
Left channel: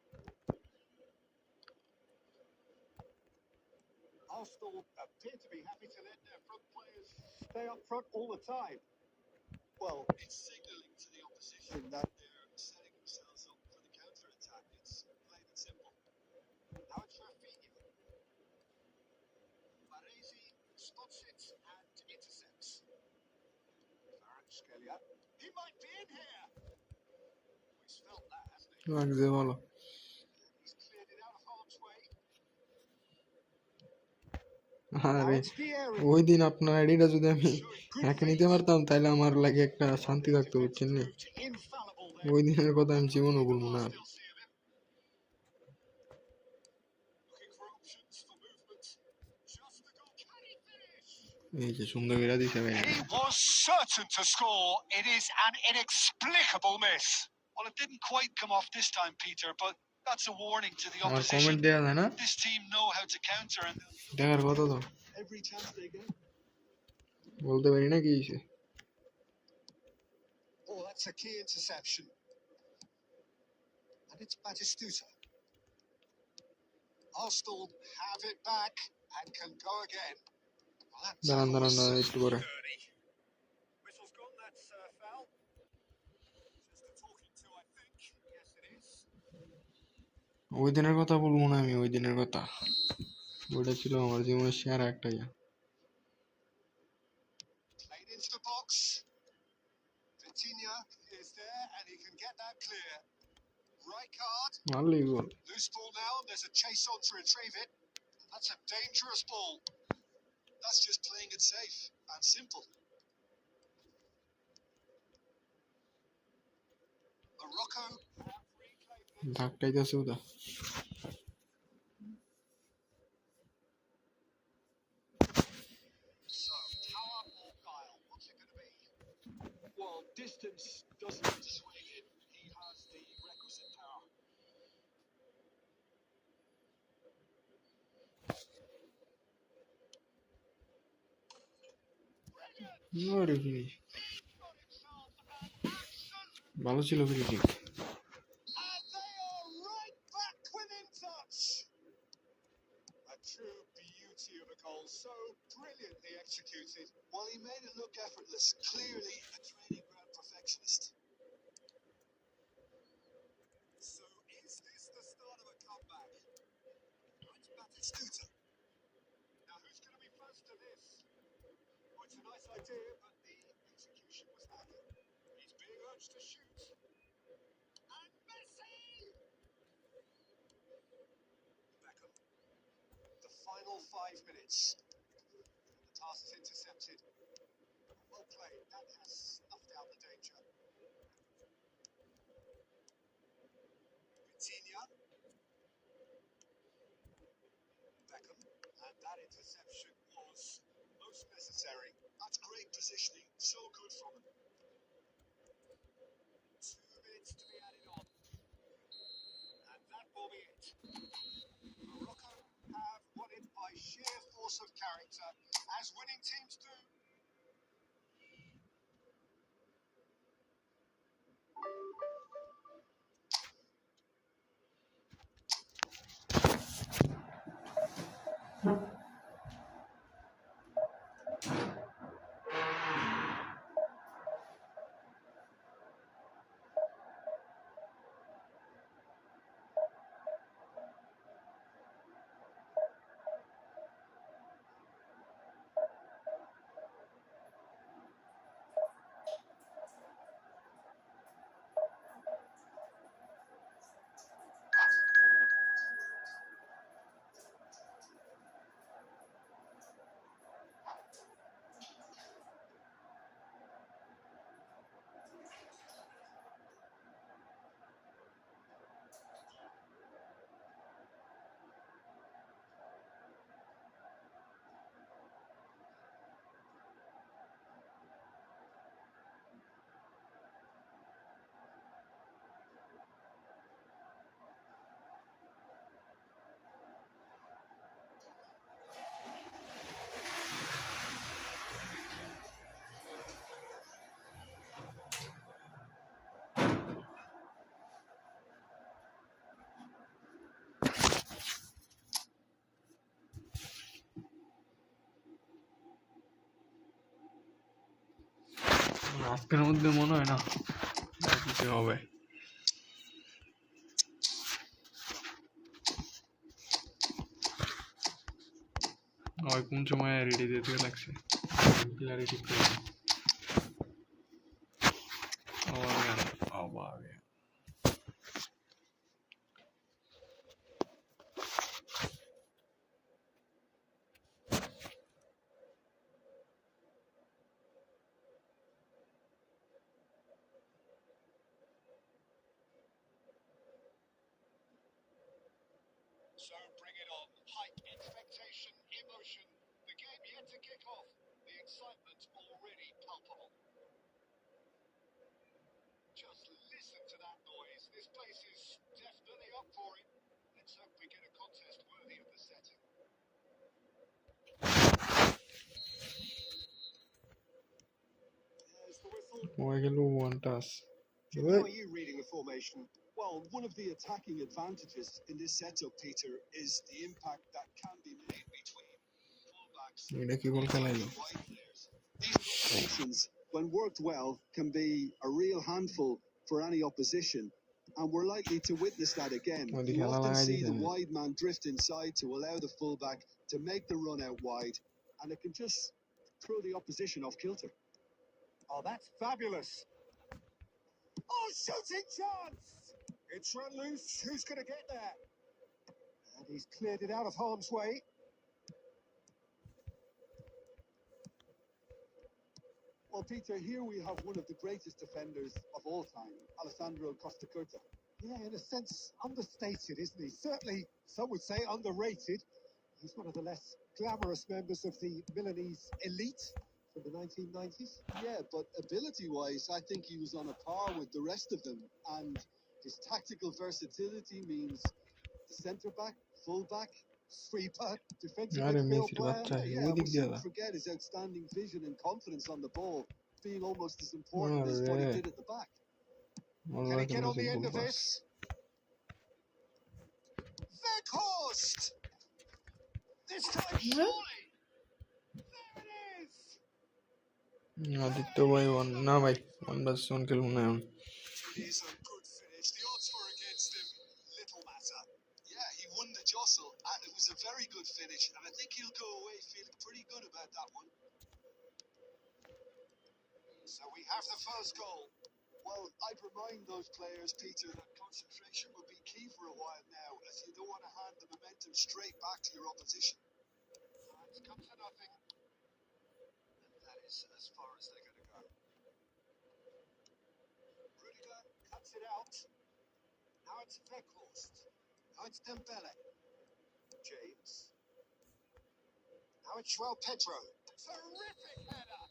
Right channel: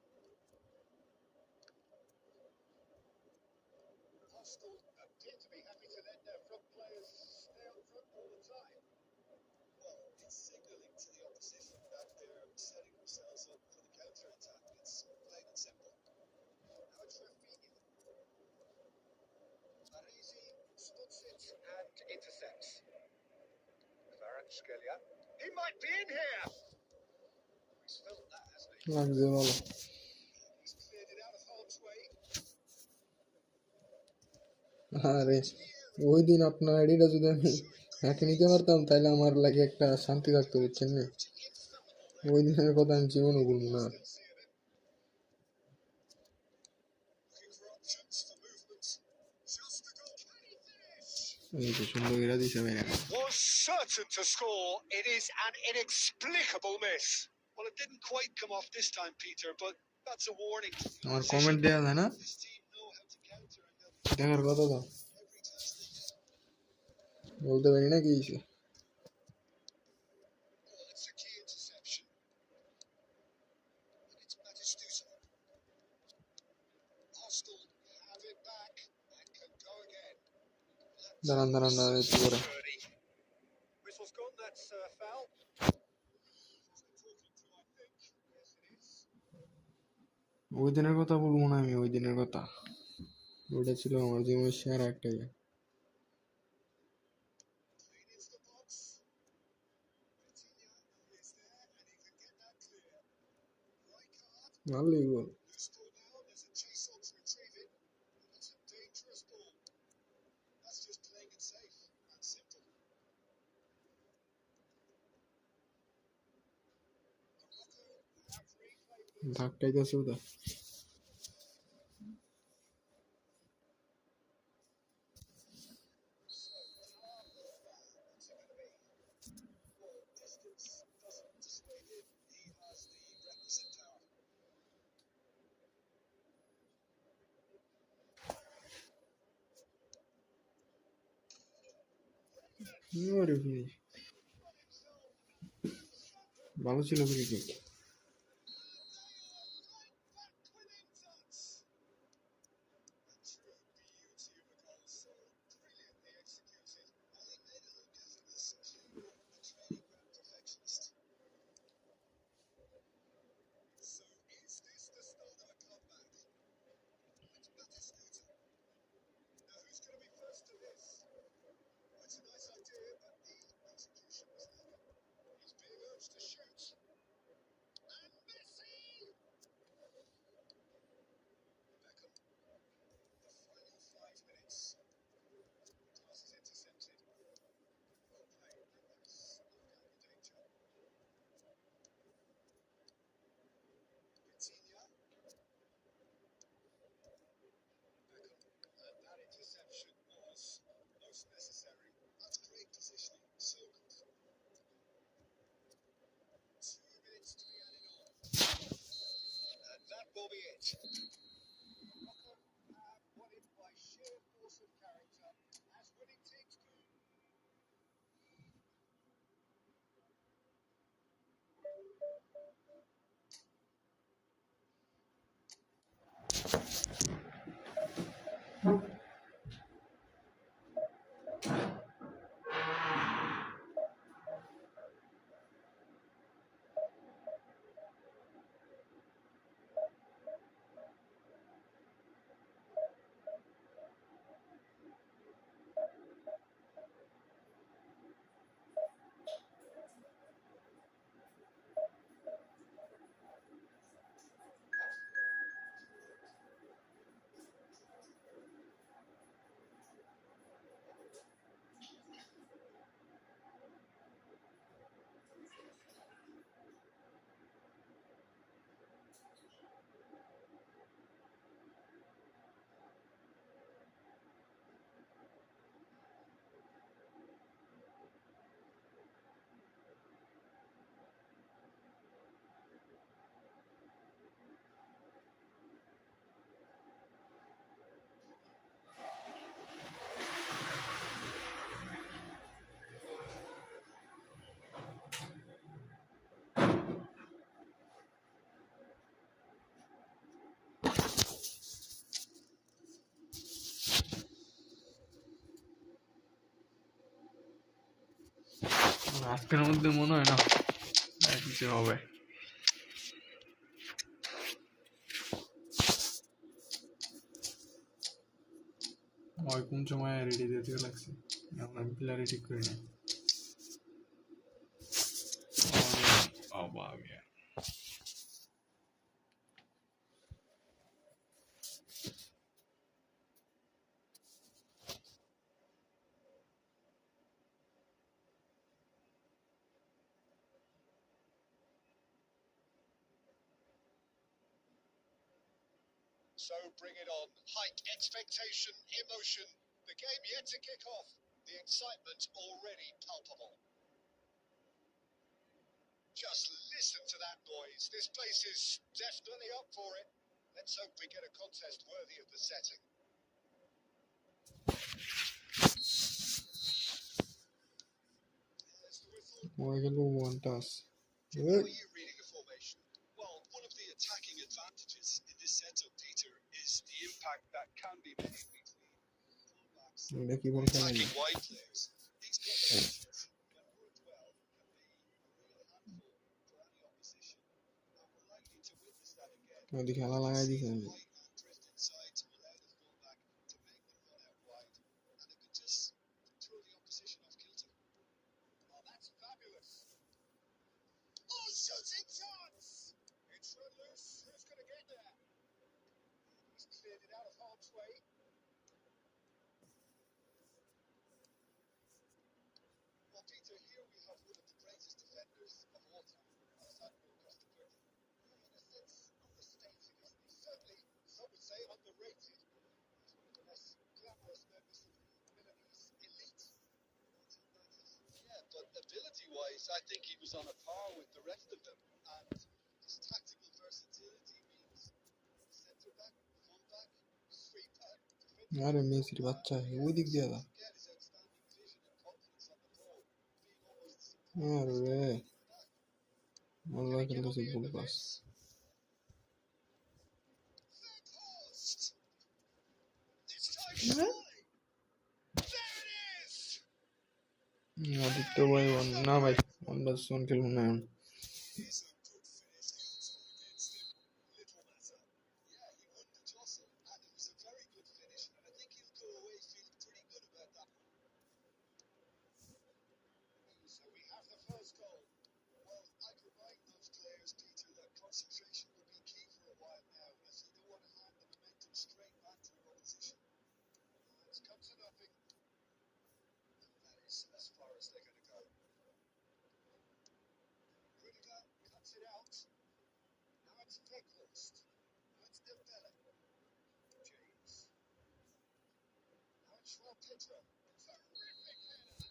Arsenal appear to be happy to let their front players stay up front all the time. Well, it's signalling to the opposition that they're setting themselves up for the counter-attack. It's plain and simple. Now it's Rafinha. Baresi spots it and intercepts. Kvaratskhelia. He might be in here. He's felt that, hasn't he? লাগছে ভালো। He's cleared it out of harm's way. আরে ওই দিন আপনার আইডিটা যদি আমি একে নিতে পারতাম তাহলে আমার লাগে একটা শান্তি থাকতো, বুঝছেন নি? ওই দিনের কথা আমি জীবনও ভুলবো না। এই যে সুন্দর করে দিছে ভাই। He was certain to score. It is an inexplicable miss. Well, it didn't quite come off this time, Peter, but that's a warning to the আমার opposition. কমেন্ট দেয়া যায় না, This team know how to counter and দেখার কথা তো every chance they get. বলতে পারি না কি হয়েছে। Oh, that's a key interception. And it's Batistuta. Arsenal have it back and can go again. দাঁড়ান দাঁড়ান দাঁড়ান একটু করে। Whistle's gone, that's foul. Just a talking to, I think. Yes, it is. ওই দিনের কথা বলবো না আমি, ওই দিনের কথা। ওইটা ছিল আমার জীবনের সেরা একটা ইয়ে। Played into the box. Vitinha is there and he can get that clear. Right card. মারলেই গোল। Loose ball now. There's a chase on to retrieve it. That's a dangerous ball. That's just playing it safe and simple. Morocco have reclaimed it. ধাক্কাইতেছে ওটা। So, power or guile? What's it going to be? Well, distance doesn't need to sway him. He has the requisite power. আরে finish ভালো ছিল free kick. And they are right back within touch. A true beauty of a goal, so brilliantly executed. Well, he made it look effortless. Clearly a training ground perfectionist. So is this the start of a comeback? It's Batistuta. Now who's going to be first to this? Well, it's a nice idea, but the execution was lacking. He's being urged to shoot. And Messi! Beckham. The final 5 minutes. The pass is intercepted. Well played. That has snuffed out the danger. Vitinha. Beckham. And that interception was most necessary. That's great positioning. So good from him. 2 minutes to be added on. And that will be it. Morocco have won it by sheer force of character, as winning teams do. আজকের মধ্যে মনে হয় না দিতে হবে। ওই কোন সময় রেডি দিতে লাগছে পিলারে ঠিক করে অবাগে So bring it on. Hike, expectation, emotion. The game yet to kick off. The excitement already palpable. Just listen to that noise. This place is definitely up for it. Let's hope we get a contest worthy of the setting. There's the whistle. one task. Jim, how are you reading the formation? Well, one of the attacking advantages in this setup, Peter, is the impact that can be made between fullbacks and attacking wide players. These combinations, when worked well, can be a real handful for any opposition. And we're likely to witness that again. You often see the wide man drift inside to allow the fullback to make the run out wide, and it can just throw the opposition off kilter. Oh, that's fabulous. Oh, shooting chance! It's run loose. Who's going to get there? And he's cleared it out of harm's way. Well, Peter, here we have one of the greatest defenders of all time, Alessandro Costa Curta. Yeah, in a sense, understated, isn't he? Certainly, some would say underrated. He's one of the less glamorous members of the Milanese elite from the 1990s. Yeah, but ability-wise, I think he was on a par with the rest of them. And his tactical versatility means the centre-back, full-back, sweeper, defensive midfield player. Yeah, we shouldn't forget his outstanding vision and confidence on the ball, being almost as important as what he did at the back. Can he get on the end of this? Weghorst! This time surely! There it is! Aditya ভাই না ভাই আমরা সোন খেলবো না এখন It is a good finish. The odds were against him. Little matter. Yeah, he won the jostle, and it was a very good finish. And I think he'll go away feeling pretty good about that one. So we have the first goal. Well, I'd remind those players, Peter, that concentration will be key for a while now, as you don't want to hand the momentum straight back to your opposition. It's come to nothing. And that is as far as they're going to go. Rudiger cuts it out. Now it's Weghorst. Now it's Dembele. James. Now it's João Pedro. Terrific header.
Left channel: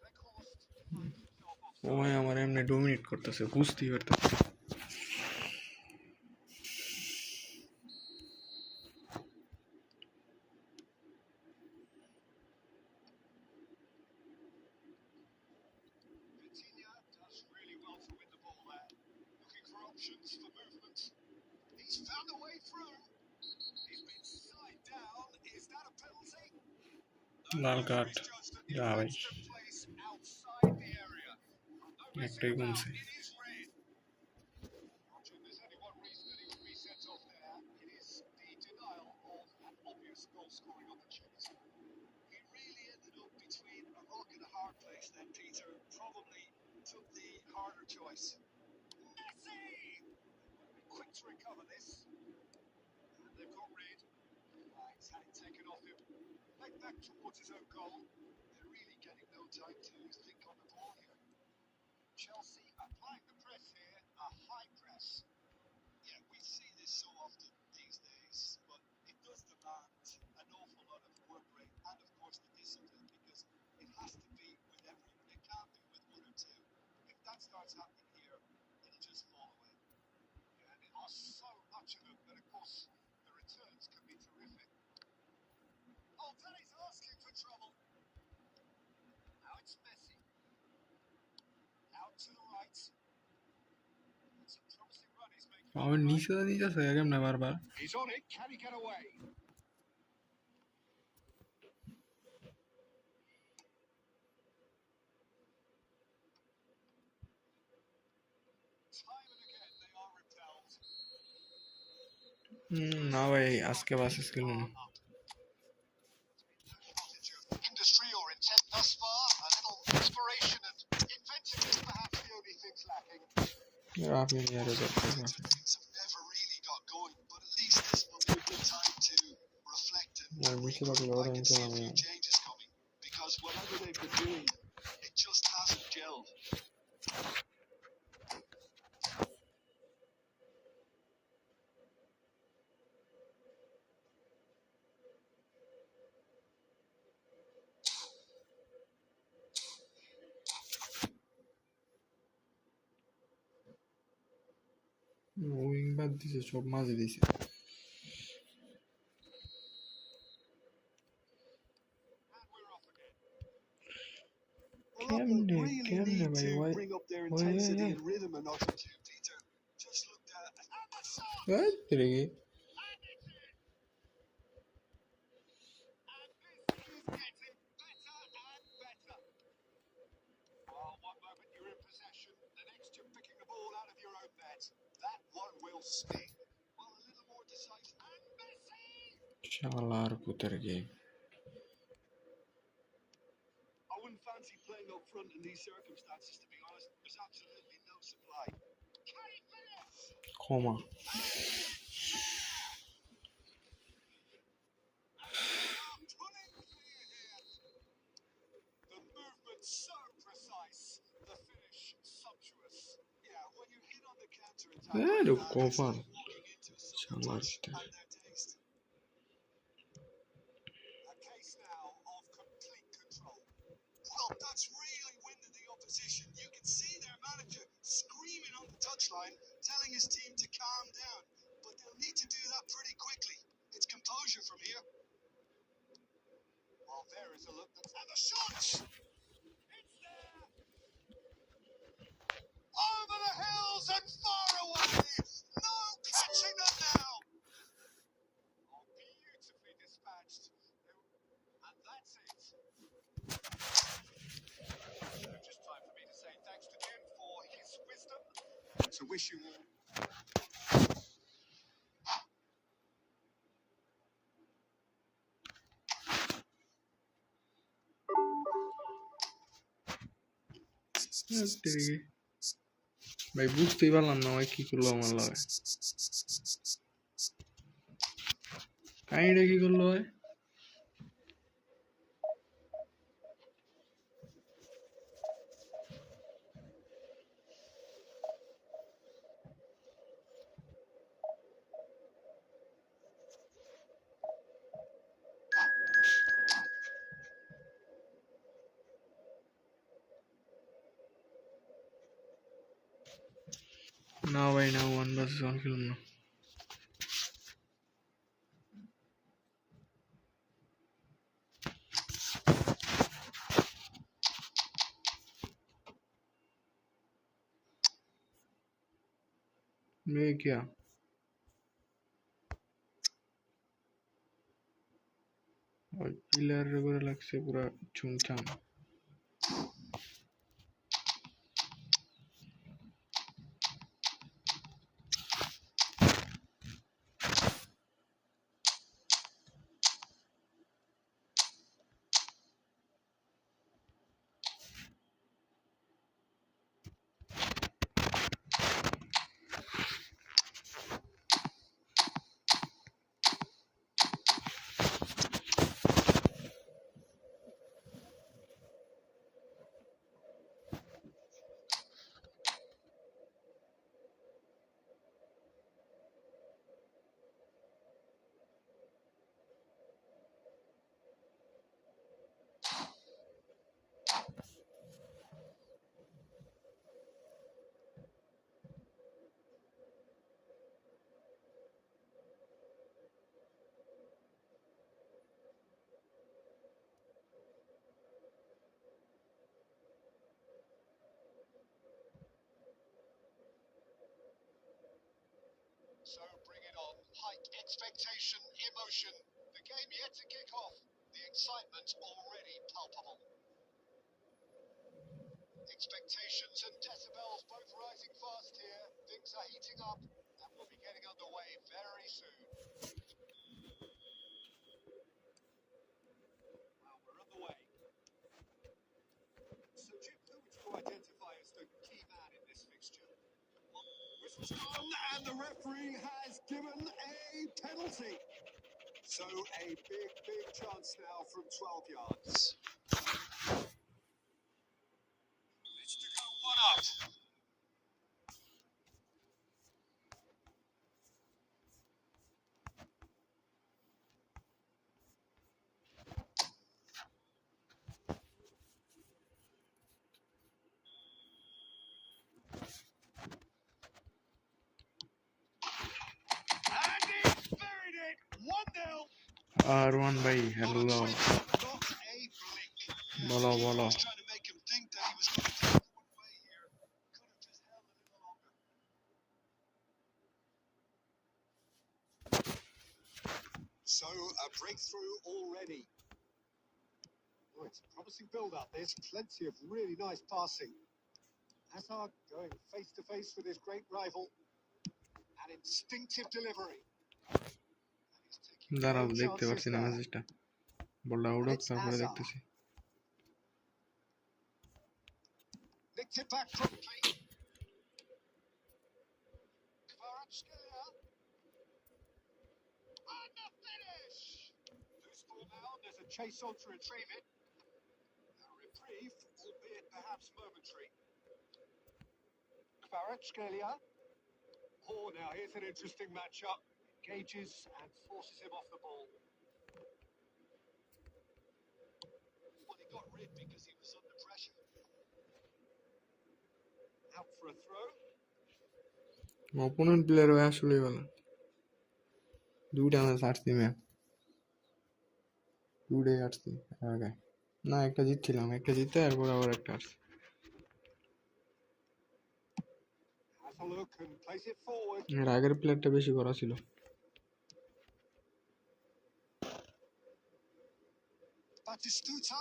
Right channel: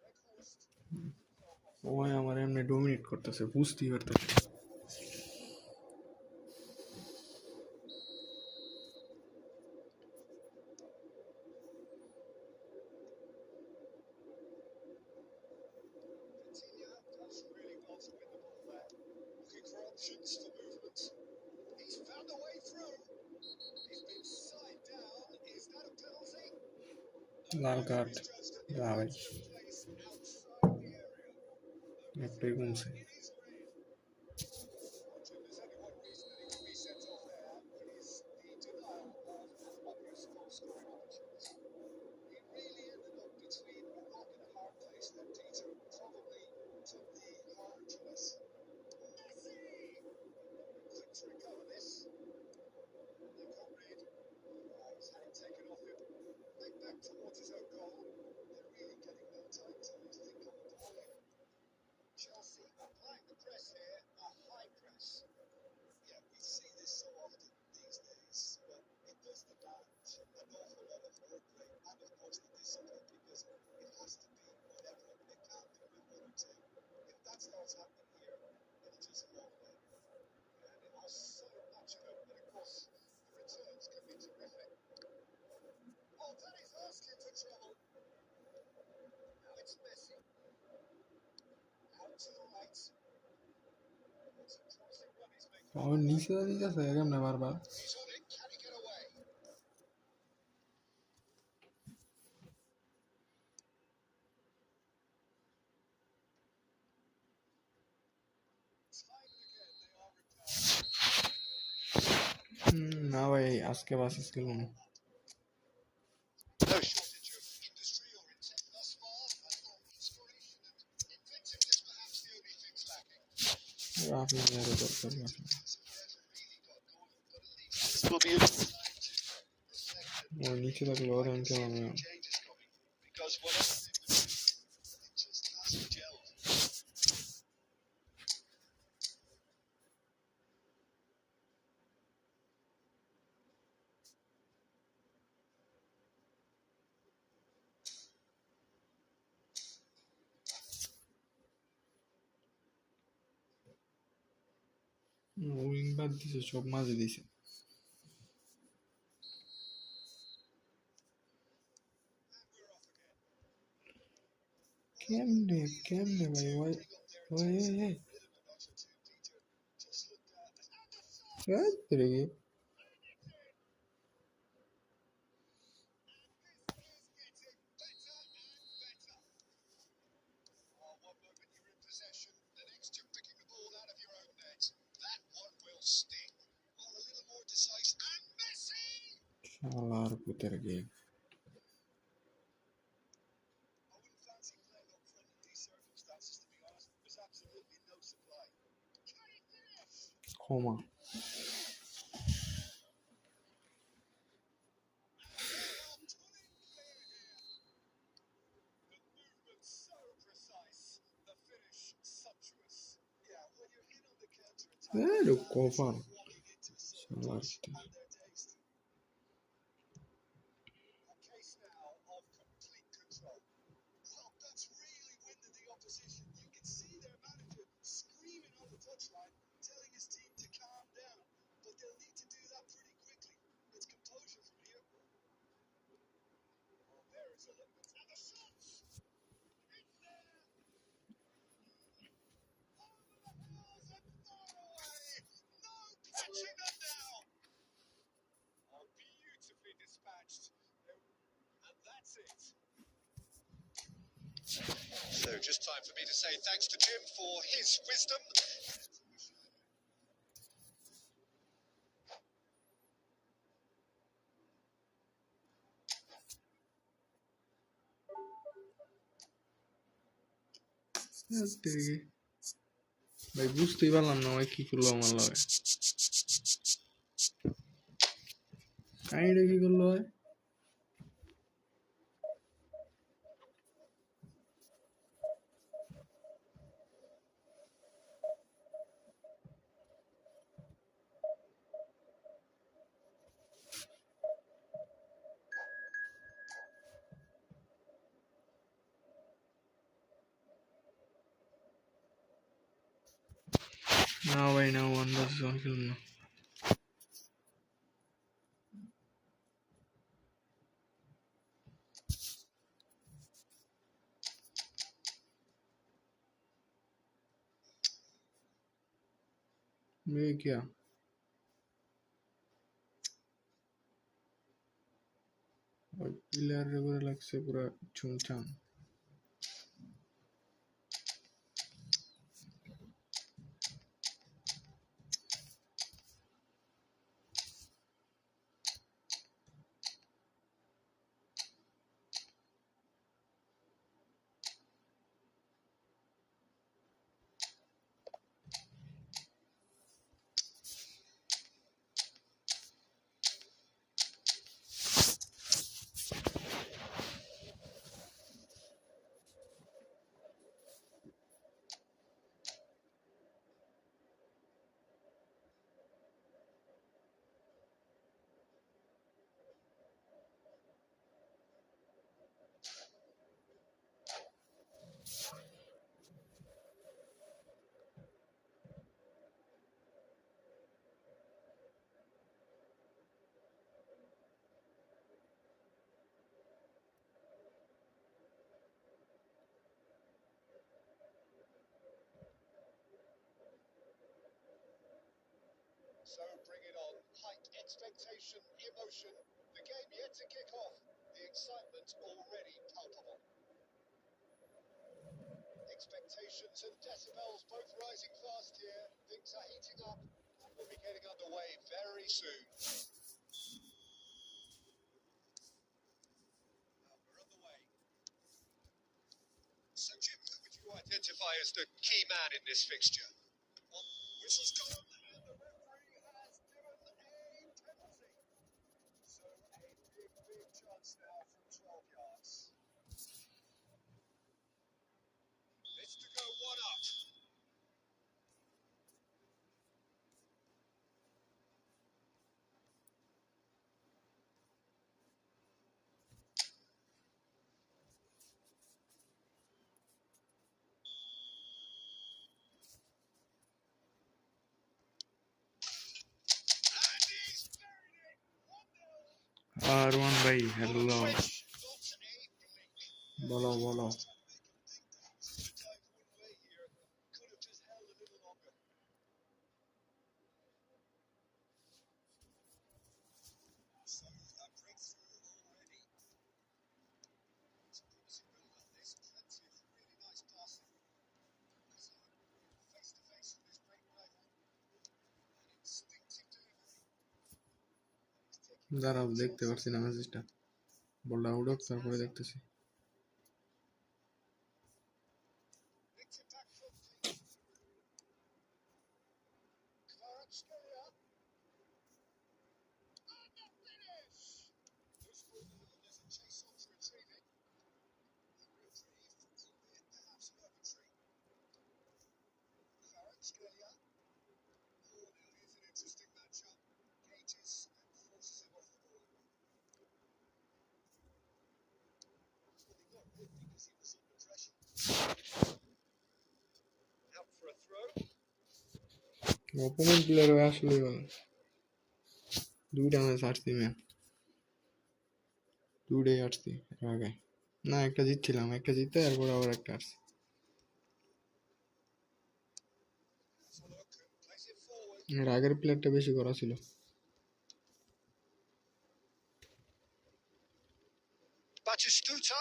Weghorst finds himself off. ও ভাই আমার এমনি dominate করতেছে বুঝতেই পারতেছি Does really well to win the ball there. Looking for options for movement. He's found a way through. He's been side down. Is that a penalty? Lal card যা ভাই Place outside the area. একটাই কমছে It is red. Jim, there's only one reason that he would be sent off there. It is the denial of an obvious goal scoring opportunity. He really ended up between a rock and a hard place then, Peter. Probably took the harder choice. Messi! Quick to recover this. And they've got red. He's had it taken off him. Back towards his own goal. They're really getting no time to think on the ball here. Chelsea applying the press here. A high press. Yeah, we see this so often these days, but it does demand an awful lot of work rate and, of course, the discipline, because it has to be with everyone. It can't be with one or two. If that starts happening here, it'll just fall away. Yeah, and it costs so much of them, but of course the returns can be terrific. Oh, that is asking for trouble. Now it's Messi. Out to the right. It's a promising run he's making. আমার নিচে দিতেছে কেমনে বারবার He's on it. Can he get away? না ভাই আজকে buses খেলবো না No shortage of industry or intent thus far. A little inspiration and inventiveness perhaps the only things lacking. Rafi মিয়ারে দরকার Things have never really got going, but at least this will be a good time to reflect আর and নিচে regroup. থাকলে I ওরা can আমি see a খেলাম few changes coming because whatever they've been doing, it just hasn't gelled. Wing বাদ দিছে সব মাঝে দিছে Well, that will really কেমনে need ভাই to ওই bring up their ওই intensity and rhythm a notch or two. Peter just looked at. ওই তেরে কি Getting better and better. Well, one moment you're in possession, the next you're picking the ball out of your own net. That one will sting. Well, a little more decisive. And Messi! শালার পুতের কি I wouldn't fancy playing up front in these circumstances, to be honest. There's absolutely no supply. Can he finish? ক্ষমা And they are pulling clear here. The movement so precise, the finish sumptuous. Yeah, when you're hit on the counter attack, like that, it's কফার like walking into a summer শালার touch পুতের and their taste. A case now of complete control. Well, that's really winded the opposition. You can see their manager screaming on the touchline, telling his team to calm down. But they'll need to do that pretty quickly. It's composure from here. Well, there is a look that's... And the shots! It's there! Over the hills and far away! No catching them now! Oh, beautifully dispatched. And that's it. So just time for me to say thanks to Jim for his wisdom. To wish you all... তেরে কি ভাই বুঝতেই পারলাম না ভাই কি করলো আমার লাগে কাহিনীটা কি করলো ভাই না ভাই না 1 vs 1 খেলুন না ये क्या और पिलर वगैरह लग से पूरा चुमचाम So bring it on. Height, expectation, emotion. The game yet to kick off. The excitement already palpable. Expectations and decibels both rising fast here. Things are heating up. And We'll be getting underway very soon. Well, we're underway. So, Jim, who would you identify as the key man in this fixture? Whistle's gone, and the referee has given a penalty. So, a big, big chance now from 12 yards. It's to go one up. And he's buried it. 1-0. R1 ভাই hello Not a blink. বলো বলো Was trying to make him think that he was going to take one way here. Could have just held a little longer. So a breakthrough already. Oh, it's a promising build-up. There's plenty of really nice passing. Hazard going face-to-face with his great rival. An instinctive delivery. And he's taking দাঁড়াও no দেখতে chances পারছি না there. মেসেজটা বলটা And উড়ক it's তারপরে Hazard. দেখতেছি Nicked it back promptly. Kvaratskhelia. And the finish! Loose ball now. There's a chase on to retrieve it. A reprieve, albeit perhaps momentary. Kvaratskhelia. Oh, now here's an interesting matchup. Engages and forces him off the ball. Well, he got rid because he was under pressure. Out for a throw. Opponent player হয়ে আসলেই ভালো দুইটা match হারছি ma'am দুইটাই হারছি এর আগে না একটা জিতছিলাম একটা জিতে এরপর আবার একটা হারছি Has a look and plays it forward. এর আগের প্লেয়ারটা বেশি করা ছিল Batistuta.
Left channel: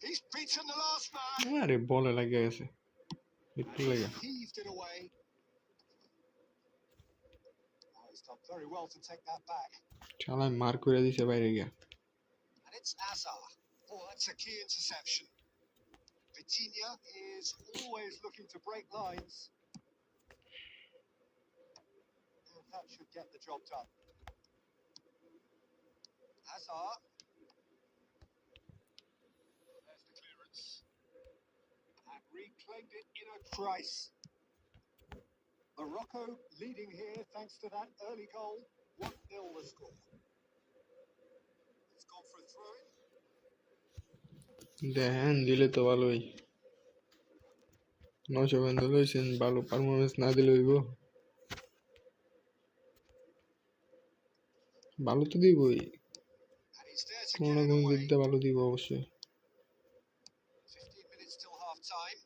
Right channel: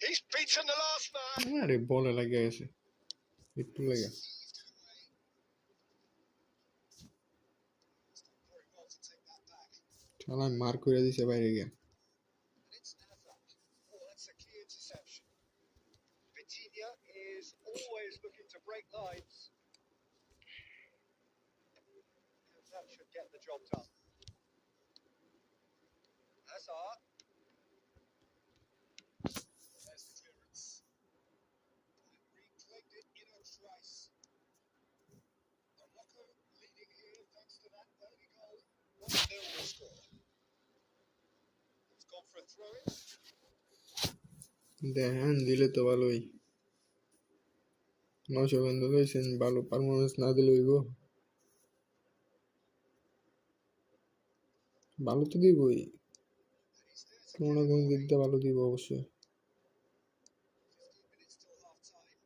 He's beaten the last man. আরে বলে লাগিয়ে গেছে একটু লেগে Heaved it away. Oh, he's done very well to take that back. শালা মার করে দিছে বাইরে গিয়া And it's Azar. Oh, that's a key interception. Vitinha is always looking to break lines. And that should get the job done. Azar. There's the clearance. And reclaimed it in a trice. Morocco leading here thanks to that early goal. 1-0 the score. It's gone for a throw-in. দেখেন দিলে তো ভালোই 900 বন্ধ লইছেন ভালো performance না দিলে হইব ভালো তো দিবই And he's there to কোনো get না it কোনো away. দিক দিয়ে ভালো দিব অবশ্যই 15 minutes till half-time.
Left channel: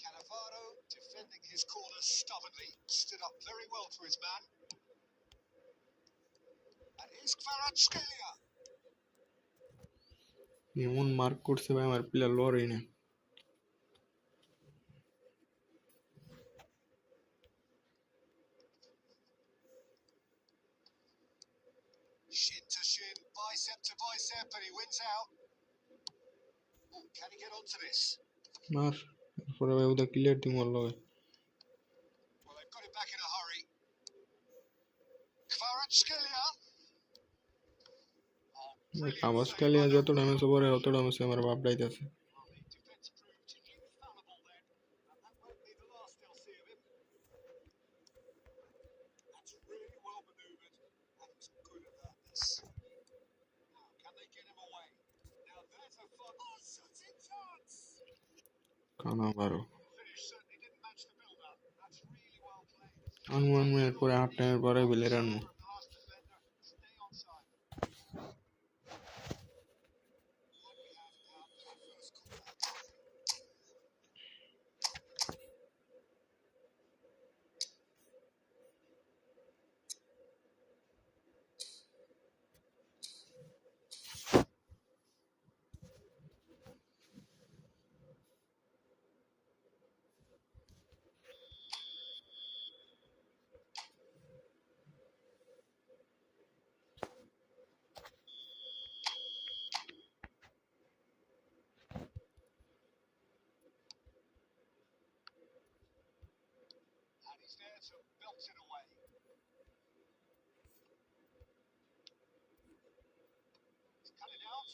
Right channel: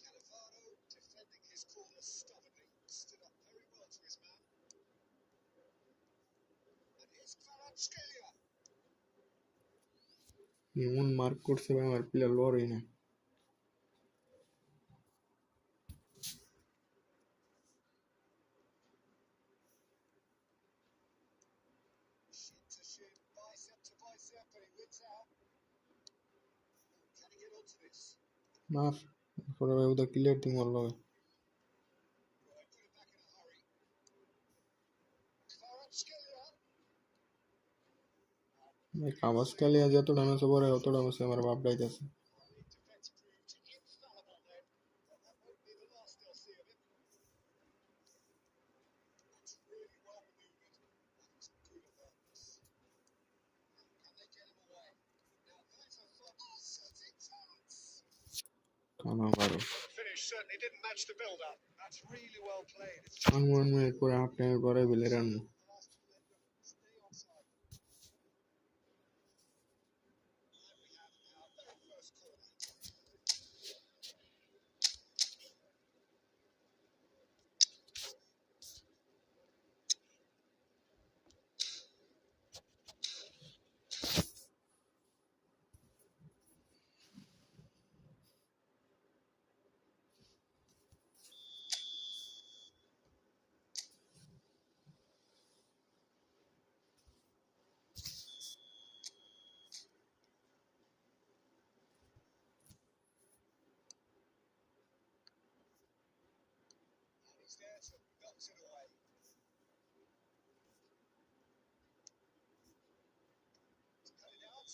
Cannavaro defending his corner stubbornly. Stood up very well to his man. And here's Kvaratskhelia. এমন মার্ক করছে ভাই আমার প্লেয়ার লড়ই না Shin to shin, bicep to bicep, and he wins out. Oh, can he get onto this? মার এরপরে ভাই ওটা clear দিম ওর লগে Well, they've got it back in a hurry. Kvaratskhelia. কাবাসকালিয়া যতটা ম্যাচ পরে অতটা ম্যাচ আমার বাপ ডাইতেছে Well, the defence proved infallible then. And that won't be the last they'll see of him. That's really well manoeuvred. And he's good at that. Now, can they get him away? Now, there's a fun. Oh, shooting chance! কানা মারো Finish certainly didn't match the build-up. That's really well played. It's আনমন minute পরে half টাইমের পরে বিলে রানবো pass defender. Stay onside. And we have our very first corner. He's there to belt it away. He's cut it out.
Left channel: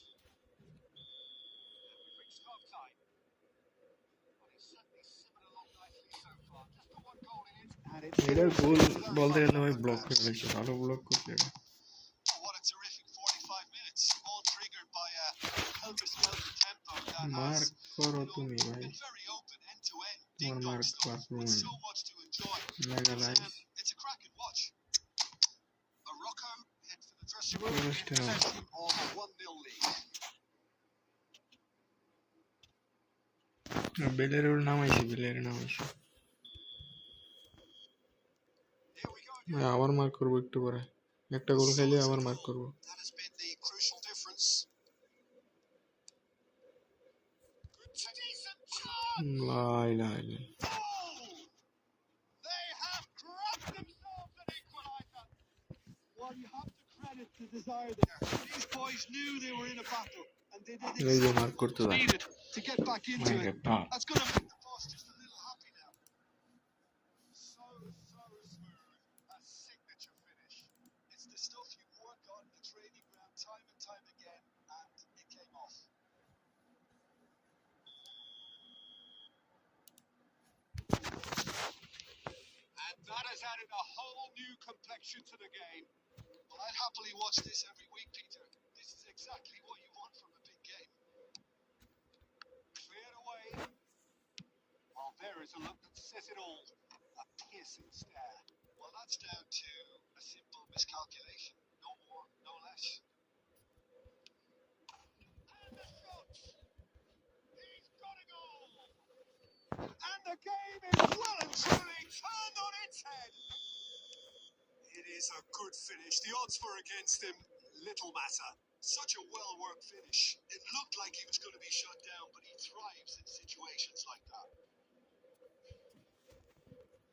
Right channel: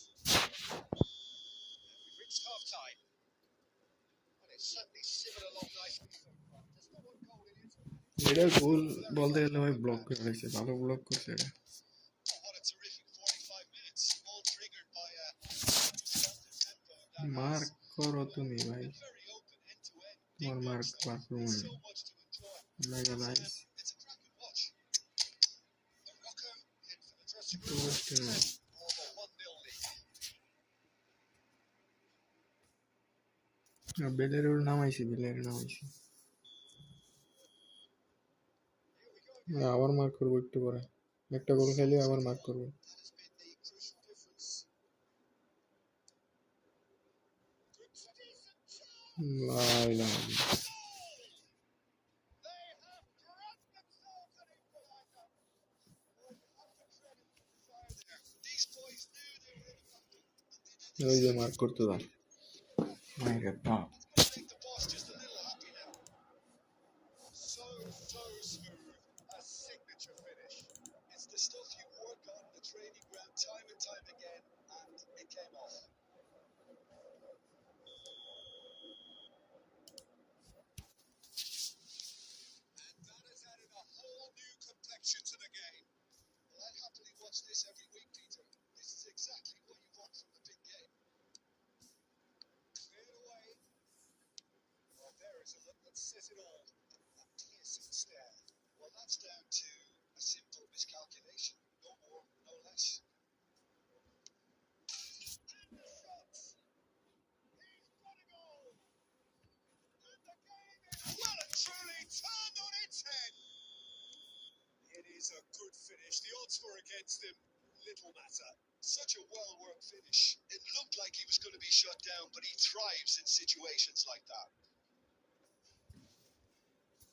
We've reached half time. Well, it's certainly simmered along nicely so far. Just the one goal in it. And it's এটা গোল very বলতে much গেলে ভাই open block now. করে রেখেছে, ভালো block করছে এটা। Oh, what a terrific 45 minutes, all triggered by a helter-skelter tempo that mark has করো তুমি ভাই, been very open end to end, তোমার ding dong mark stuff, perform with so much to enjoy. Mega nice. It's a cracking watch. Morocco head for the dressing room পুরো in stadium possession of a 1-0 lead. বেলের নামাইছি, বেলের নামাইছি। Here we go again. আবার mark করবো একটু পরে, একটা গোল খাইলে আবার মার্ক করবো। That has been the crucial difference. Good to decent chance. Lie lie Oh! They have grabbed themselves an equaliser. Well, you have to credit the desire there. These boys knew they were in a battle, and they did এই যে exactly mark what করতে was দাও। needed to get back into মাইরে it. বাপ, That's going to make the boss just a little happy now. So smooth. A signature finish. It's the stuff you work on the training ground time and time again, and it came off. And that has added a whole new complexion to the game. Well, I'd happily watch this every week, Peter. This is exactly what you want from a big game. Cleared away. Well, there is a look that says it all. A piercing stare. Well, that's down to a simple miscalculation. No more, no less. And the shot. He's got a goal. And the game is well and truly turned on its head. It is a good finish. The odds were against him. Little matter. Such a well-worked finish. It looked like he was going to be shut down, but he thrives in situations like that.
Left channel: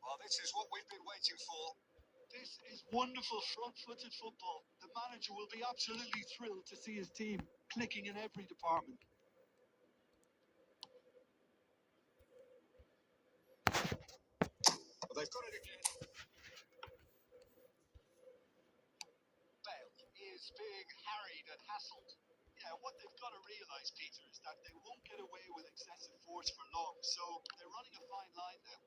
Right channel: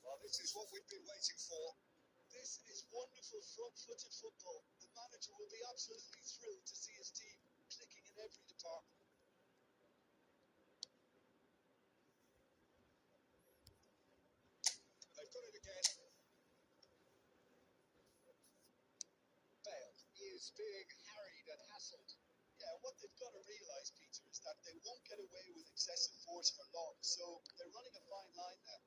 Well, this is what we've been waiting for. This is wonderful front-footed football. The manager will be absolutely thrilled to see his team clicking in every department. Well, they've got it again. Bale is being harried and hassled. Yeah, what they've got to realise, Peter, is that they won't get away with excessive force for long, so they're running a fine line now.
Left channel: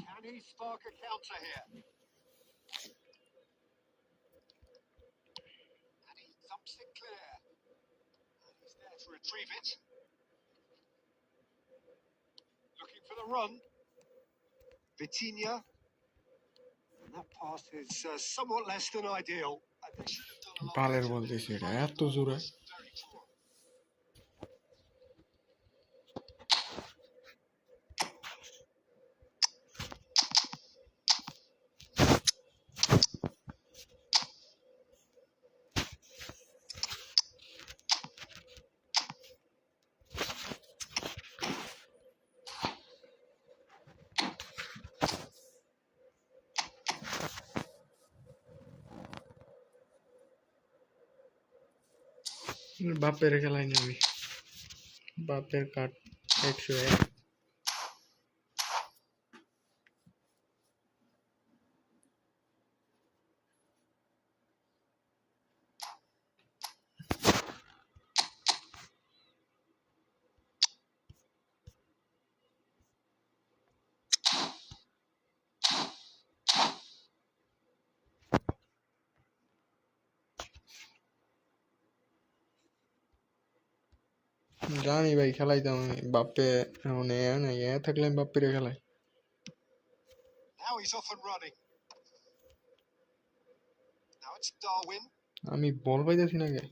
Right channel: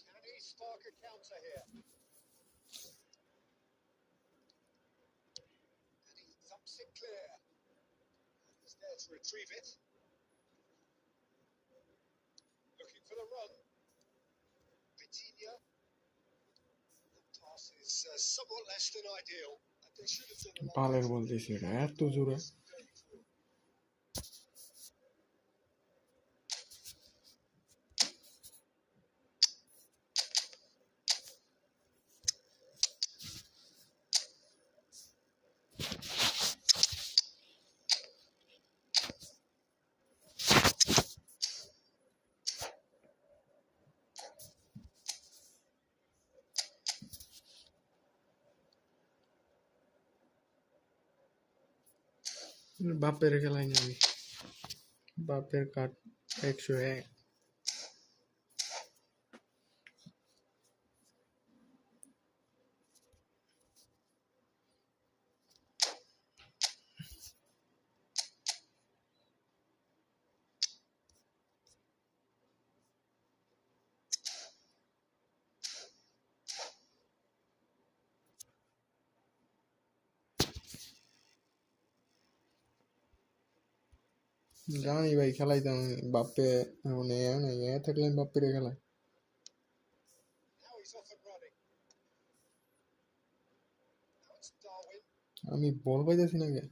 Can he spark a counter here? And he thumps it clear. And he's there to retrieve it. Looking for the run. Vitinha. And that pass is somewhat less than ideal. And they should have done a lot পালের better. বল দিছে এটা এত জোরে। Very poor. বাপের খেলায় নেই, বাপের কাট 101। জানি ভাই খেলাইতাম আমি, বাপ্পে এখন থাকলে আমি বাপ্পিরে খেলাই। Now he's off and running. Now it's Darwin. আমি বল পাইতেছি না কে।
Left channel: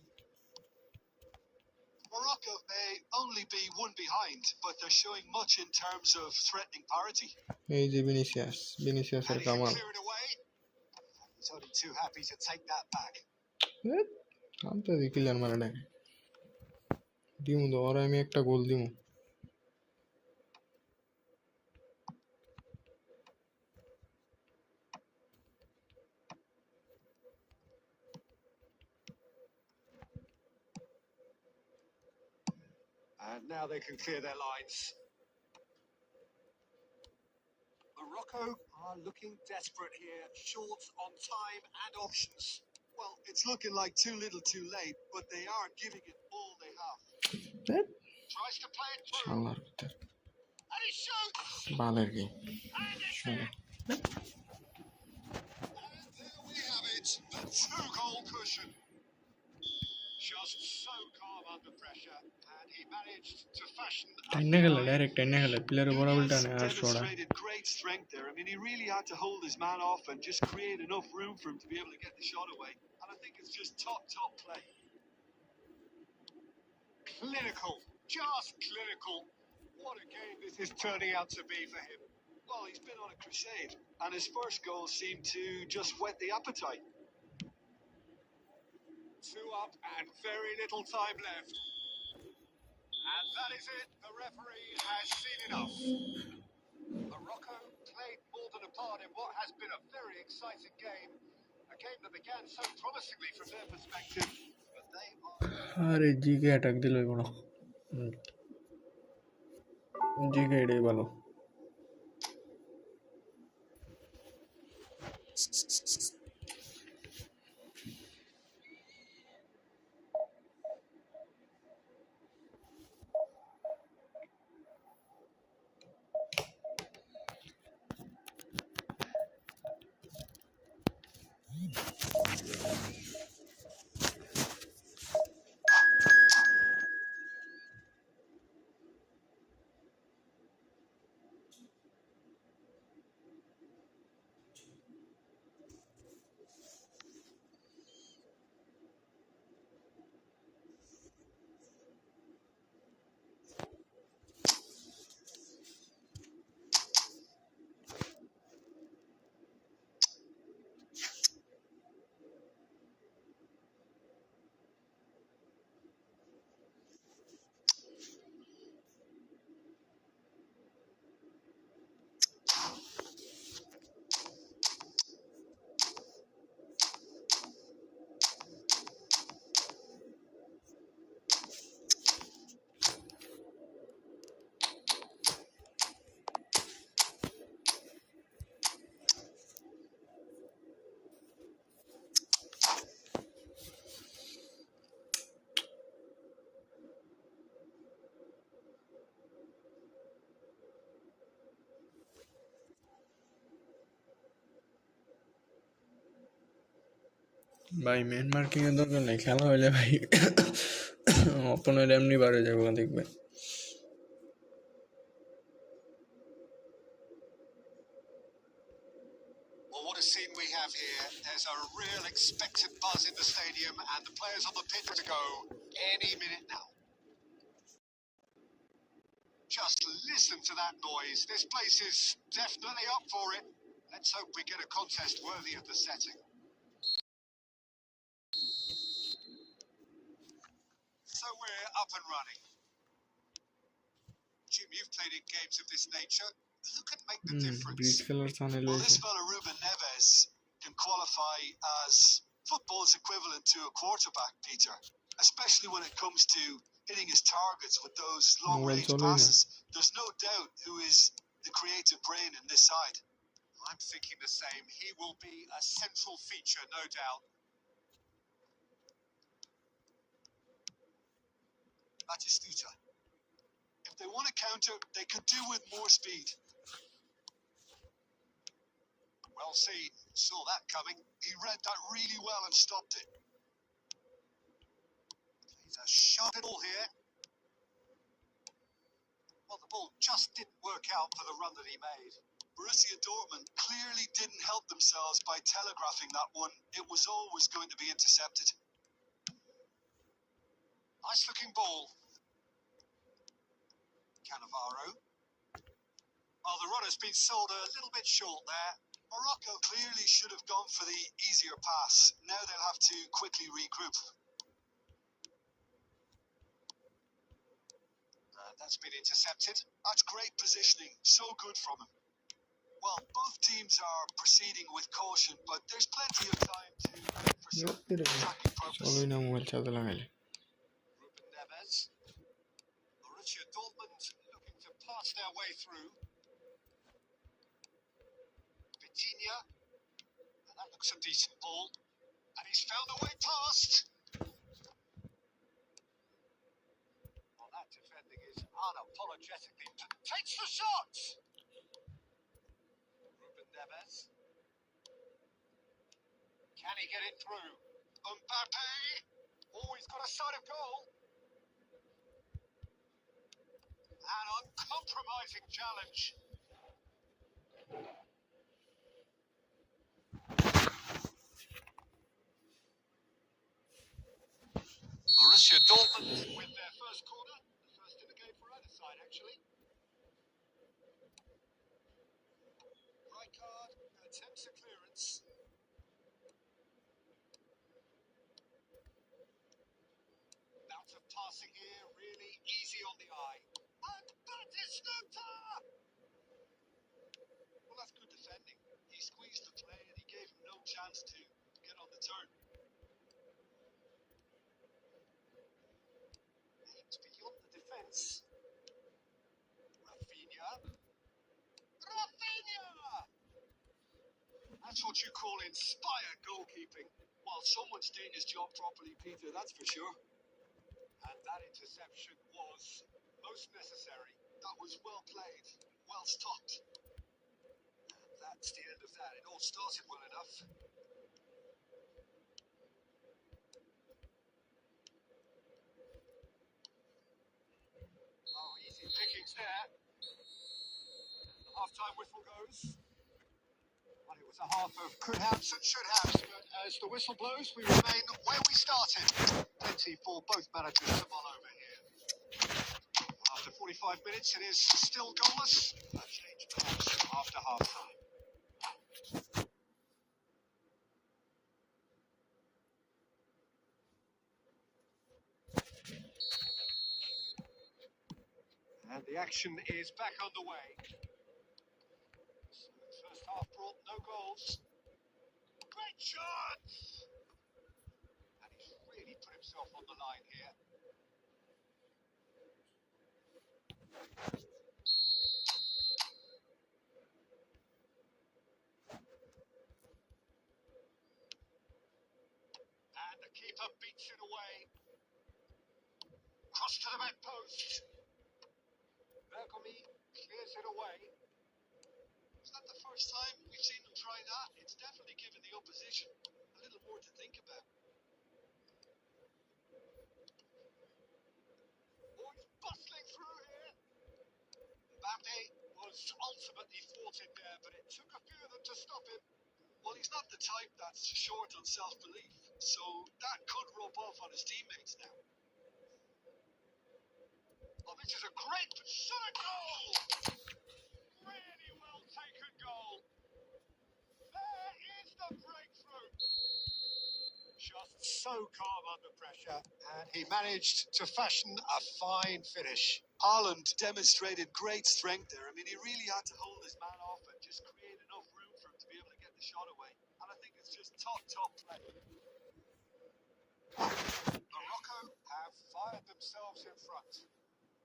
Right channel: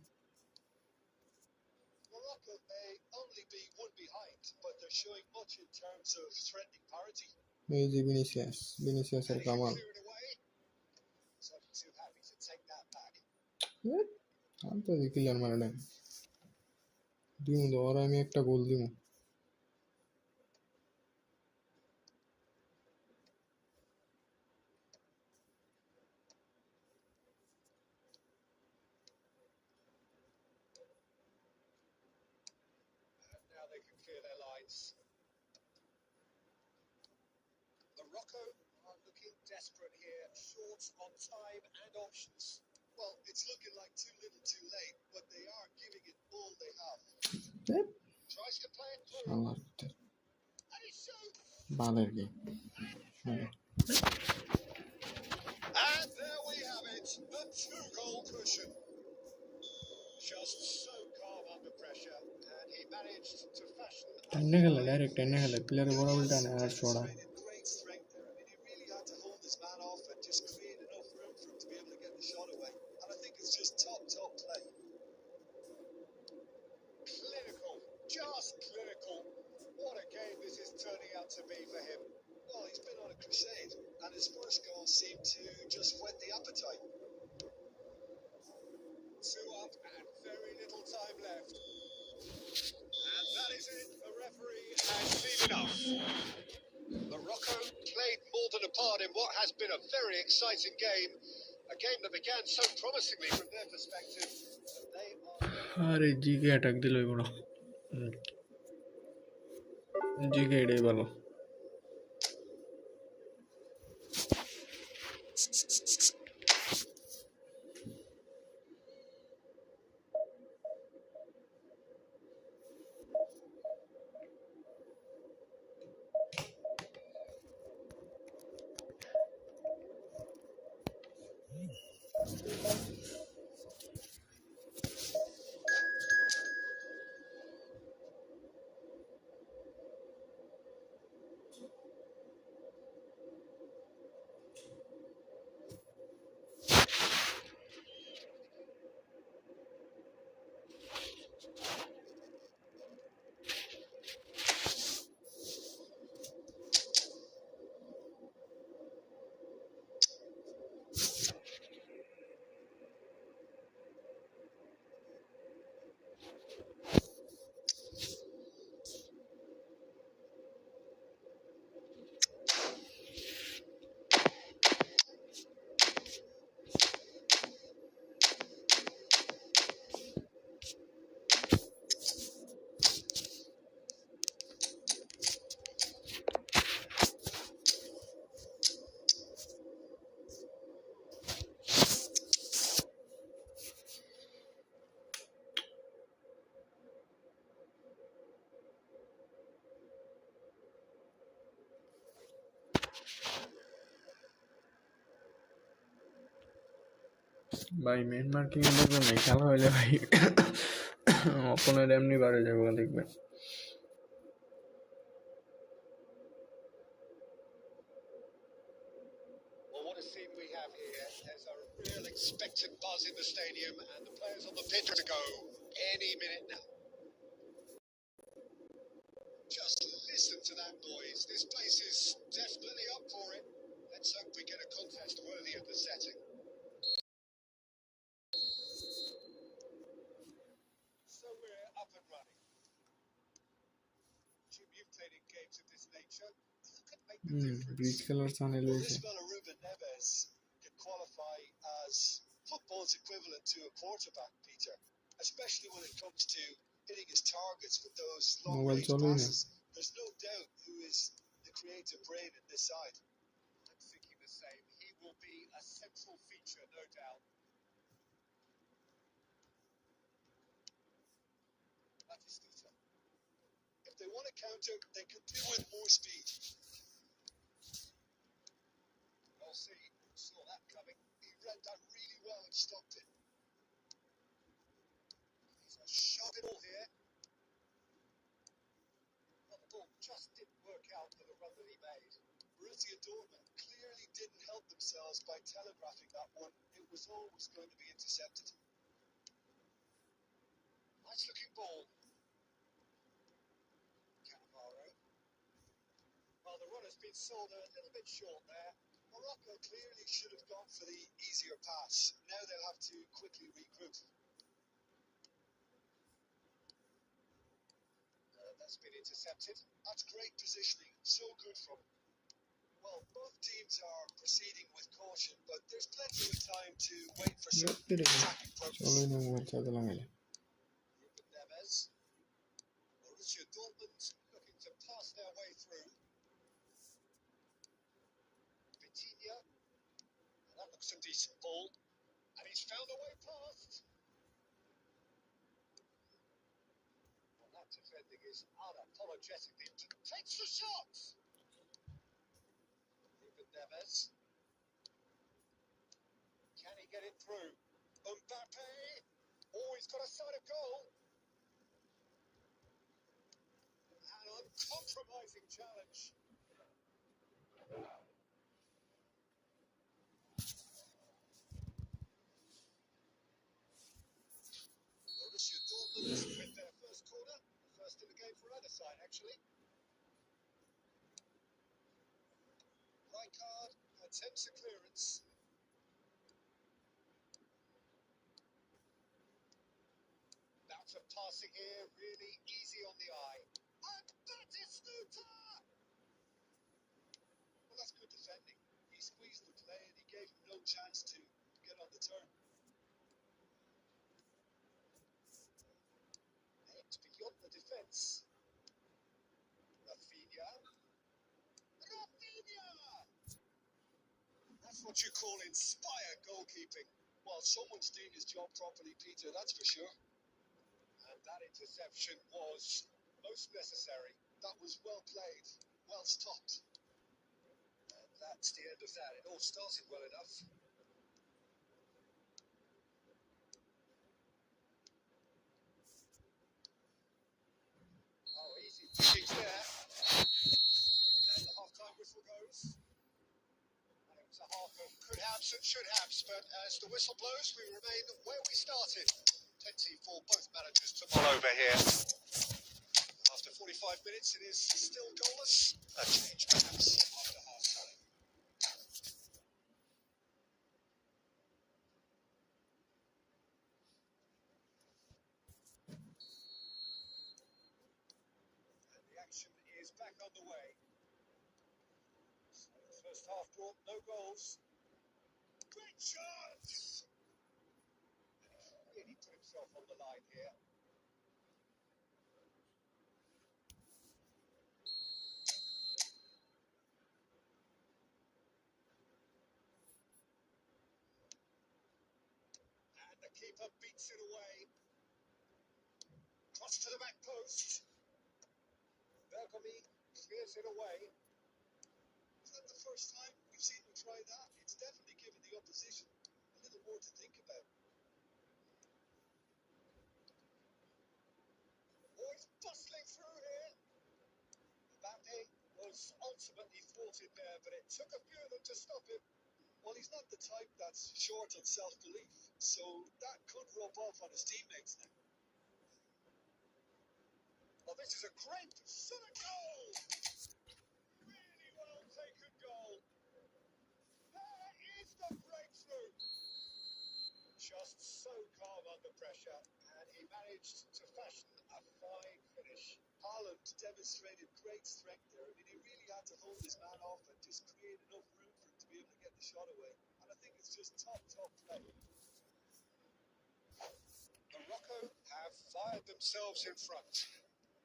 Morocco may only be one behind, but they're showing much in terms of threatening parity. এই যে ভিনিসিয়াস, ভিনিসিয়াসের And he can কামাল। clear it away. He's only too happy to take that back. আনতে দি clear মারা ডাকে দিমু তো, ওরা আমি একটা গোল দিমু। And now they can clear their lines. Morocco are looking desperate here, short on time and options. Well, it's looking like too little too late, but they are giving it all they have. Tries to play it through. শালার ভিতর And he shoots! বালের কি And it's শালা in! And there we have it, the two-goal cushion. Just so calm under pressure, and he managed to fashion টাইনে গেলে direct টাইনে গেলে প্লেয়ারের বরাবর টানে আর ছড়া Demonstrated great strength there. I mean, he really had to hold his man off and just create enough room for him to be able to get the shot away. And I think it's just top play. clinical, just clinical. What a game this is turning out to be for him. Well, he's been on a crusade, and his first goal seemed to just whet the appetite. 2 up and very little time left. And that is it. The referee has seen enough. Morocco played more than a part in what has been a very exciting game. A game that began so promisingly from their perspective. But they are... আরে GK attack দিল এগুলো GK এটাই ভালো ভাই main marking এর দরকার নেই খেলা হইলে ভাই অপনের এমনি বাড়ে যাবো দেখবেন Well, what a scene we have here. There's a real expectant buzz in the stadium and the players on the pitch to go any minute now. Just listen to that noise. This place is definitely up for it. Let's hope we get a contest worthy of the setting. So we're up and running. Jim, you've played in games of this nature. Who can make the difference? Bridge খেলার channel Well, হয়েছে this fella Ruben Neves can qualify as football's equivalent to a quarterback, Peter. Especially when it comes to hitting his targets with those long-range চলেই না passes. There's no doubt who is the creative brain in this side. I'm thinking the same. He will be a central feature, no doubt. Batistuta. If they want to counter, they could do with more speed. Well seen. Saw that coming. He read that really well and stopped it. He's a sharp ball here. Well, the ball just didn't work out for the run that he made. Borussia Dortmund clearly didn't help themselves by telegraphing that one. It was always going to be intercepted. Nice looking ball. Cannavaro. Well, the run has been sold a little bit short there. Morocco clearly should have gone for the easier pass. Now they'll have to quickly regroup. That's been intercepted. That's great positioning. So good from him. Well, both teams are proceeding with caution, but there's plenty of time to wait for some attacking purpose. চলোই না mobile চালাতে লাগাইলে Ruben Neves. Borussia Dortmund looking to pass their way through. Vitinha, and that looks a decent ball. And he's found a way past. Well, that defending is unapologetically takes the shot. Ruben Neves. Can he get it through? Mbappe. Oh, he's got a sight of goal. An uncompromising challenge. Borussia Dortmund with their first corner. The first in the game for either side, actually. Rijkaard attempts a clearance. Bounce of passing here, really easy on the eye. And Batistuta! Well, that's good defending. He squeezed the play and he gave him no chance to get on the turn. Aimed beyond the defence. Rafinha. That's what you call inspired goalkeeping. Well, someone's doing his job properly, Peter, that's for sure. And that interception was most necessary. That was well played, well stopped. And that's the end of that. It all started well enough. Oh, easy pickings there. And the half-time whistle goes. Well, it was a half of could haves and should haves, but as the whistle blows, we remain where we started. Plenty for both managers to mull over here. After 45 minutes, it is still goalless. A change perhaps after half-time. And the action is back underway. First half brought no goals. Great chance! And he's really put himself on the line here. And the keeper beats it away. Cross to the back post. Bergomi clears it away. Is that the first time we've seen them try that? It's definitely given the opposition a little more to think about. Oh, he's bustling through here. Mbappe was ultimately thwarted there, but it took a few of them to stop him. Well, he's not the type that's short on self-belief, so that could rub off on his teammates now. Well, this is a great shot at goal! Really well taken goal. There is the breakthrough. Just so calm under pressure, and he managed to fashion a fine finish. Haaland demonstrated great strength there. I mean, he really had to hold his man off and just create enough room for him to be able to get the shot away. And I think it's just top play. Morocco have fired themselves in front.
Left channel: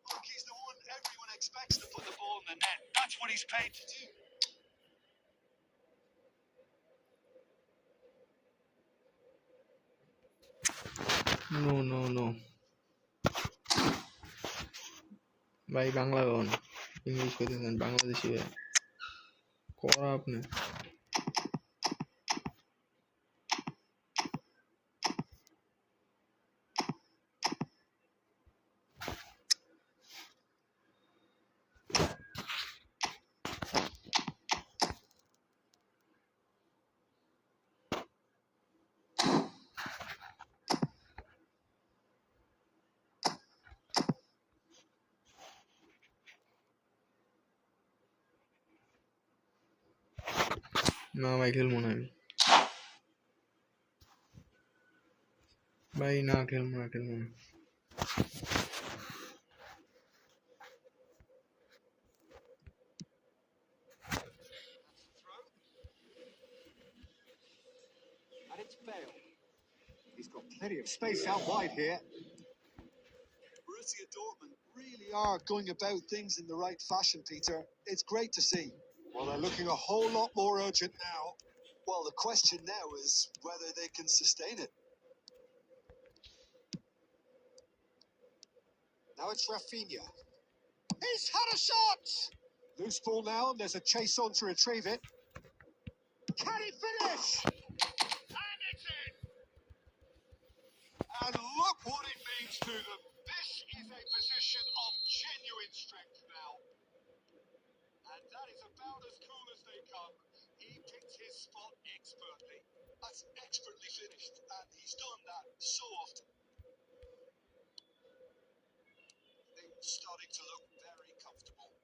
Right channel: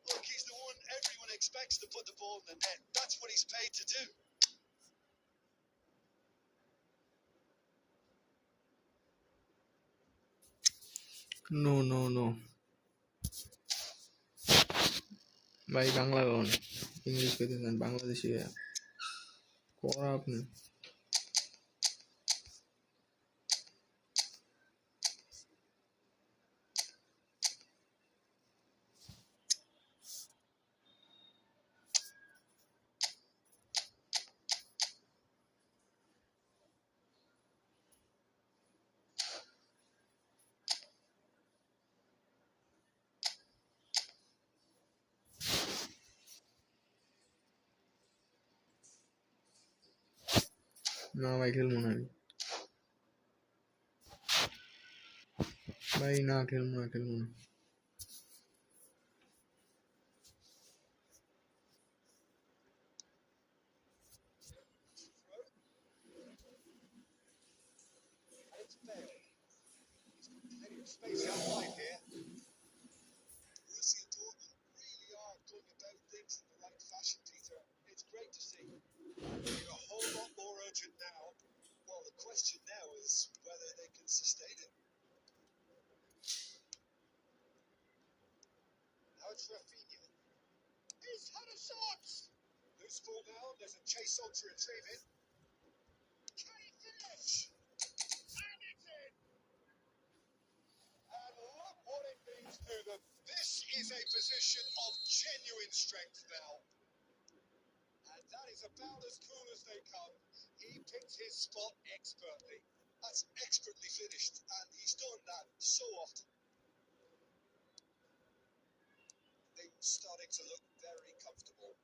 Look, he's the one everyone expects to put the ball in the net. That's what he's paid to do. No. ভাই বাংলা গান English কইতেছেন বাংলাদেশি করা আপনি না ভাই খেলবো না আমি ভাই না খেলবো না And it's Bale. He's got plenty of space out wide here. Borussia Dortmund really They are going about things in the right fashion, Peter. It's great to see. Well, they're looking a whole lot more urgent now. Well, the question now is whether they can sustain it. Now it's Rafinha. He's had a shot! Loose ball now, and there's a chase on to retrieve it. Can he finish? And it's in! And look what it means to them. This is a position of genuine strength now. And that is about as cool as they come. He picked his spot expertly. That's expertly finished, and he's done that so often. Things starting to look very comfortable.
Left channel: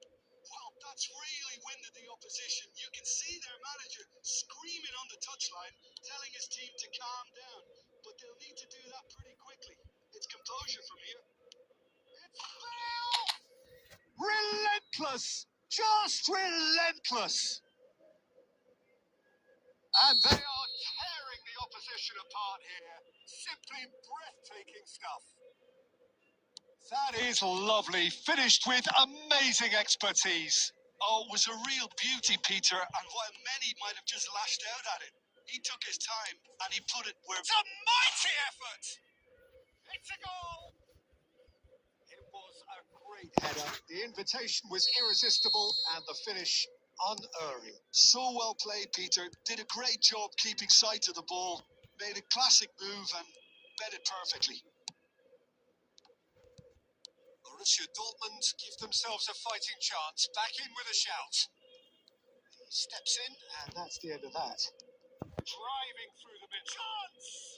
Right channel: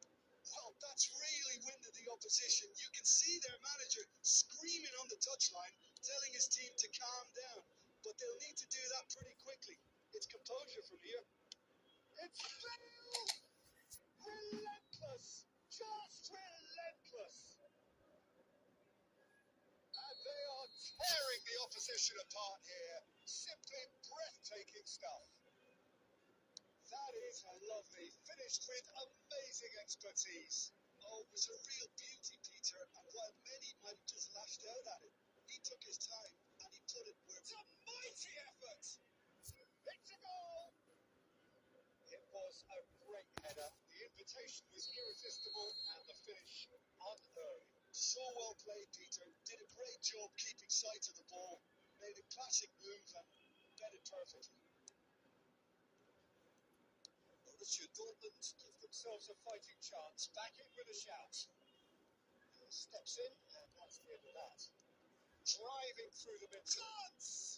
Well, that's really winded the opposition. You can see their manager screaming on the touchline, telling his team to calm down. But they'll need to do that pretty quickly. It's composure from here. It's Bale! Relentless! Just relentless! And they are tearing the opposition apart here. Simply breathtaking stuff. That is lovely. Finished with amazing expertise. Oh, it was a real beauty, Peter, and while many might have just lashed out at it, he took his time and he put it where... It's a mighty effort! It's a goal! It was a great header. The invitation was irresistible and the finish unerring. So well played, Peter. Did a great job keeping sight of the ball. Made a classic move and bet it perfectly. Borussia Dortmund give themselves a fighting chance. Back in with a shout. He steps in, and that's the end of that. Driving through the mid. Chance!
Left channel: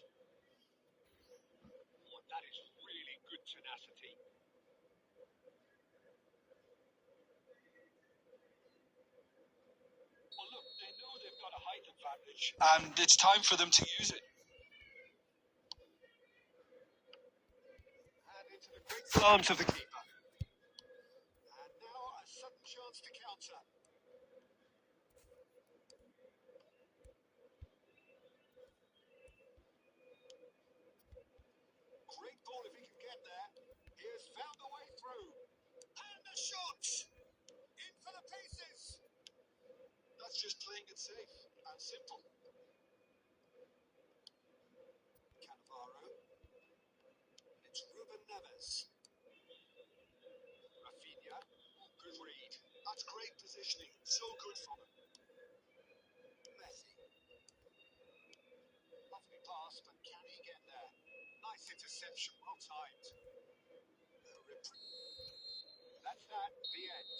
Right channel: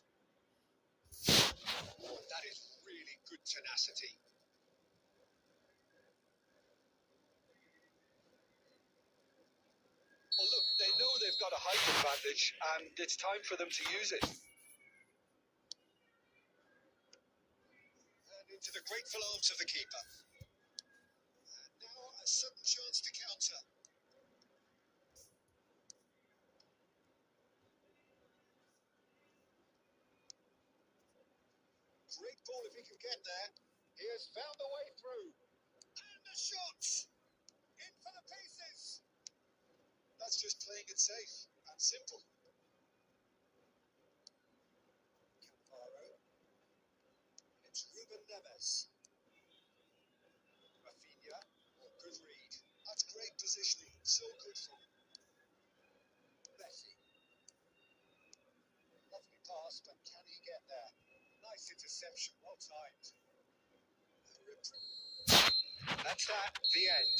Oh, that is really good tenacity. Well, look, they know they've got a height advantage, and it's time for them to use it. And into the grateful arms of the keeper. And now a sudden chance to counter. Great ball if he can get there. He has found the way through. And the shot! In for the pieces! That's just playing it safe and simple. Cannavaro. It's Ruben Neves. Rafinha. Oh, good read. That's great positioning. So good from him. Messi. Lovely pass, but can he get there? Nice interception, well timed. That's that, the end.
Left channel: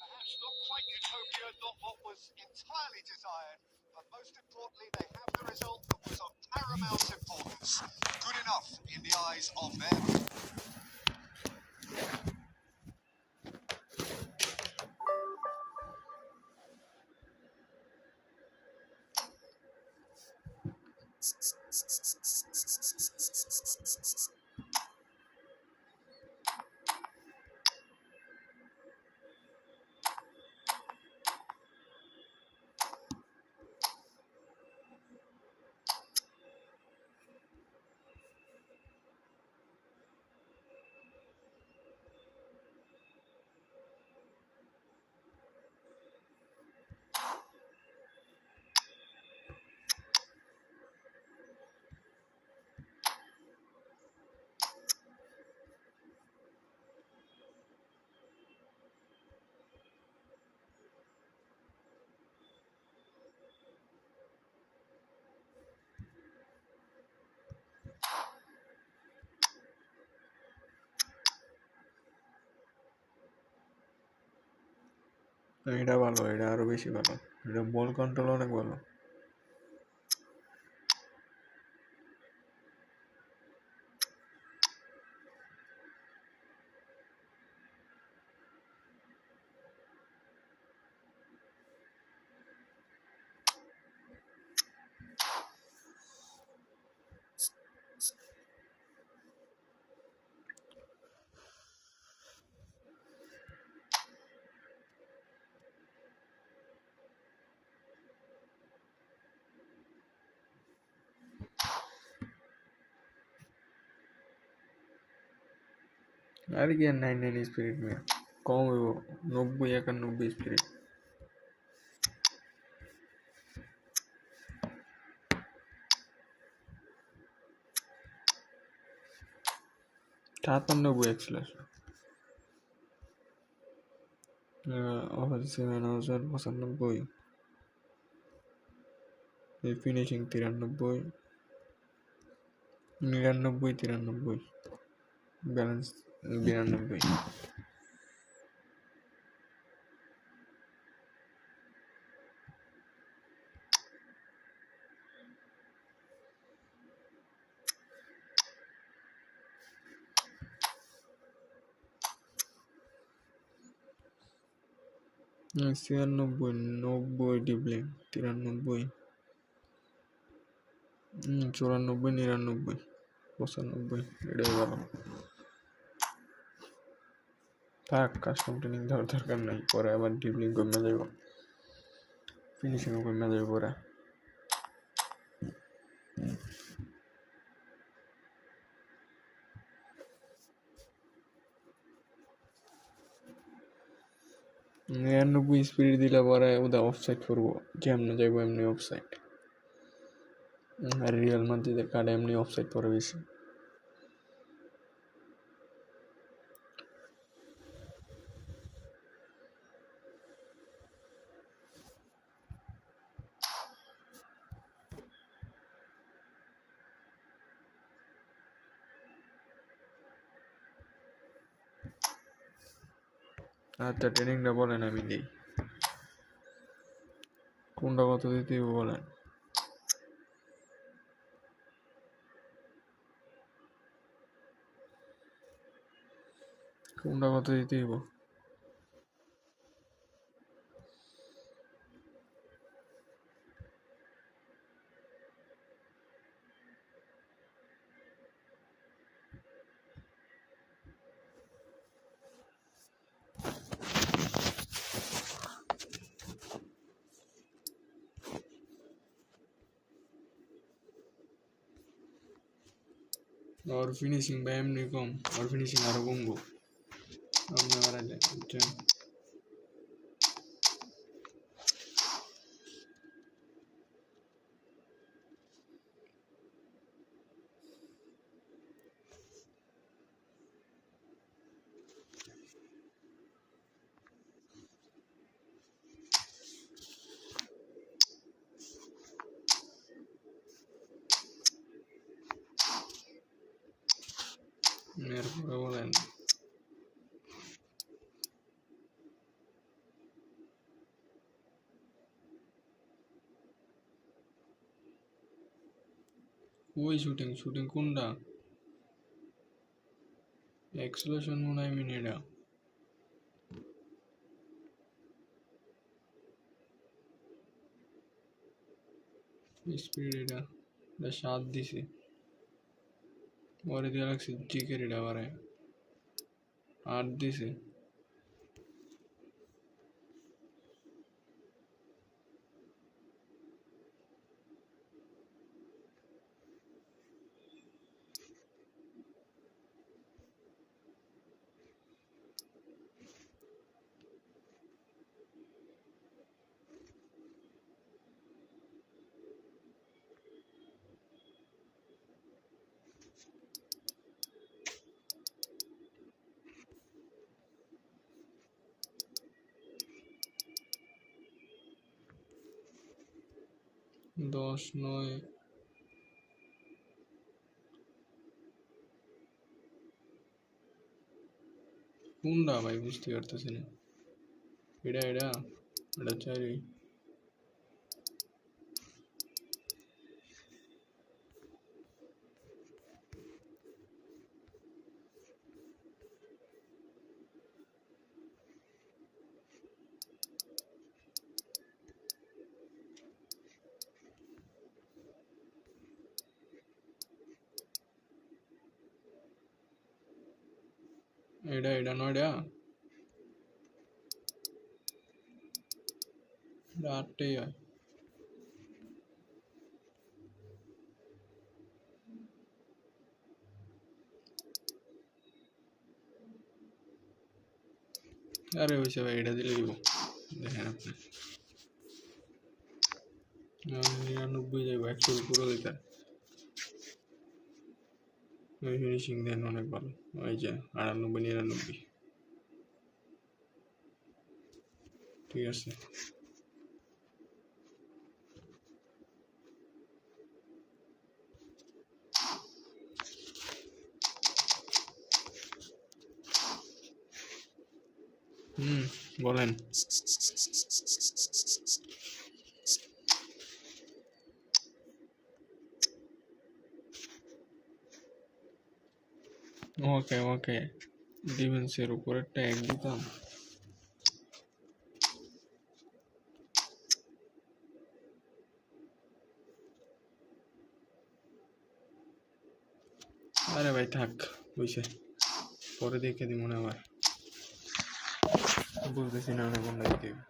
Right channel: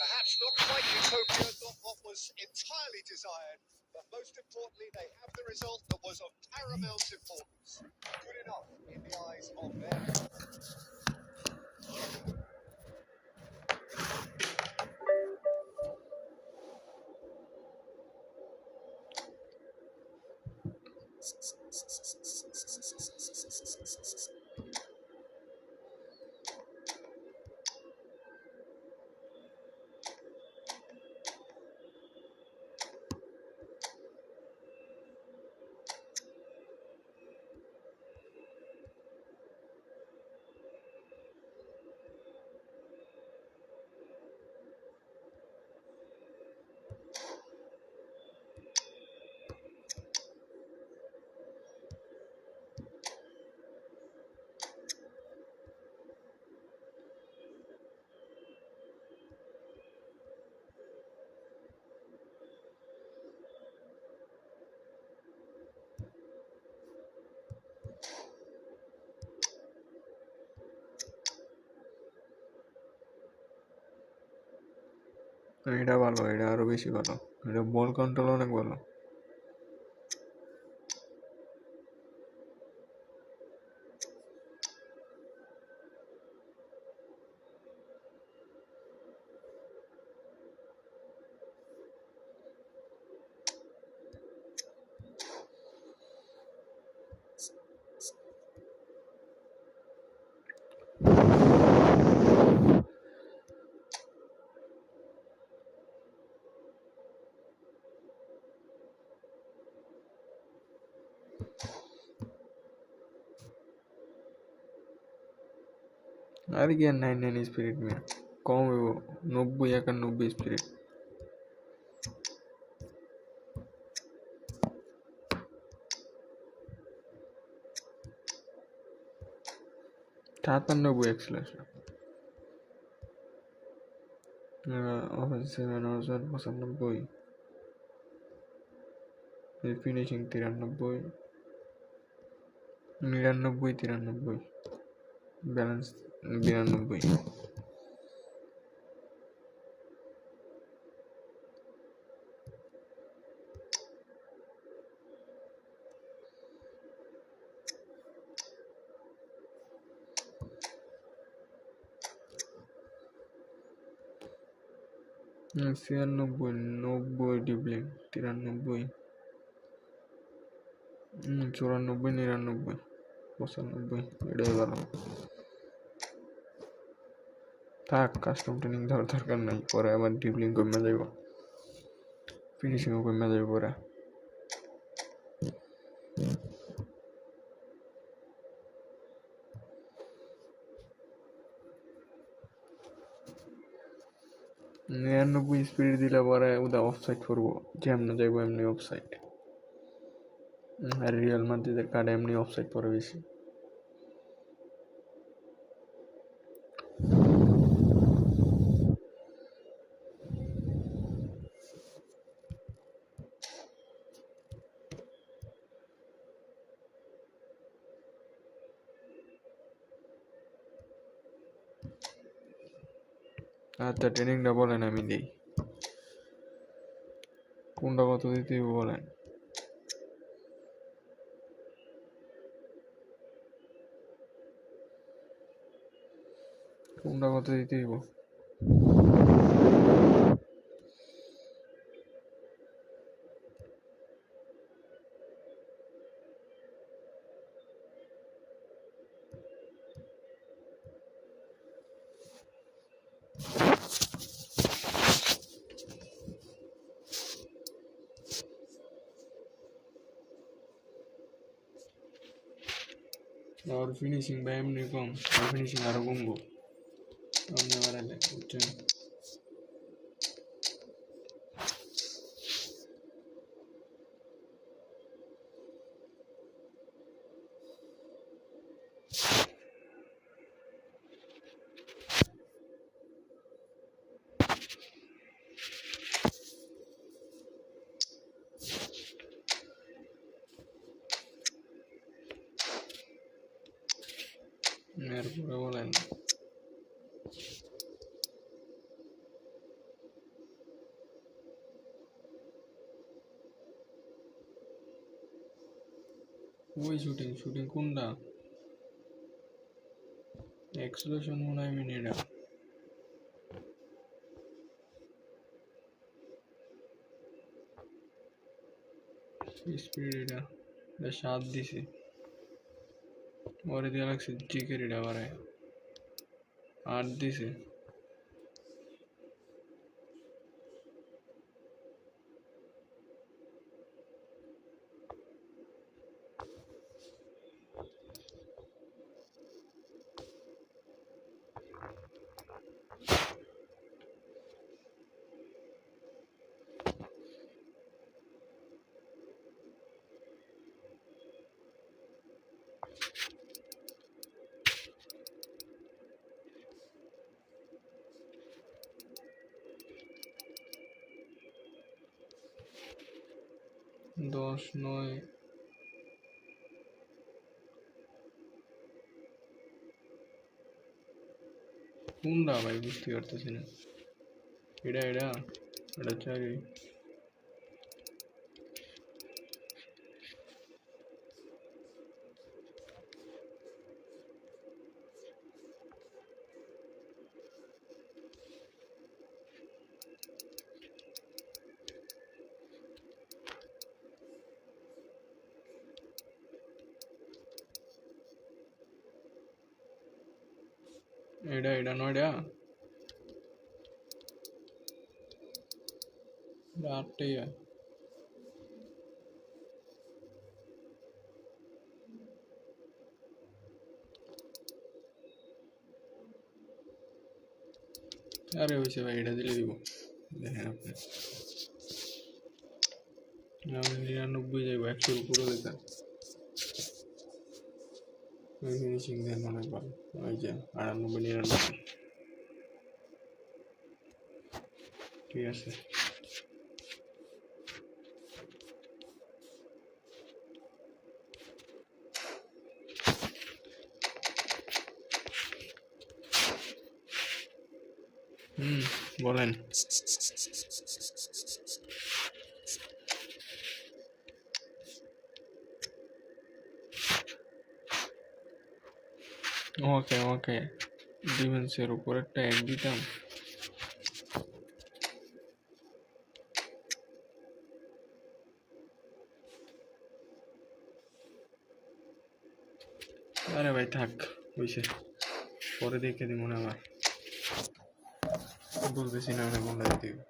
Perhaps not quite utopia, not what was entirely desired, but most importantly, they have the result that was of paramount importance. Good enough in the eyes of them. এটা ভালো, এটা আরো বেশি ভালো, এটা ball control অনেক ভালো। আর কি 99 স্পিরিট মে কম হইব 90 91 স্পিরিট সাতানব্বই acceleration offensive manager 95 finishing 93 99 93 balance 92 96 90 dribbling 93 94 99 95 এটাই ভালো থাক কাস্টম ট্রেনিং দেওয়ার দরকার নাই পরে আবার ডিবলিং কমে যাইব ফিনিশিংও কমে যাইব পরে নিরানব্বই স্পিড দিলে পরে ওটা অফসাইড করবো যেমনি যাইব এমনি অফসাইড আর রিয়াল মাদ্রিদের কার্ডে এমনি অফসাইড পরে বেশি আচ্ছা ট্রেনিংটা বলেন আমি দিই কোনটা কত দিতে হইব বলেন কোনটা কত দিতে হইব और फिनिशिंग বা এমনি কম আর ফিনিশিং আরো কমবো আমরা বাড়াইলে বুঝছেন এরপরে বলেন ওই শুটিং কোনটা এক্সেলেশন মনে হয় মিনিটা স্পিড এটা 7 দিছে ওরে দিয়ে লাগছে জিকের এটা বাড়ে 8 দিছে দশ নয় কোনটা ভাই বুঝতে পারতেছি না এটা এটা এটা চারি এটা এটা নয়টা এটা 8টাই হয় আরে হয়েছে ভাই, এটা দিলে দিব। দেখেন আপনি 99 যাইব, 100-র উপরে দিতে। ওই ফিনিশিং দেন অনেক ভালো। ওই যে 98-99, ঠিক আছে। বলেন। ওকে ওকে, ডিফেন্সের উপর একটা এক দিতাম। আরে ভাই থাক, হইছে, পরে দেখে দিব না আবার। বুঝতেছি না কোনটা দিতে হবে।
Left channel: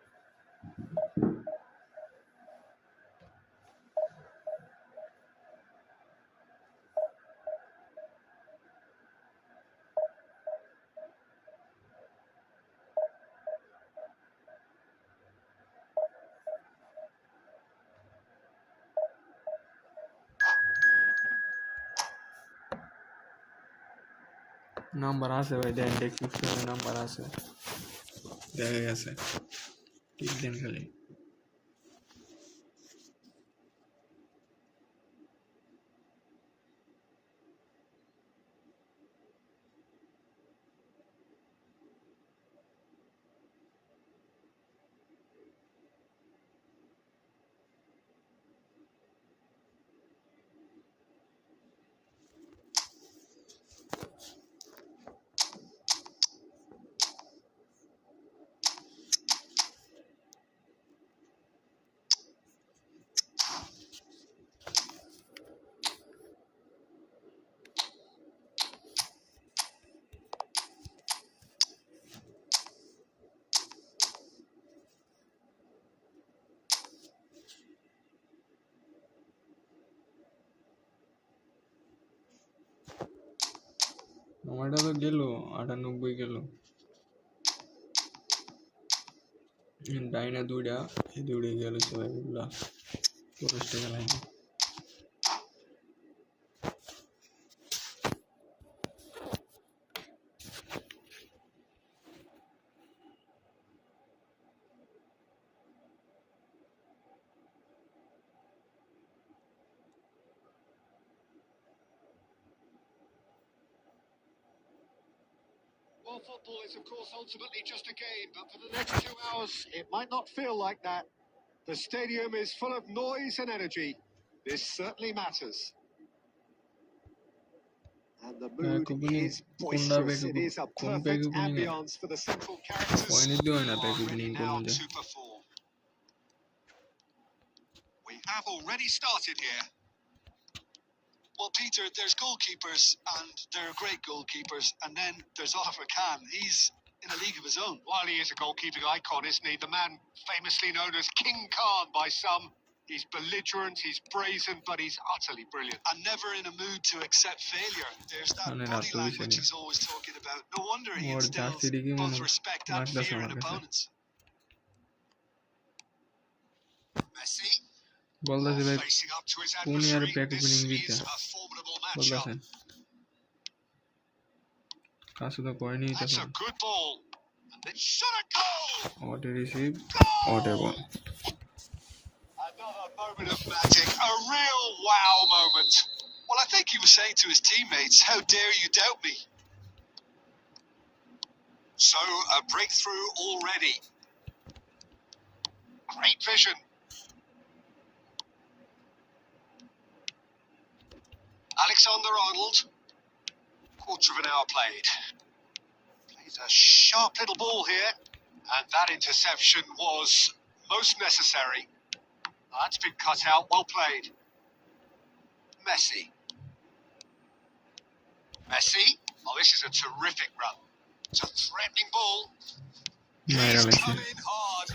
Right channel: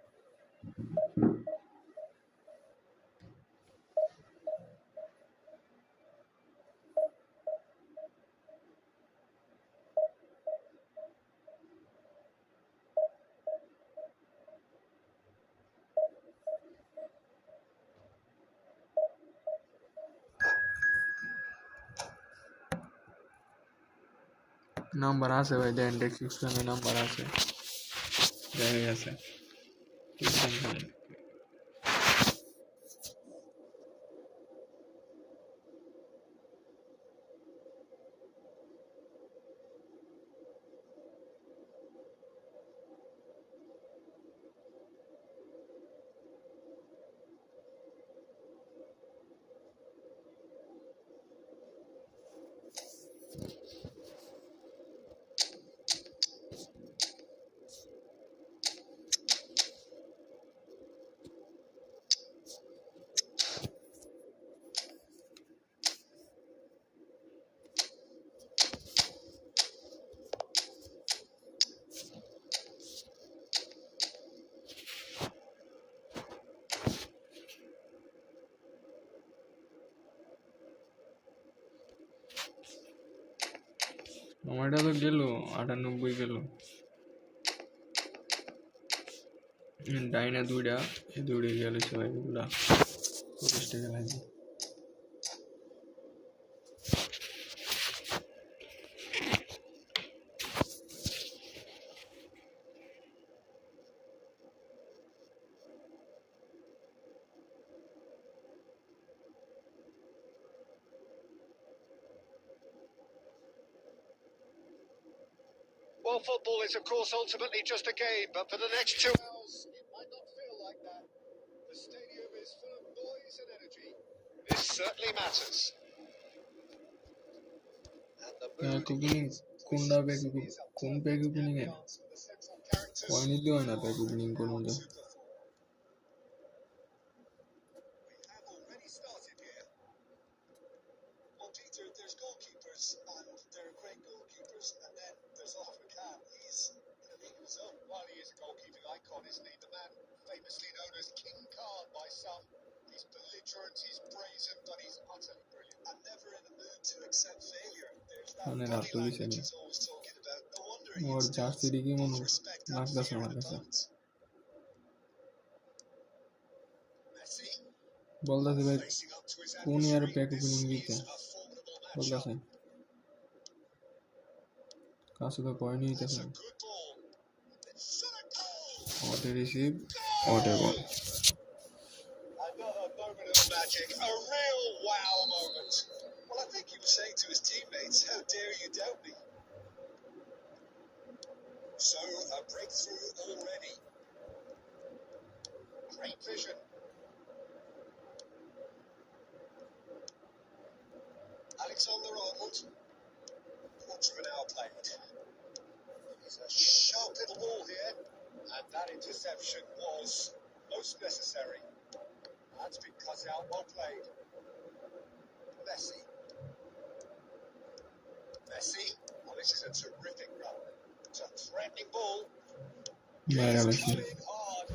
নাম্বার আছে ভাই, দেন ডেসক্রিপশনে নাম্বার আছে, দেখা গেছে। ঠিক দেন খালি। আমারটা তো গেল 98 গেল। ডাইনা দুইটা, এই দুইটা গেল ভাই, এগুলা ফরেস্টে গেলাই। Well, football is, of course, ultimately just a game, but for the next 2 hours, it might not feel like that. The stadium is full of noise and energy. This certainly matters. And the mood is boisterous. It is a perfect ambience for the central characters who are ready now to perform. We have already started here. Well, Peter, there's goalkeepers, and they're great goalkeepers, and then there's Oliver Kahn. He's in a league of his own. While he is a goalkeeping icon, isn't he? The man famously known as King Khan by some. He's belligerent, he's brazen, but he's utterly brilliant. And never in a mood to accept failure. There's that body language he's always talking about. No wonder he instills both respect and fear in opponents. Messi. বলতেছে ভাই Facing up to his কোন ইয়ার adversary. Pack This opening দিতে is a formidable matchup. বলতেছেন, কাছে তো কয়নি That's তখন। a good ball. It's shot a goal. অটে receive, অটে ball. Another moment of magic, a real wow moment. Well, I think he was saying to his teammates, how dare you doubt me? So, a breakthrough already. Great vision. Alexander-Arnold. Quarter of an hour played. Plays a sharp little ball here, and that interception was most necessary. That's been cut out, well played. Messi. Messi. Oh, this is a terrific run. It's a threatening ball. মাইরা He's লাগছে। come in hard.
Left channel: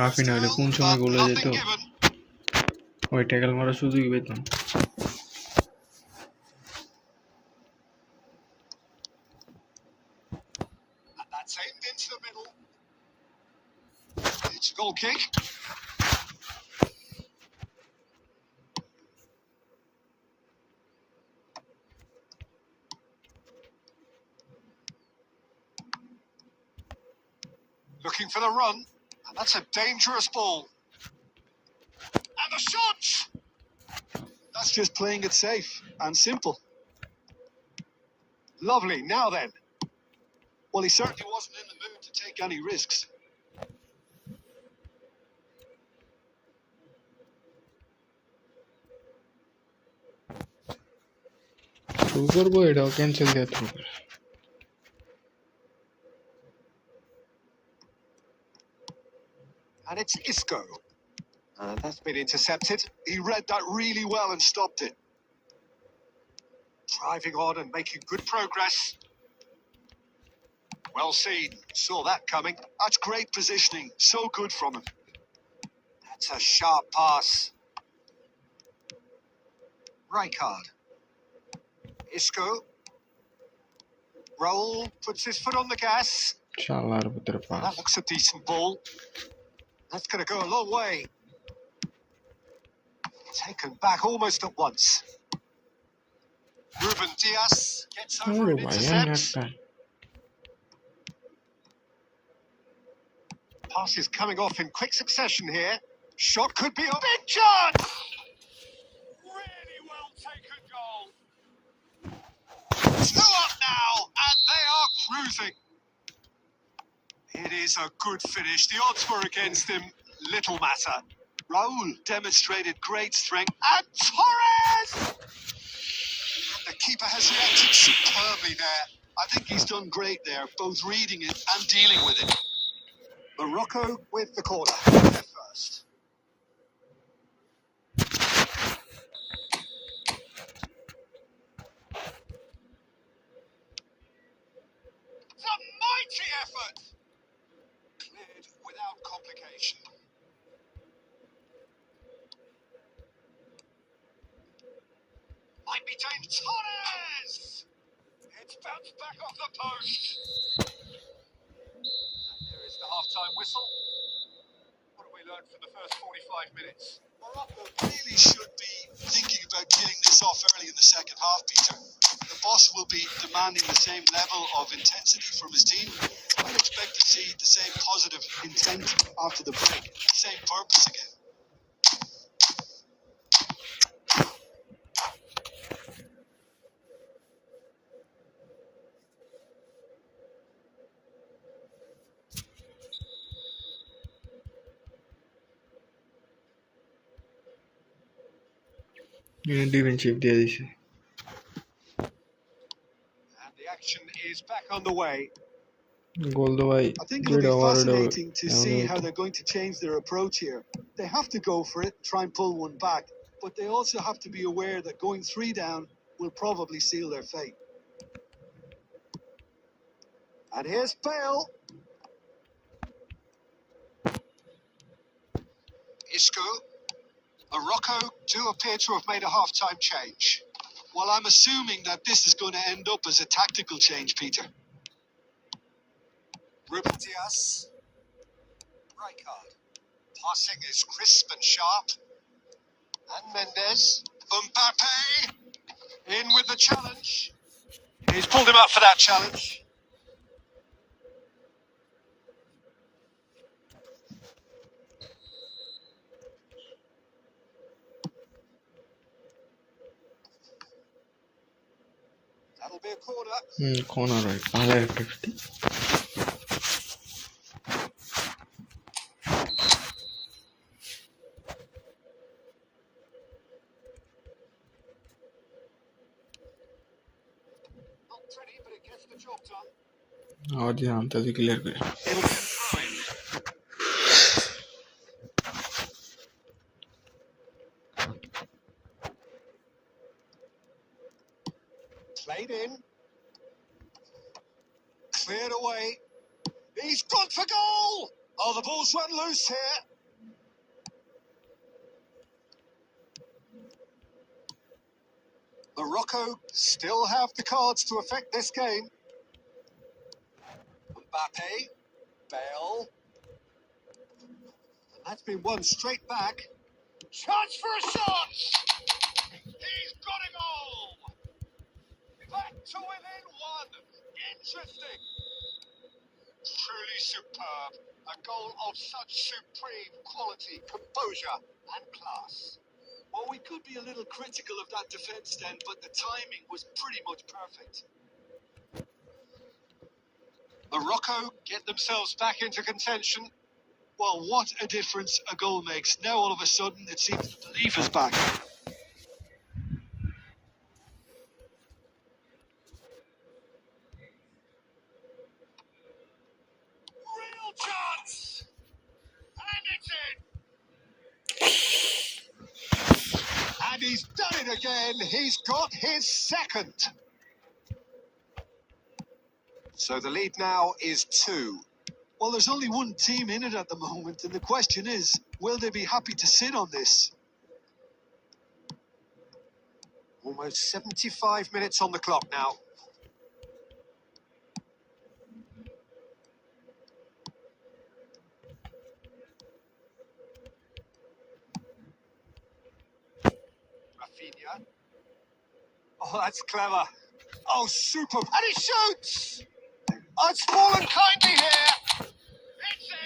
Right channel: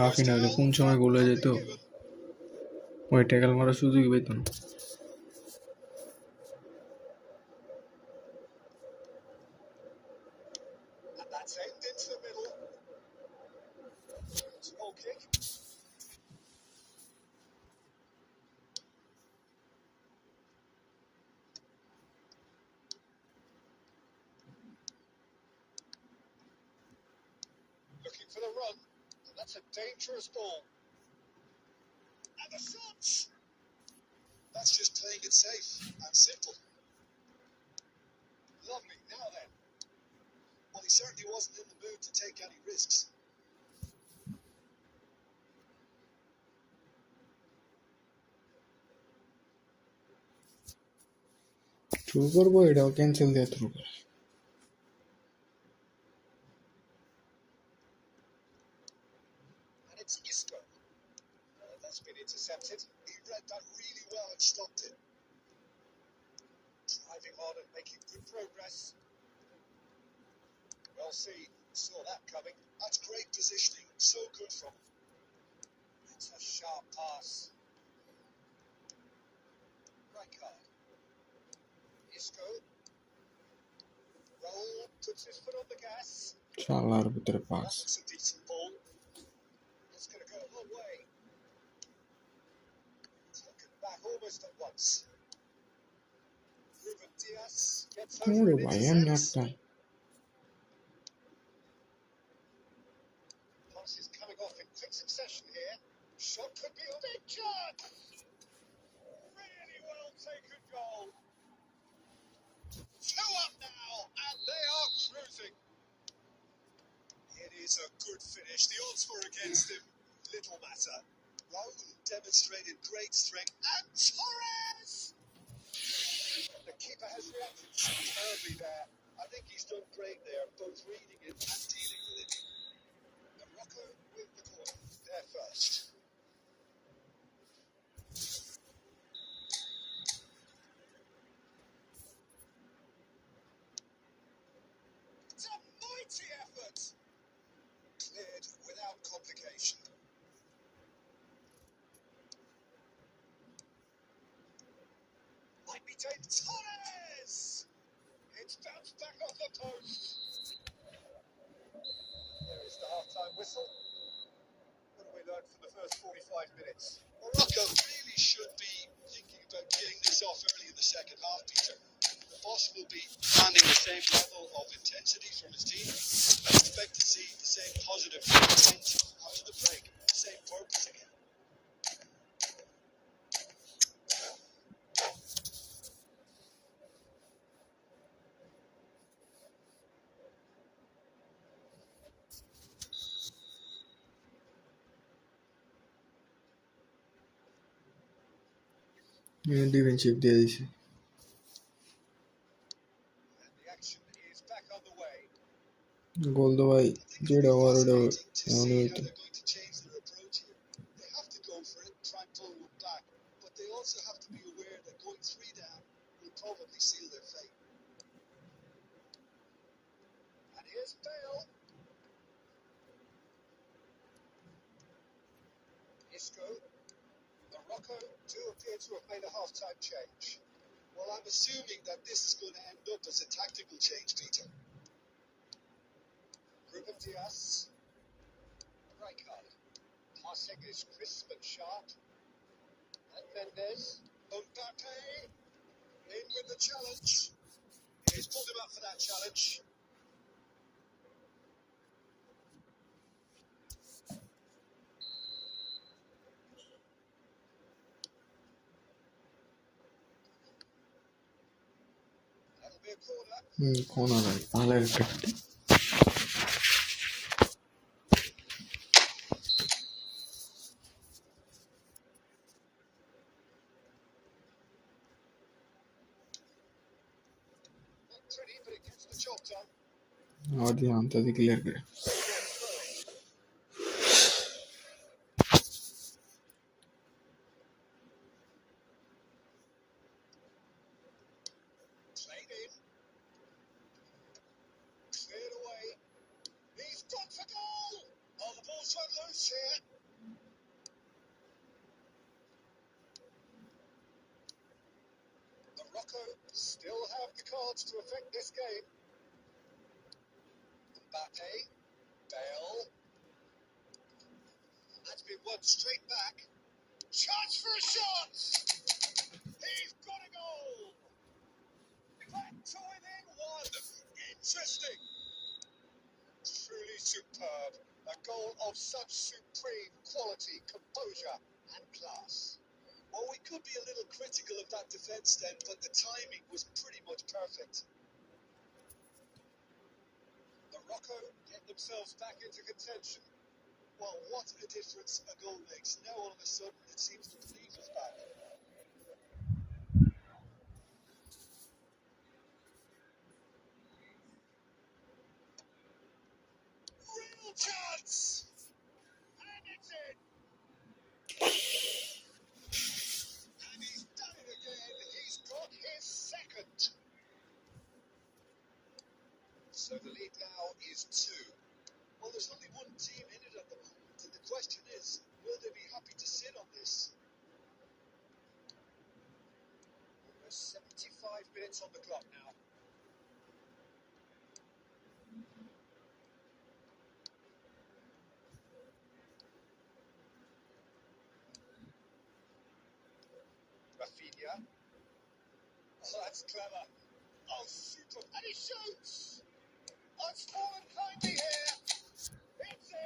Raphinha হইলে কোন সময় গোল হয়ে যেত, ওই tackle মারার সুযোগই পেতাম। And that's aimed into the middle. It's a goal kick. Looking for the run, and that's a dangerous ball. And the shot! That's just playing it safe and simple. Lovely, now then. Well, he certainly wasn't in the mood to take any risks. Through করবো, এটাও cancel দিয়ে through করে। And it's Isco. And that's been intercepted. He read that really well and stopped it. Driving on and making good progress. Well seen. Saw that coming. That's great positioning. So good from him. That's a sharp pass. Rijkaard. Isco. Roll. Puts his foot on the gas. শালার ভিতরে That pass. looks a decent ball. That's going to go a long way. Taken back almost at once. Ruben Diaz gets over আরে and ভাই intercepts. একটা Pass is coming off in quick succession here. Shot could be a big chance. Really well taken goal. 2 up now, and they are cruising. It is a good finish. The odds were against him. Little matter. Raul demonstrated great strength. And Torres! The keeper has reacted superbly there. I think he's done great there, both reading it and dealing with it. Morocco with the corner. They're first. It's a mighty effort. Cleared without complication. Might be James Torres. It's bounced back off the post. There is the half-time whistle. What have we learned from the first 45 minutes? Morocco really should be thinking about getting this off early in the second half, Peter. The boss will be demanding the same level of intensity from his team. I expect to see the same positive intent after the break, same purpose again. Defensive দিয়ে দিছে। And the action is back on the way. গোল তো ভাই I think it'll যেটা be over ওটা fascinating to see how they're going to change their approach here. They have to go for it, try and pull one back, but they also have to be aware that going 3 down will probably seal their fate. And here's Bale. Isco. Morocco do appear to have made a half-time change. Well, I'm assuming that this is going to end up as a tactical change, Peter. Ruben Diaz. Rijkaard. Passing is crisp and sharp. And Mendes. Mbappe. In with the challenge. He's pulled him up for that challenge. That'll be a corner. Corner right ভালো একটা Not pretty, but it gets the job done. আবার দিয়ে আনতে clear করে। It'll be a throw-in. Played in. Cleared away. He's gone for goal! Oh, the ball's run loose here. Morocco still have the cards to affect this game. Mbappe. Bale. That's been won straight back. Chance for a shot! He's got a goal! Back to within one. Interesting. Truly superb. A goal of such supreme quality, composure and class. Well, we could be a little critical of that defence then, but the timing was pretty much perfect. Morocco get themselves back into contention. Well, what a difference a goal makes. Now all of a sudden it seems the belief is back. Real chance! And it's in! And he's done it again. He's got his second. So the lead now is 2. Well, there's only one team in it at the moment, and the question is, will they be happy to sit on this? Almost 75 minutes on the clock now. Rafinha. Oh, that's clever. Oh, super. And he shoots! Oh, it's fallen kindly here. It's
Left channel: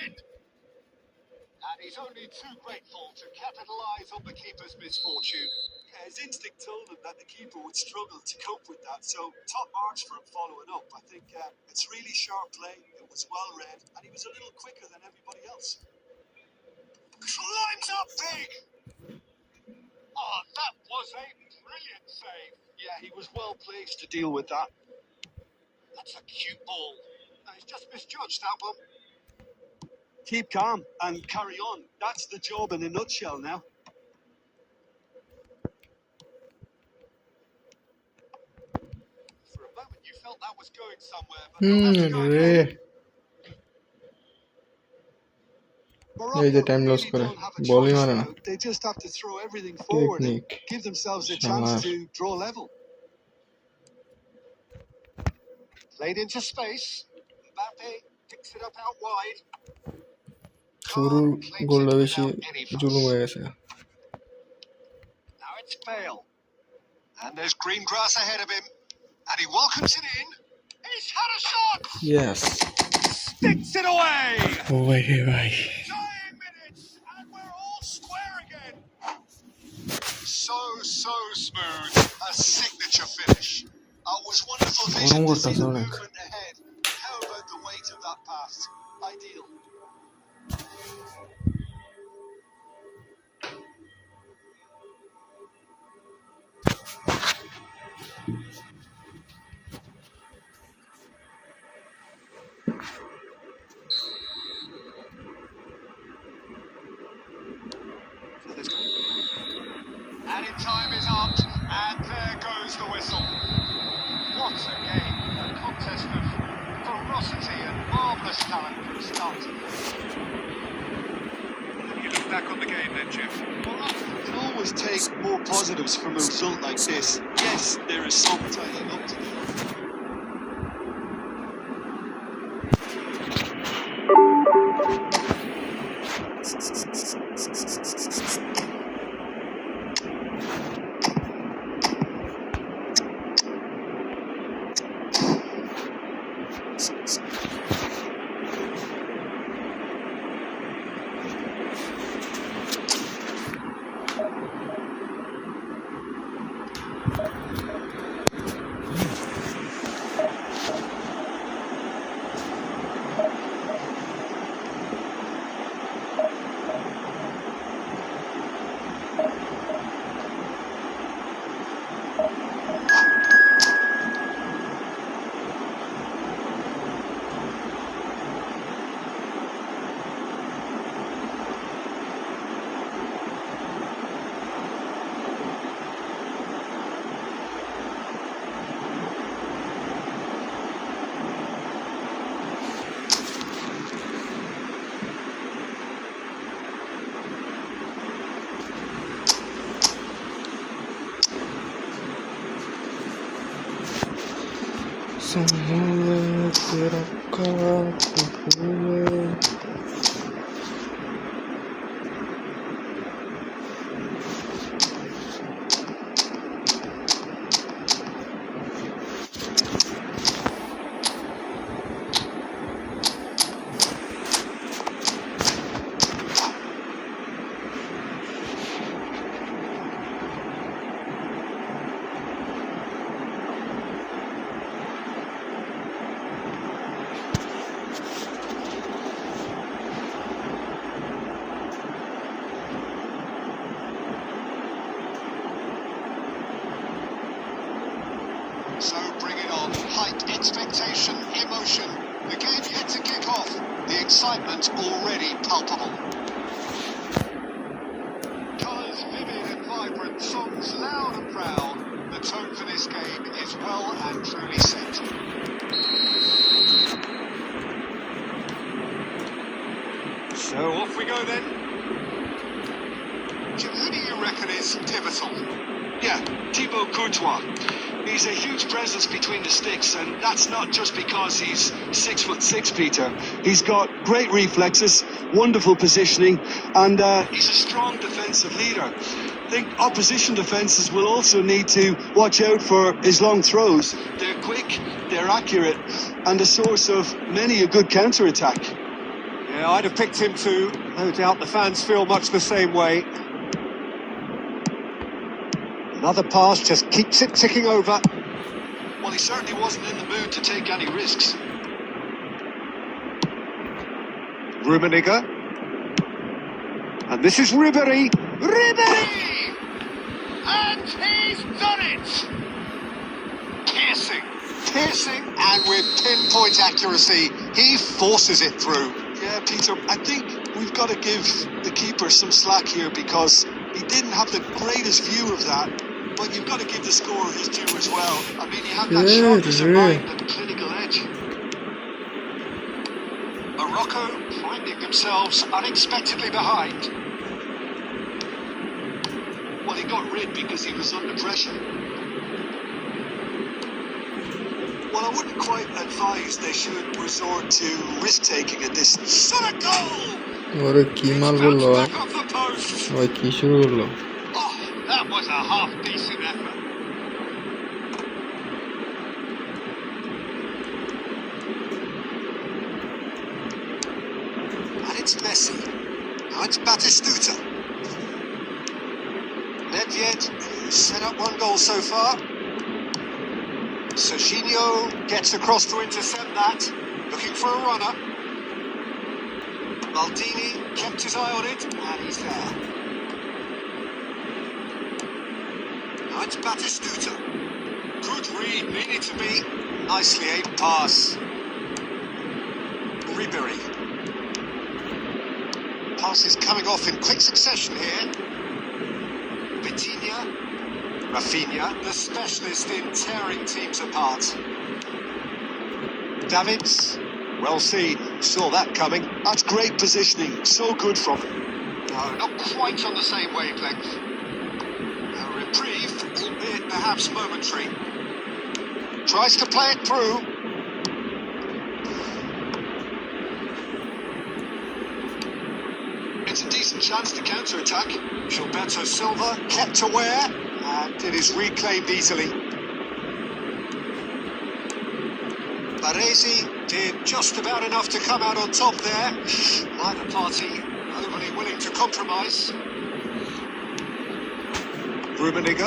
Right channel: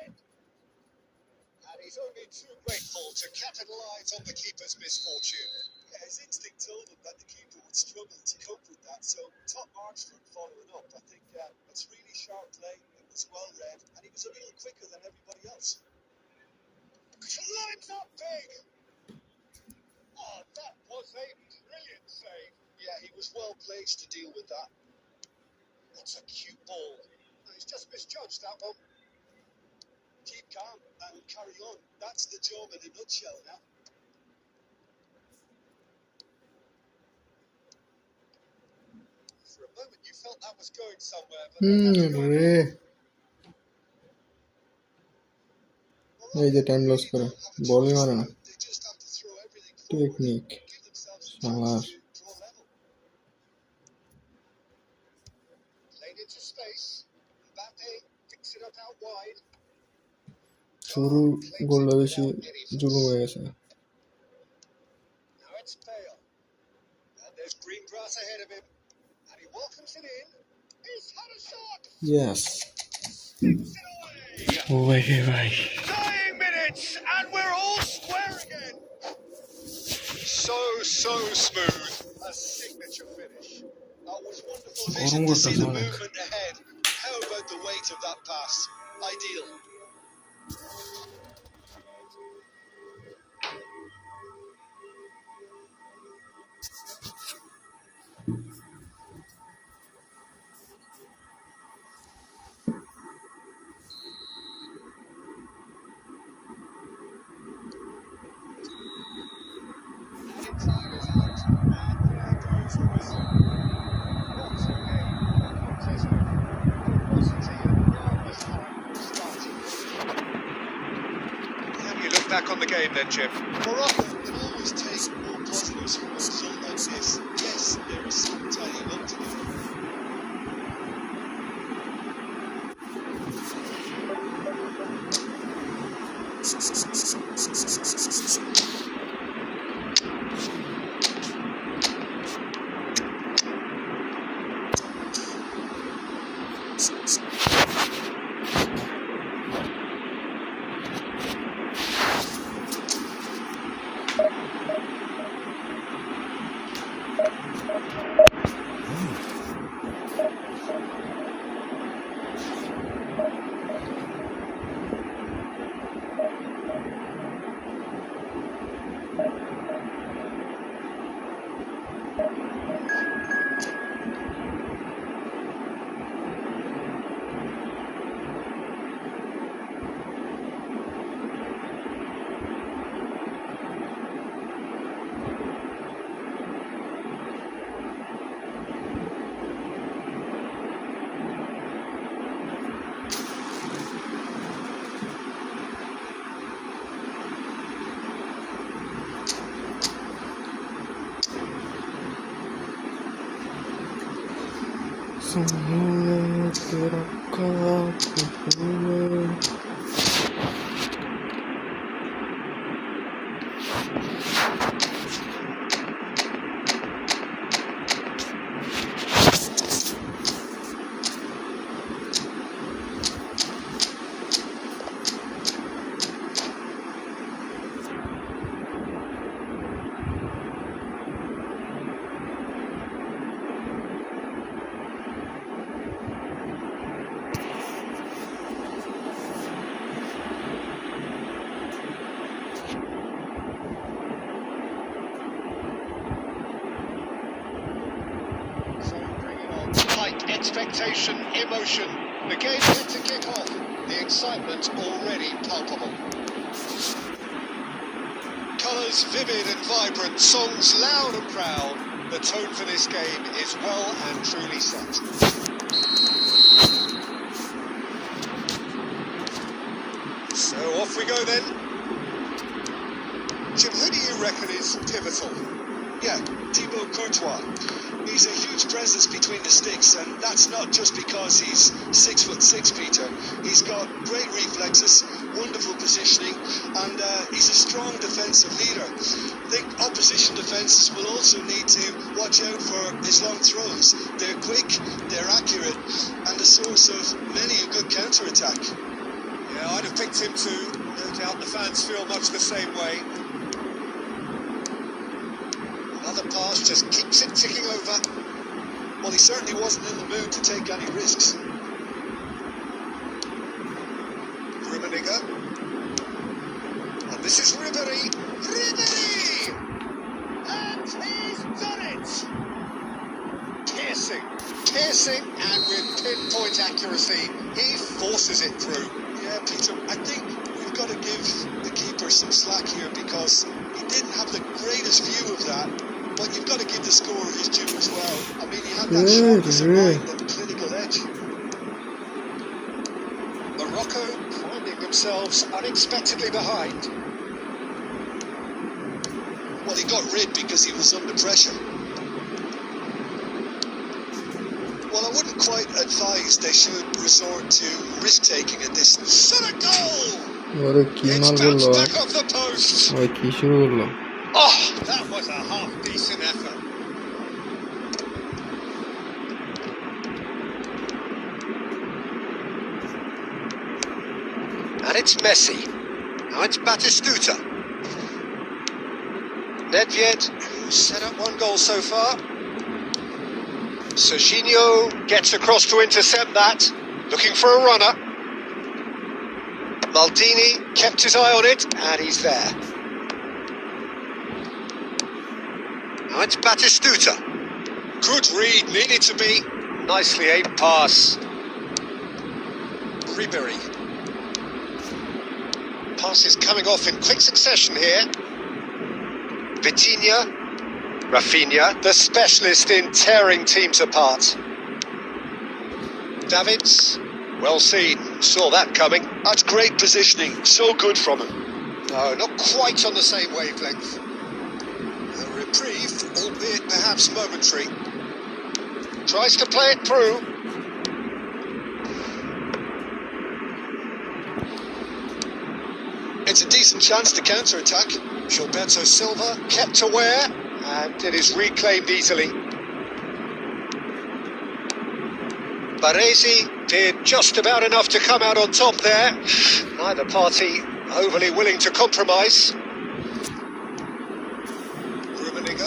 in. And he's only too grateful to capitalise on the keeper's misfortune. Yeah, his instinct told him that the keeper would struggle to cope with that, so top marks for him following up. I think it's really sharp play, it was well read, and he was a little quicker than everybody else. Climbs up big! Oh, that was a brilliant save. Yeah, he was well placed to deal with that. That's a cute ball. No, he's just misjudged that one. Keep calm and carry on. That's the job in a nutshell now. For a moment you felt that was going somewhere, but not after going রে এই যে time loss করে বলই মারে না They just have to throw everything forward and technique give themselves a chance শালার to draw level. Played into space. Mbappe picks it up out wide. শুরু Claims গোলটা it বেশি without any fuss. জুলুম হয়ে গেছে Now it's Bale. And there's green grass ahead of him. And he welcomes it in. He's had a shot! Yes Sticks it away! ও ভাই রে ভাই Dying minutes, and we're all square again. So smooth. A signature finish. It was wonderful vision to see the movement ahead. How about the weight of that pass? Ideal. Added time is up, and there goes the whistle. What a game, a contest of ferocity and marvellous talent from start to finish. How do you look back on the game then, Jim? Morocco can always take more positives from a result like this. Yes, there is some tidying up to do. Самолет пирога emotion. The game yet to kick off. The excitement already palpable. Colours vivid and vibrant, songs loud and proud. The tone for this game is well and truly set. So off we go then. Jim, who do you reckon is pivotal? Yeah, Thibaut Courtois. He's a huge presence between the sticks, and that's not just because he's 6'6", Peter. He's got great reflexes, wonderful positioning, and he's a strong defensive leader. I think opposition defences will also need to watch out for his long throws. They're quick, they're accurate, and a source of many a good counter-attack. Yeah, I'd have picked him too. No doubt the fans feel much the same way. Another pass just keeps it ticking over. Well, he certainly wasn't in the mood to take any risks. Rummenigge. And this is Ribéry. Ribéry! And he's done it! Piercing, and with pinpoint accuracy, he forces it through. Yeah, Peter, I think we've got to give the keeper some slack here because he didn't have the greatest view of that. But you've got to give the scorer his due as well. I mean, he had that sharpness of mind and clinical edge. Morocco finding themselves unexpectedly behind. Well, he got rid because he was under pressure. Well, I wouldn't quite advise they should resort to risk-taking at this. Shot a goal! It's bounced back off the post. Oh, that was a half-decent effort. And it's Messi. Now it's Batistuta. Nedved, who's set up one goal so far. Serginho gets across to intercept that. Looking for a runner. Maldini kept his eye on it, and he's there. Now it's Batistuta. Good read, needed to be. Nicely aimed pass. Ribéry. Passes coming off in quick succession here. Rafinha, the specialist in tearing teams apart. Davids, well seen, saw that coming. That's great positioning, so good from him. No, not quite on the same wavelength. A reprieve, albeit perhaps momentary. Tries to play it through. It's a decent chance to counter-attack. Gilberto Silva kept aware, and it is reclaimed easily. Baresi did just about enough to come out on top there. Neither party overly willing to compromise. Rummenigge.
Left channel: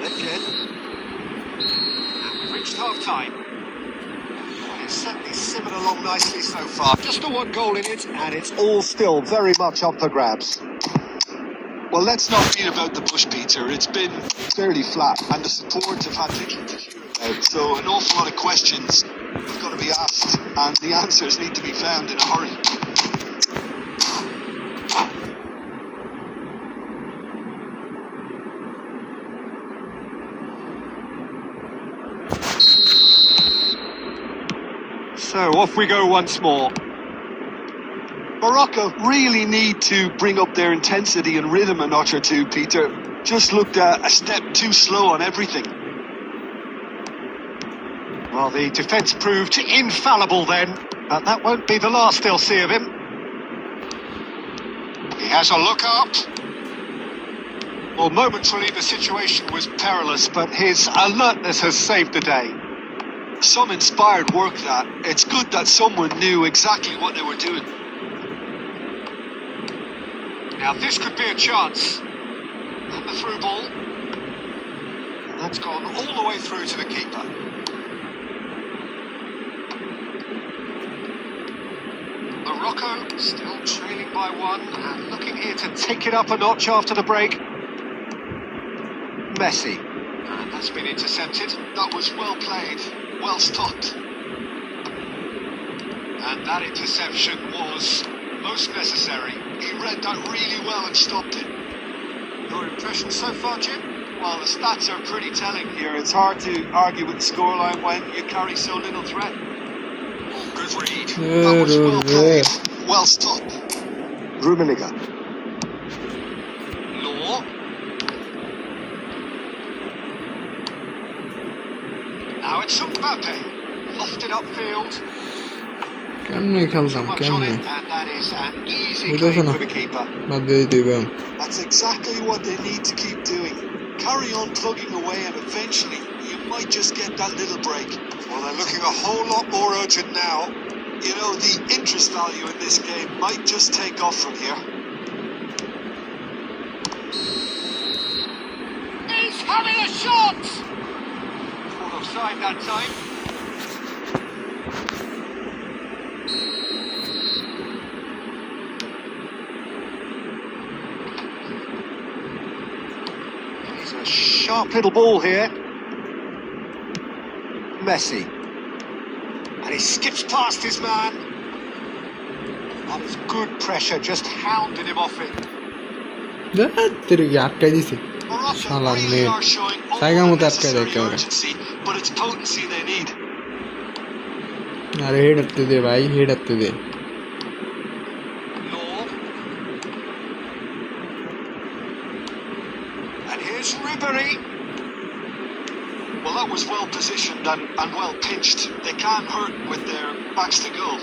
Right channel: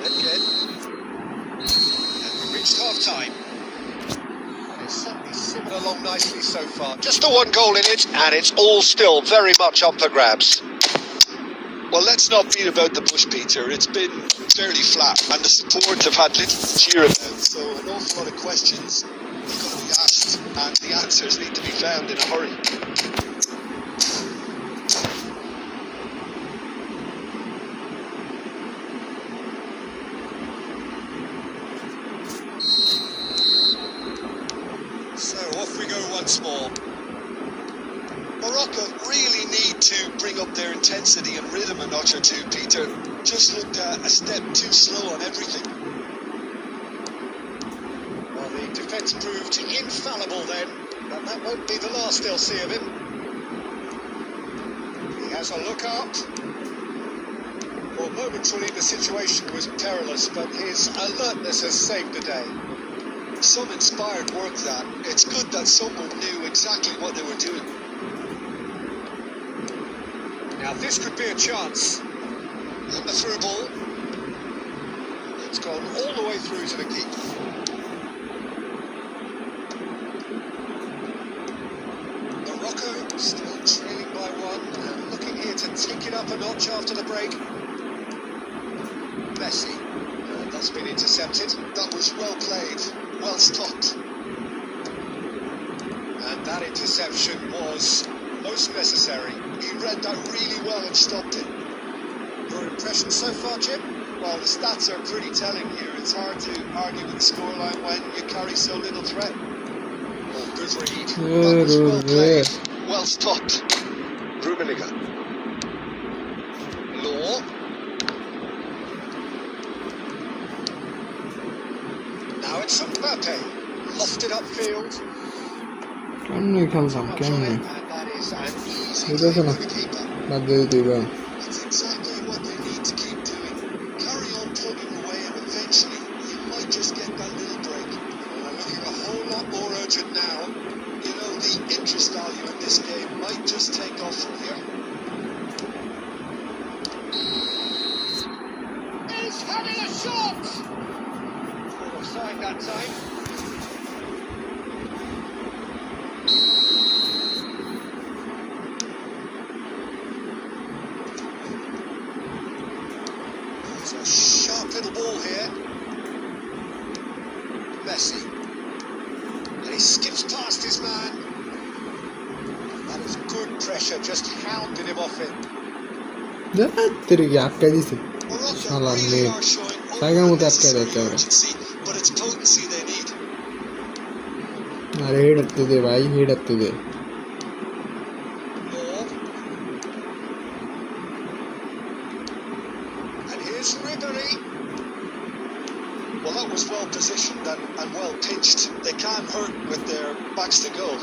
Again. And we reached half-time. It's certainly simmered along nicely so far. Just the one goal in it, and it's all still very much up for grabs. Well, let's not beat about the bush, Peter. It's been fairly flat, and the support have had little to cheer about. So an awful lot of questions have got to be asked, and the answers need to be found in a hurry. So off we go once more. Morocco really need to bring up their intensity and rhythm a notch or two, Peter. Just looked a step too slow on everything. Well, the defence proved infallible then, and that won't be the last they'll see of him. He has a look up. Well, momentarily the situation was perilous, but his alertness has saved the day. Some inspired work, that. It's good that someone knew exactly what they were doing. Now this could be a chance. And the through ball. And that's gone all the way through to the keeper. Morocco still trailing by one and looking here to take it up a notch after the break. Messi. And that's been intercepted. That was well played, well stopped. That interception was most necessary. He read that really well and stopped it. Your impression so far, Jim? Well, the stats are pretty telling here. It's hard to argue with the scoreline when you carry so little threat. Oh, good read. That was well played. Well stopped. Rummenigge. Law. Now it's Mbappe. Lofted upfield. কেমনে খেলতাম কেমনে বাদ দিয়ে দিবেন That's exactly what they need to keep doing. Carry on plugging away and eventually you might just get that little break. Well, they're looking a whole lot more urgent now. You know, the interest value in this game might just take off from here. He's having a shot! Caught offside that time. Sharp little ball here. Messi. And he skips past his man. That is good pressure, just hounded him off it. তিরিগে আটকাই দিছে শালা net জায়গা মতো আটকাই দেয় একেবারে But it's potency they need. আরে head হাঁটতে দে ভাই হেড হাঁটতে দে And here's Ribery. Well, that was well positioned and well pinched. They can't hurt with their backs to goal.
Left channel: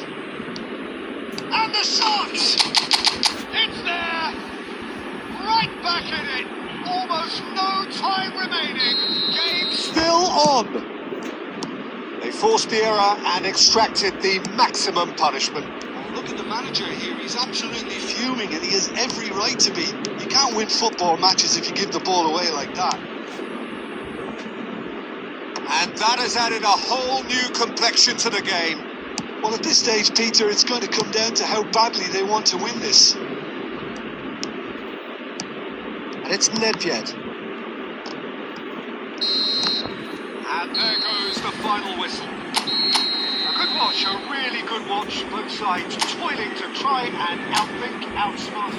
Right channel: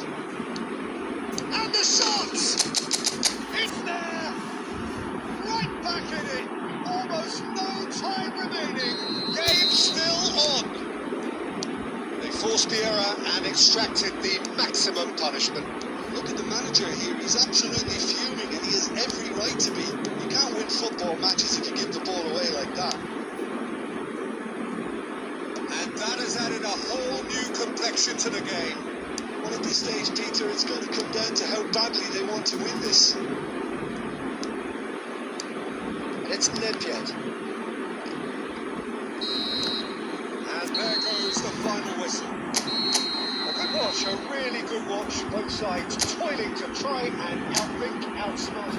And the shot! It's there! Right back in it! Almost no time remaining. Game still on. They forced the error and extracted the maximum punishment. Look at the manager here. He's absolutely fuming and he has every right to be. You can't win football matches if you give the ball away like that. And that has added a whole new complexion to the game. Well, at this stage, Peter, it's going to come down to how badly they want to win this. And it's Nedved. And there goes the final whistle. A good watch, a really good watch. Both sides toiling to try and outthink, outsmart.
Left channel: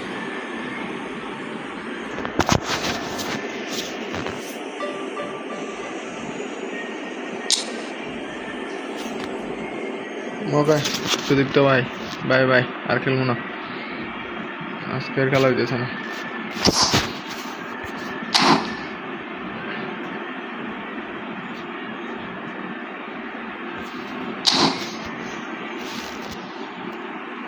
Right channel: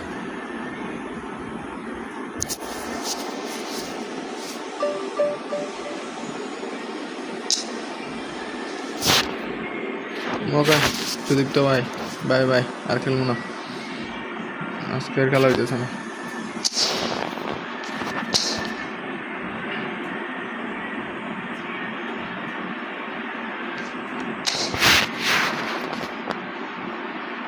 ওকে সুদীপ্ত ভাই bye bye আর খেলবো না আজকের খেলা হইতেছে না